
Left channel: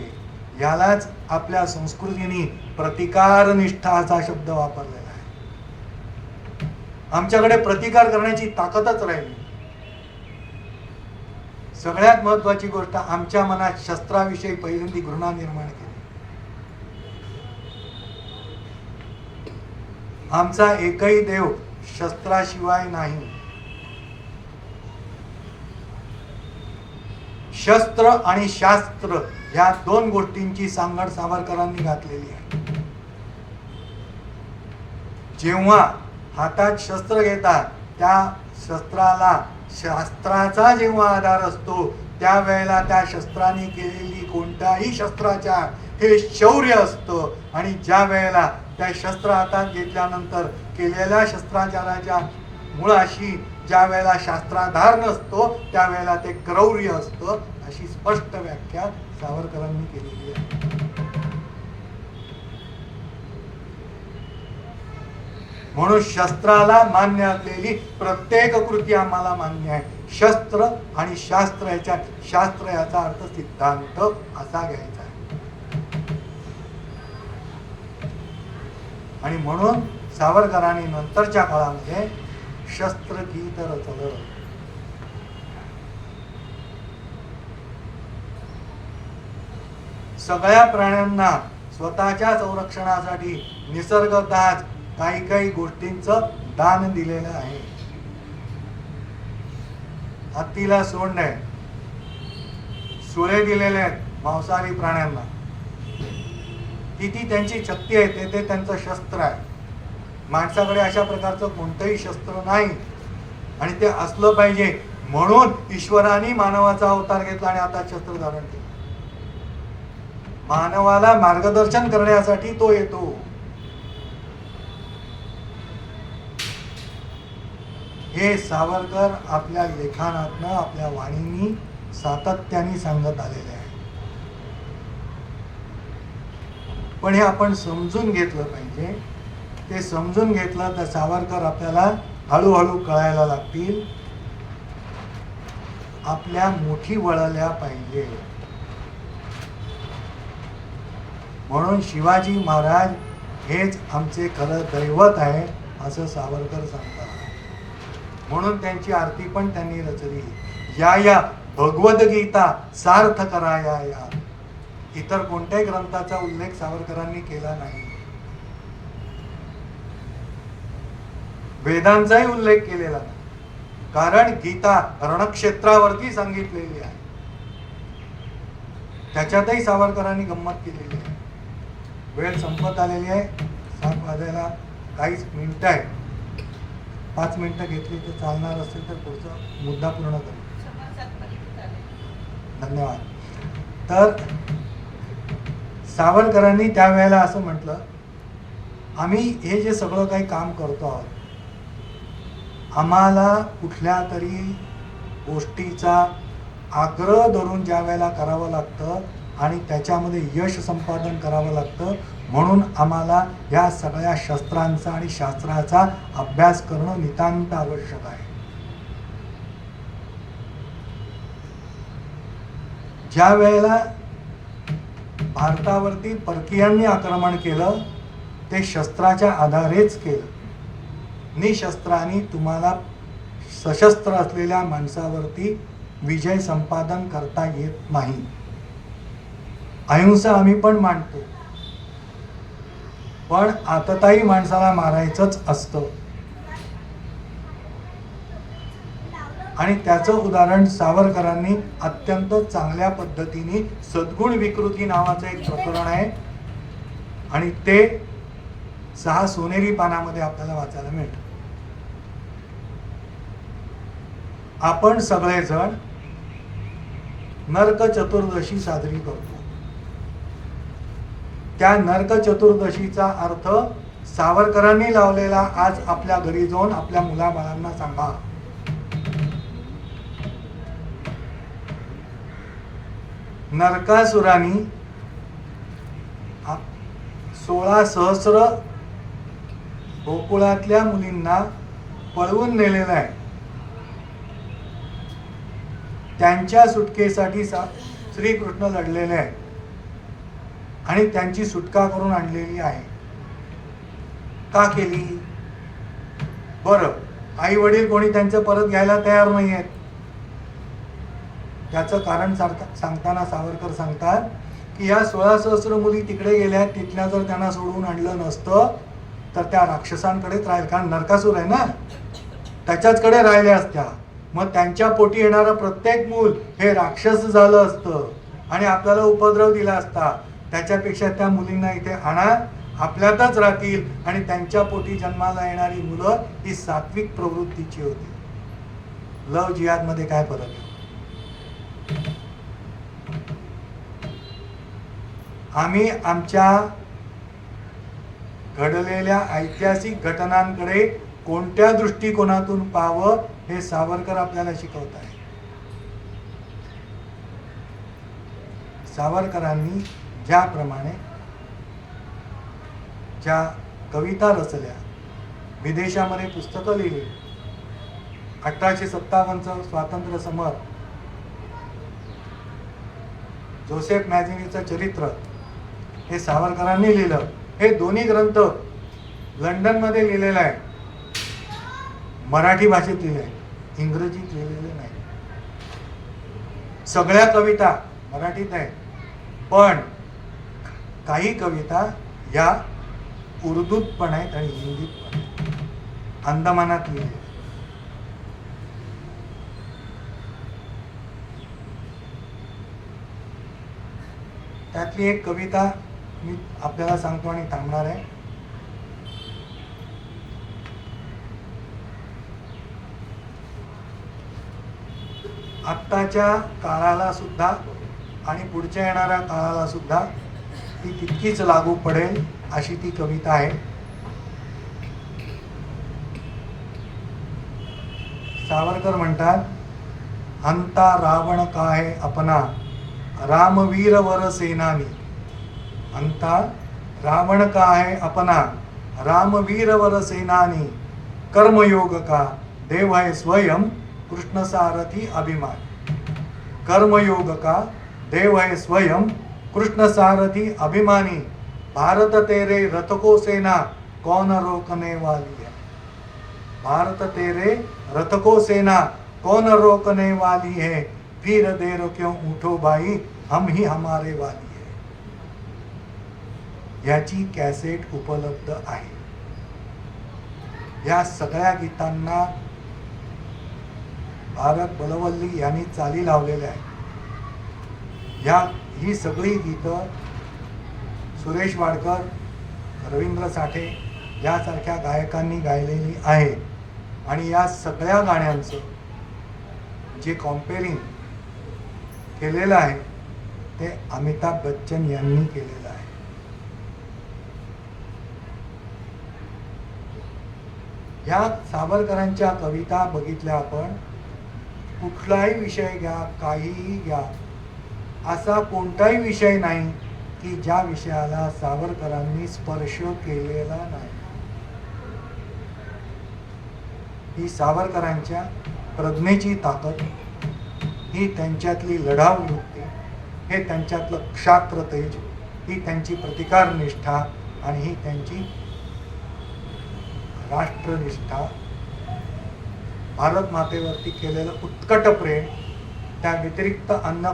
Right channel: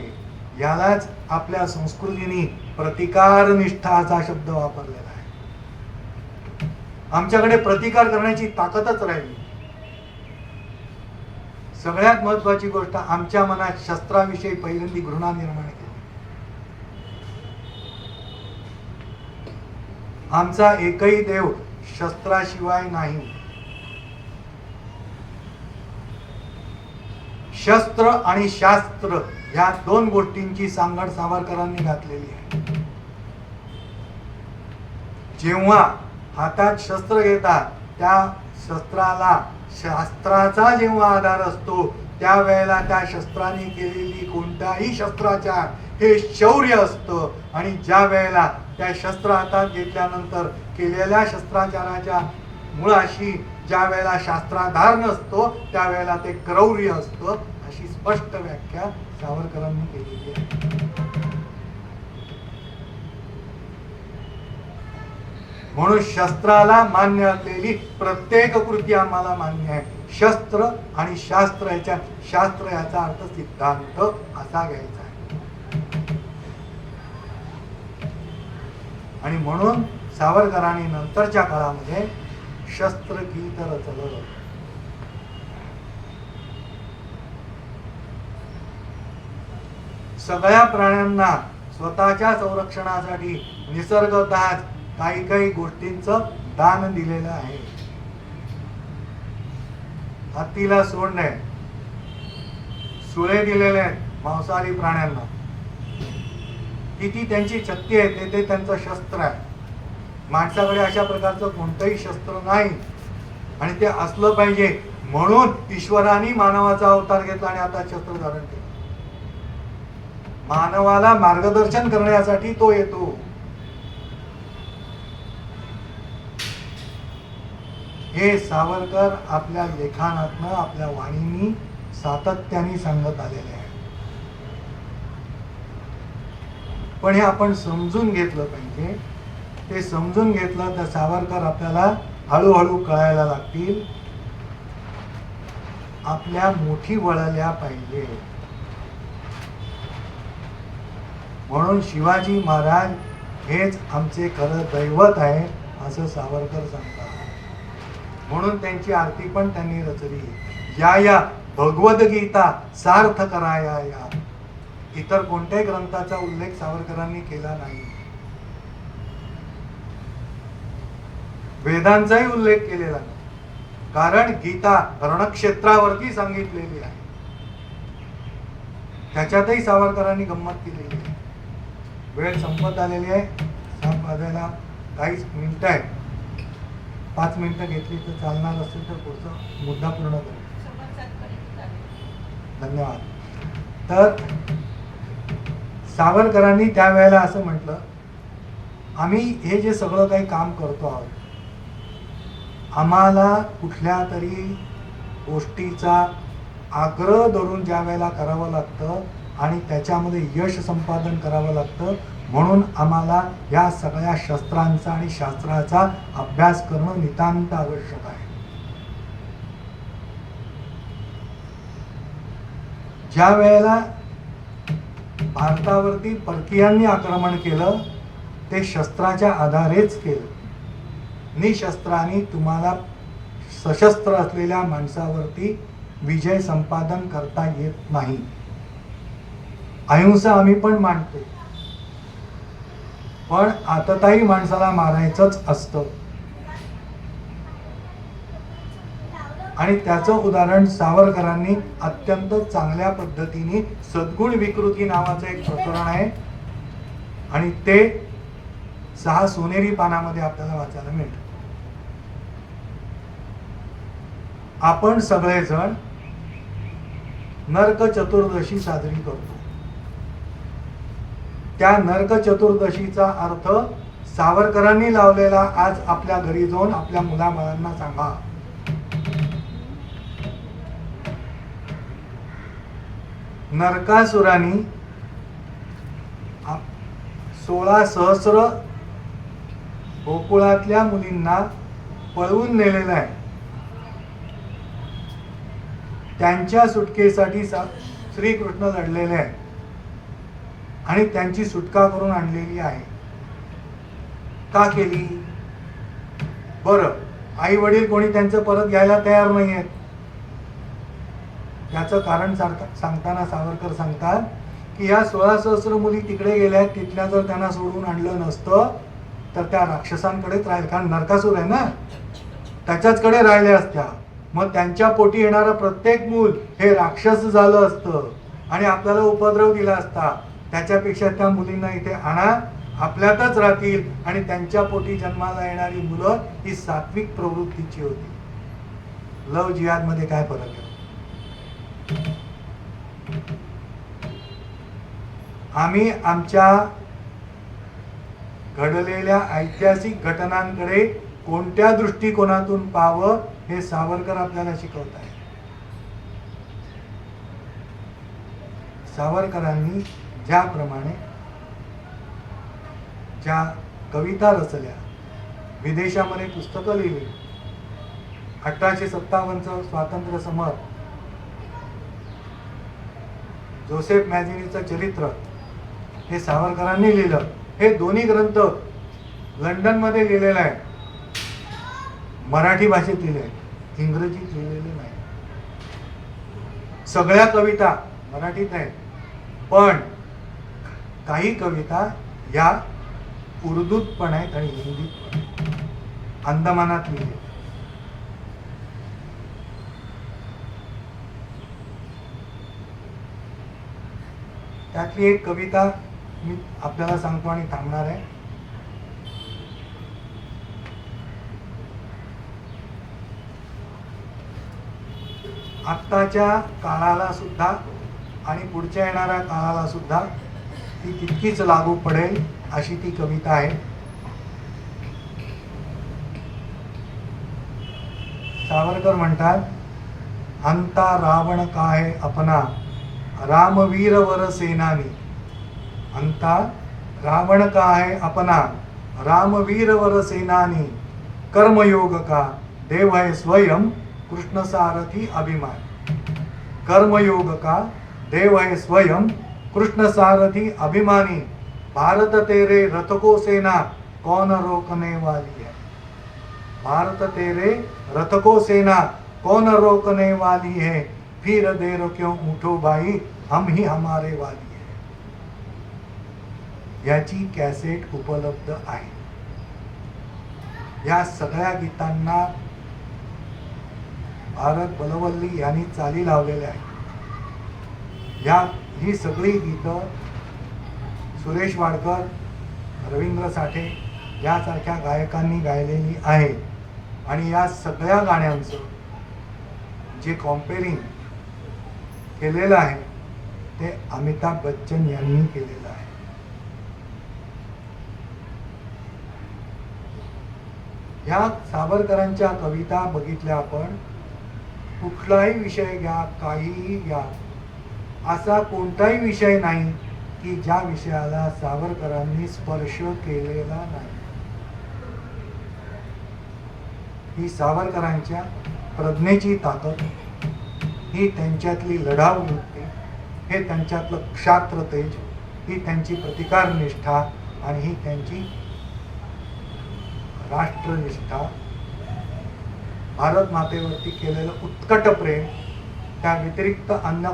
यालाच आपल्या संस्कृतीने प्रतिकार निष्ठा असा शब्द वापरलेला आहे. आमच्याकडे प्रतिकार करण्याची ताकदच राहिली. सगळ्यात महत्वाची गोष्ट, आमच्या मनात शस्त्राविषयी पहिल्यांदी घृणा निर्माण केली. आमचा एकही देव शस्त्राशिवाय नाही. शस्त्र आणि शास्त्र या दोन गोष्टींची सांगड सावरकरांनी घातलेली आहे. जेव्हा हातात शस्त्र घेतात त्या शस्त्राला शास्त्राचा जेव्हा आधार असतो त्यावेळेला त्या शस्त्राने केलेली कोणत्याही शस्त्राचार हे शौर्य असतं. आणि ज्या वेळेला त्या शस्त्र हातात घेतल्यानंतर केलेल्या शस्त्राचाराच्या मुळाशी ज्या वेळेला शास्त्राधार नसतो त्यावेळेला ते क्रौर्य असतं. अशी स्पष्ट व्याख्या सावरकरांनी केलेली आहे. म्हणून शस्त्राला मान्य असलेली प्रत्येक कृती आम्हाला मान्य आहे. शस्त्र आणि शास्त्र याचा अर्थ सिद्धांत असा घ्यायचा आहे. आणि म्हणून सावरकरांनी नंतरच्या काळामध्ये शस्त्र गीत रचलं. सगळ्या प्राण्यांना स्वतःच्या संरक्षणासाठी निसर्गतःच काही काही गोष्टींचं दान दिलेलं आहे. हत्तीला सोंड आहे, सुळे दिलेले आहेत मांसाहारी प्राण्यांना. किती त्यांची शक्ती आहे ते त्यांचं शस्त्र आहे. माणसाकडे अशा प्रकारचं कोणतंही शस्त्र नाही आणि ते असलं पाहिजे म्हणून ईश्वराने मानवाचा अवतार घेतला आणि आता शस्त्र धारण केलं. मानवाला मार्गदर्शन करण्यासाठी तो येतो. हे सावरकर आपल्या लेखनातनं आपल्या वाणीनी सातत्याने सांगत आलेले आहे. पण हे आपण समजून घेतलं पाहिजे. ते समजून घेतलं तर सावरकर आपल्याला हळूहळू कळायला लागतील. आपल्या मुठी वळल्या पाहिजे. म्हणून शिवाजी महाराज हेच आमचे खरं दैवत आहे असं सावरकर सांगतात. म्हणून त्यांची आरती पण त्यांनी रचली. या भगवद्गीता सार्थ कराया या. इतर कोणत्याही ग्रंथाचा उल्लेख सावरकरांनी केला नाही. वेदांचाही उल्लेख केलेला नाही. कारण गीता रणक्षेत्रावरती सांगितलेली आहे. त्याच्यातही सावरकरांनी गंमत केलेली आहे. वेळ संपत आलेली आहे. 7 वाजायला काहीच मिनिटं आहे. 5 मिनिटं घेतली तर चालणार असेल तर पुढचा मुद्दा पूर्ण करू. धन्यवाद. तर सावरकरांनी त्यावेळेला असं म्हटलं, आम्ही हे जे सगळं काही काम करतो आहोत, आम्हाला कुठल्या तरी गोष्टीचा आग्रह धरून ज्या वेळेला करावं लागतं आणि त्याच्यामध्ये यश संपादन करावं लागतं. म्हणून आम्हाला या सगळ्या शस्त्रांचा आणि शास्त्राचा अभ्यास करणं नितांत आवश्यक आहे. ज्या वेळेला भारतावरती परकीयांनी आक्रमण केलं ते शस्त्राच्या आधारेच केलं. निशस्त्रांनी तुम्हाला सशस्त्र असलेल्या माणसावरती विजय संपादन करता येत नाही. अहिंसा आम्ही पण मानतो, पण आतताई माणसाला मारायचंच असतं. आणि त्याचं उदाहरण सावरकरांनी अत्यंत चांगल्या पद्धतीने सद्गुण विकृती नावाचं एक प्रकरण आहे आणि ते 6 सोनेरी पानामध्ये आपल्याला वाचायला मिळतं. आपण सगळेजण नरक चतुर्दशी साजरी करतो. त्या नरक चतुर्दशीचा अर्थ सावरकरांनी लावलेला आज आपल्या घरी जाऊन आपल्या मुलाबाळांना सांगा. नरकासुरानी 16 सहस्र गोकुळातल्या मुलींना पळवून नेलेलं आहे. त्यांच्या सुटकेसाठी श्रीकृष्ण लढलेले आहे आणि त्यांची सुटका करून आणलेली आहे. का केली? बरं, आई वडील कोणी त्यांचं परत घ्यायला तयार नाही आहेत. त्याचं कारण सांगताना सावरकर सांगतात की या 16 सहस्र मुली तिकडे गेल्या, तिथल्या जर त्यांना सोडून आणलं नसतं तर त्या राक्षसांकडेच राहील, कारण नरकासूर आहे ना, त्याच्याचकडे राहिल्या असत्या. मग त्यांच्या पोटी येणारं प्रत्येक मूल हे राक्षस झालं असतं आणि आपल्याला उपद्रव दिला असता. त्याच्यापेक्षा त्या मुलींना इथे आणा, आपल्यातच राहतील आणि त्यांच्या पोटी जन्माला येणारी मुलं ही सात्विक प्रवृत्तीची होती. लव जिहाद मध्ये काय फरक आहे? आम्ही आमच्या घडलेल्या ऐतिहासिक घटनांकडे कोणत्या दृष्टिकोनातून पाहावं हे सावरकर आपल्याला शिकवत आहे. सावरकरांनी ज्याप्रमाणे ज्या कविता रचल्या, विदेशामध्ये पुस्तकं लिहिली, 1857 स्वातंत्र्य समर, जोसेफ मॅझिनीचं चरित्र हे सावरकरांनी लिहिलं. हे दोन्ही ग्रंथ लंडनमध्ये लिहिलेले आहे, मराठी भाषेत लिहिले, इंग्रजीत लिहिलेले नाही. सगळ्या कविता मराठीत आहेत, पण काही कविता या उर्दूत पण आहेत आणि हिंदीत पण आहेत, अंदमानात लिहिले. त्यातली एक कविता मी आपल्याला सांगतो आणि थांबणार आहे. आत्ताच्या काळाला सुद्धा आणि पुढच्या येणाऱ्या काळाला सुद्धा ती तितकीच लागू पडेल अशी ती कविता आहे. सावरकर म्हणतात, अंता रावण काहे अपना रामवीर वर सेनानी. अंता रावण काहे अपना रामवीर वर सेनानी. कर्मयोग का देव है स्वयं कृष्ण सारथी अभिमान. कर्मयोग का देव है स्वयं कृष्ण सारथी अभिमानी. भारत तेरे रथ को सेना कौन रोकने वाली है. भारत तेरे रथ को सेना कौन रोकने वाली है. फिर देर क्यों उठो भाई हम ही हमारे वाली है. याची कॅसेट उपलब्ध आहे. या सगळ्या गीतांना भारत बलवल्ली यांनी चाली लावलेल्या आहे. ही सगळी गीतं सुरेश वाडकर, रवींद्र साठे यासारख्या गायकांनी गायलेली आहेत. आणि या सगळ्या गाण्यांचं जे कॉम्पेरिंग केलेलं आहे ते अमिताभ बच्चन यांनी केलेलं आहे. या सावरकरांच्या कविता बघितल्या आपण, कुठलाही विषय घ्या, काहीही घ्या, असा कोणताही विषय नाही की ज्या विषयाला सावरकरांनी स्पर्श केलेला नाही. ही सावरकरांच्या प्रज्ञेची ताकद, ही त्यांच्यातली लढाऊ वृत्ती, हे त्यांच्यातलं क्षात्र तेज, ही त्यांची प्रतिकार निष्ठा आणि ही त्यांची राष्ट्रनिष्ठा, भारत मातेवरती केलेलं उत्कट प्रेम, त्या व्यतिरिक्त अन्य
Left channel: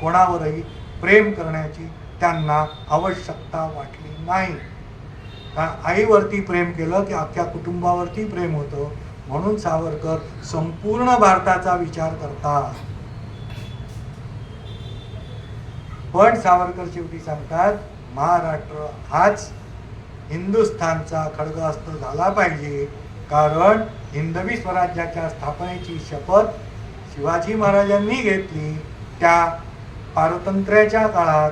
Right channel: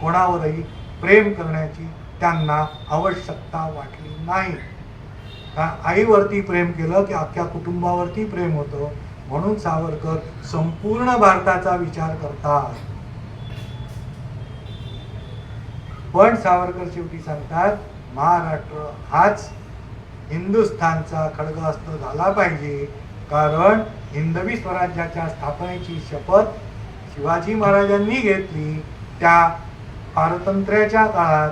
कोणावरही प्रेम करण्याची त्यांना आवश्यकता वाटली नाही. कारण आईवरती प्रेम केलं की अख्ख्या कुटुंबावरती प्रेम होतं. म्हणून सावरकर संपूर्ण भारताचा विचार करतात. पण सावरकर शेवटी सांगतात, महाराष्ट्र हाच हिंदुस्थानचा खडगहस्त झाला पाहिजे, कारण हिंदवी स्वराज्याच्या स्थापनेची शपथ शिवाजी महाराजांनी घेतली. त्या पारतंत्र्याच्या काळात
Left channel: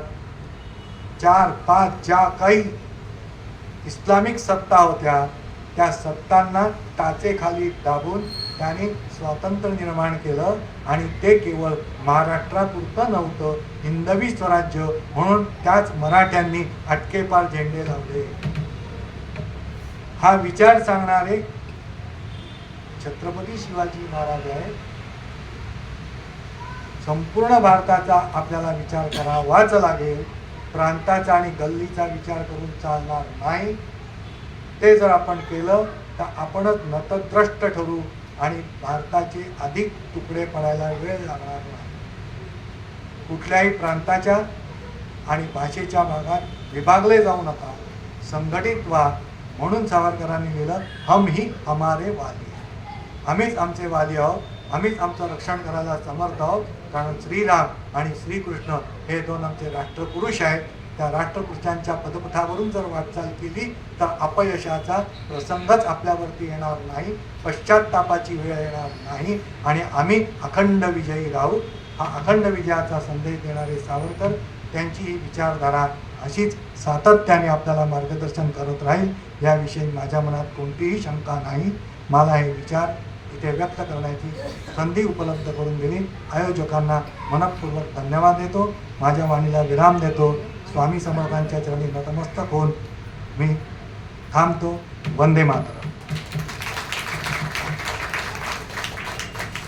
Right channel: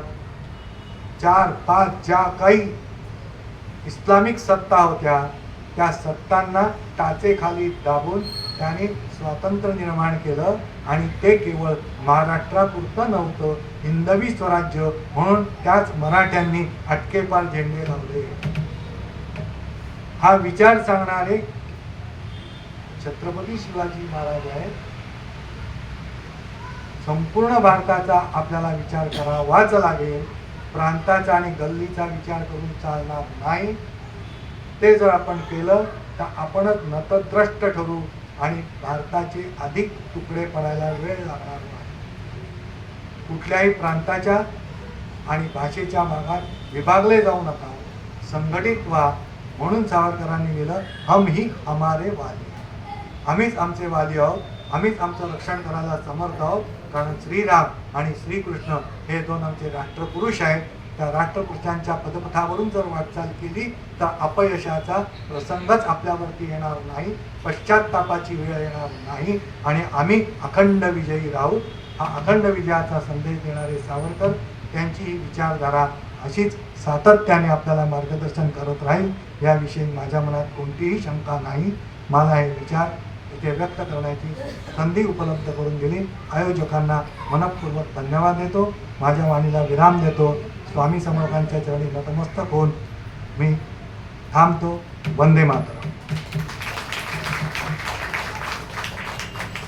4-5 ज्या काही इस्लामिक सत्ता होत्या त्या सत्तांना टाचेखाली दाबून त्याने स्वातंत्र्य निर्माण केलं. आणि ते केवळ महाराष्ट्रापुरतं नव्हतं, हिंदवी स्वराज्य म्हणून त्याच मराठ्यांनी अटकेपार झेंडे लावले. हा विचार सांगणारे छत्रपती शिवाजी महाराज आहेत. संपूर्ण भारताचा आपल्याला विचार करावाच लागेल. प्रांताचा आणि गल्लीचा विचार करून चालणार नाही. ते जर आपण केलं तर आपणच नतद्रष्ट ठरू आणि भारताचे अधिक तुकडे पडायला वेळ लागणार नाही. कुठल्याही प्रांताच्या आणि भाषेच्या भागात विभागले जाऊ नका. संघटित व्हा म्हणून सावरकरांनी लिहिलं, हम ही हमारे वाली है. आम्हीच आमचे वाली आहोत, आम्हीच आमचं रक्षण करायला समर्थ आहोत. कारण श्रीराम आणि श्रीकृष्ण हे दोन आमचे राष्ट्रपुरुष आहेत. त्या राष्ट्रपुरुषांच्या पदपथावरून जर वाटचाल केली तर अपयशाचा प्रसंगच आपल्यावरती येणार नाही, पश्चात्तापाची वेळ येणार नाही आणि आम्ही अखंड विजयी राहू. हा अखंड विजयाचा संदेश देणारे सावरकर, त्यांची ही विचारधारा अशीच सातत्याने आपल्याला मार्गदर्शन करत राहील याविषयी माझ्या मनात कोणतीही शंका नाही. मला हे विचार इथे व्यक्त करण्याची संधी उपलब्ध करून दिली. आयोजकांना मनपूर्वक धन्यवाद देतो. माझ्या वाणीला विराम देतो. स्वामी समर्थांच्या चरणी नतमस्तक होऊन मी थांबतो. वंदे मातरम.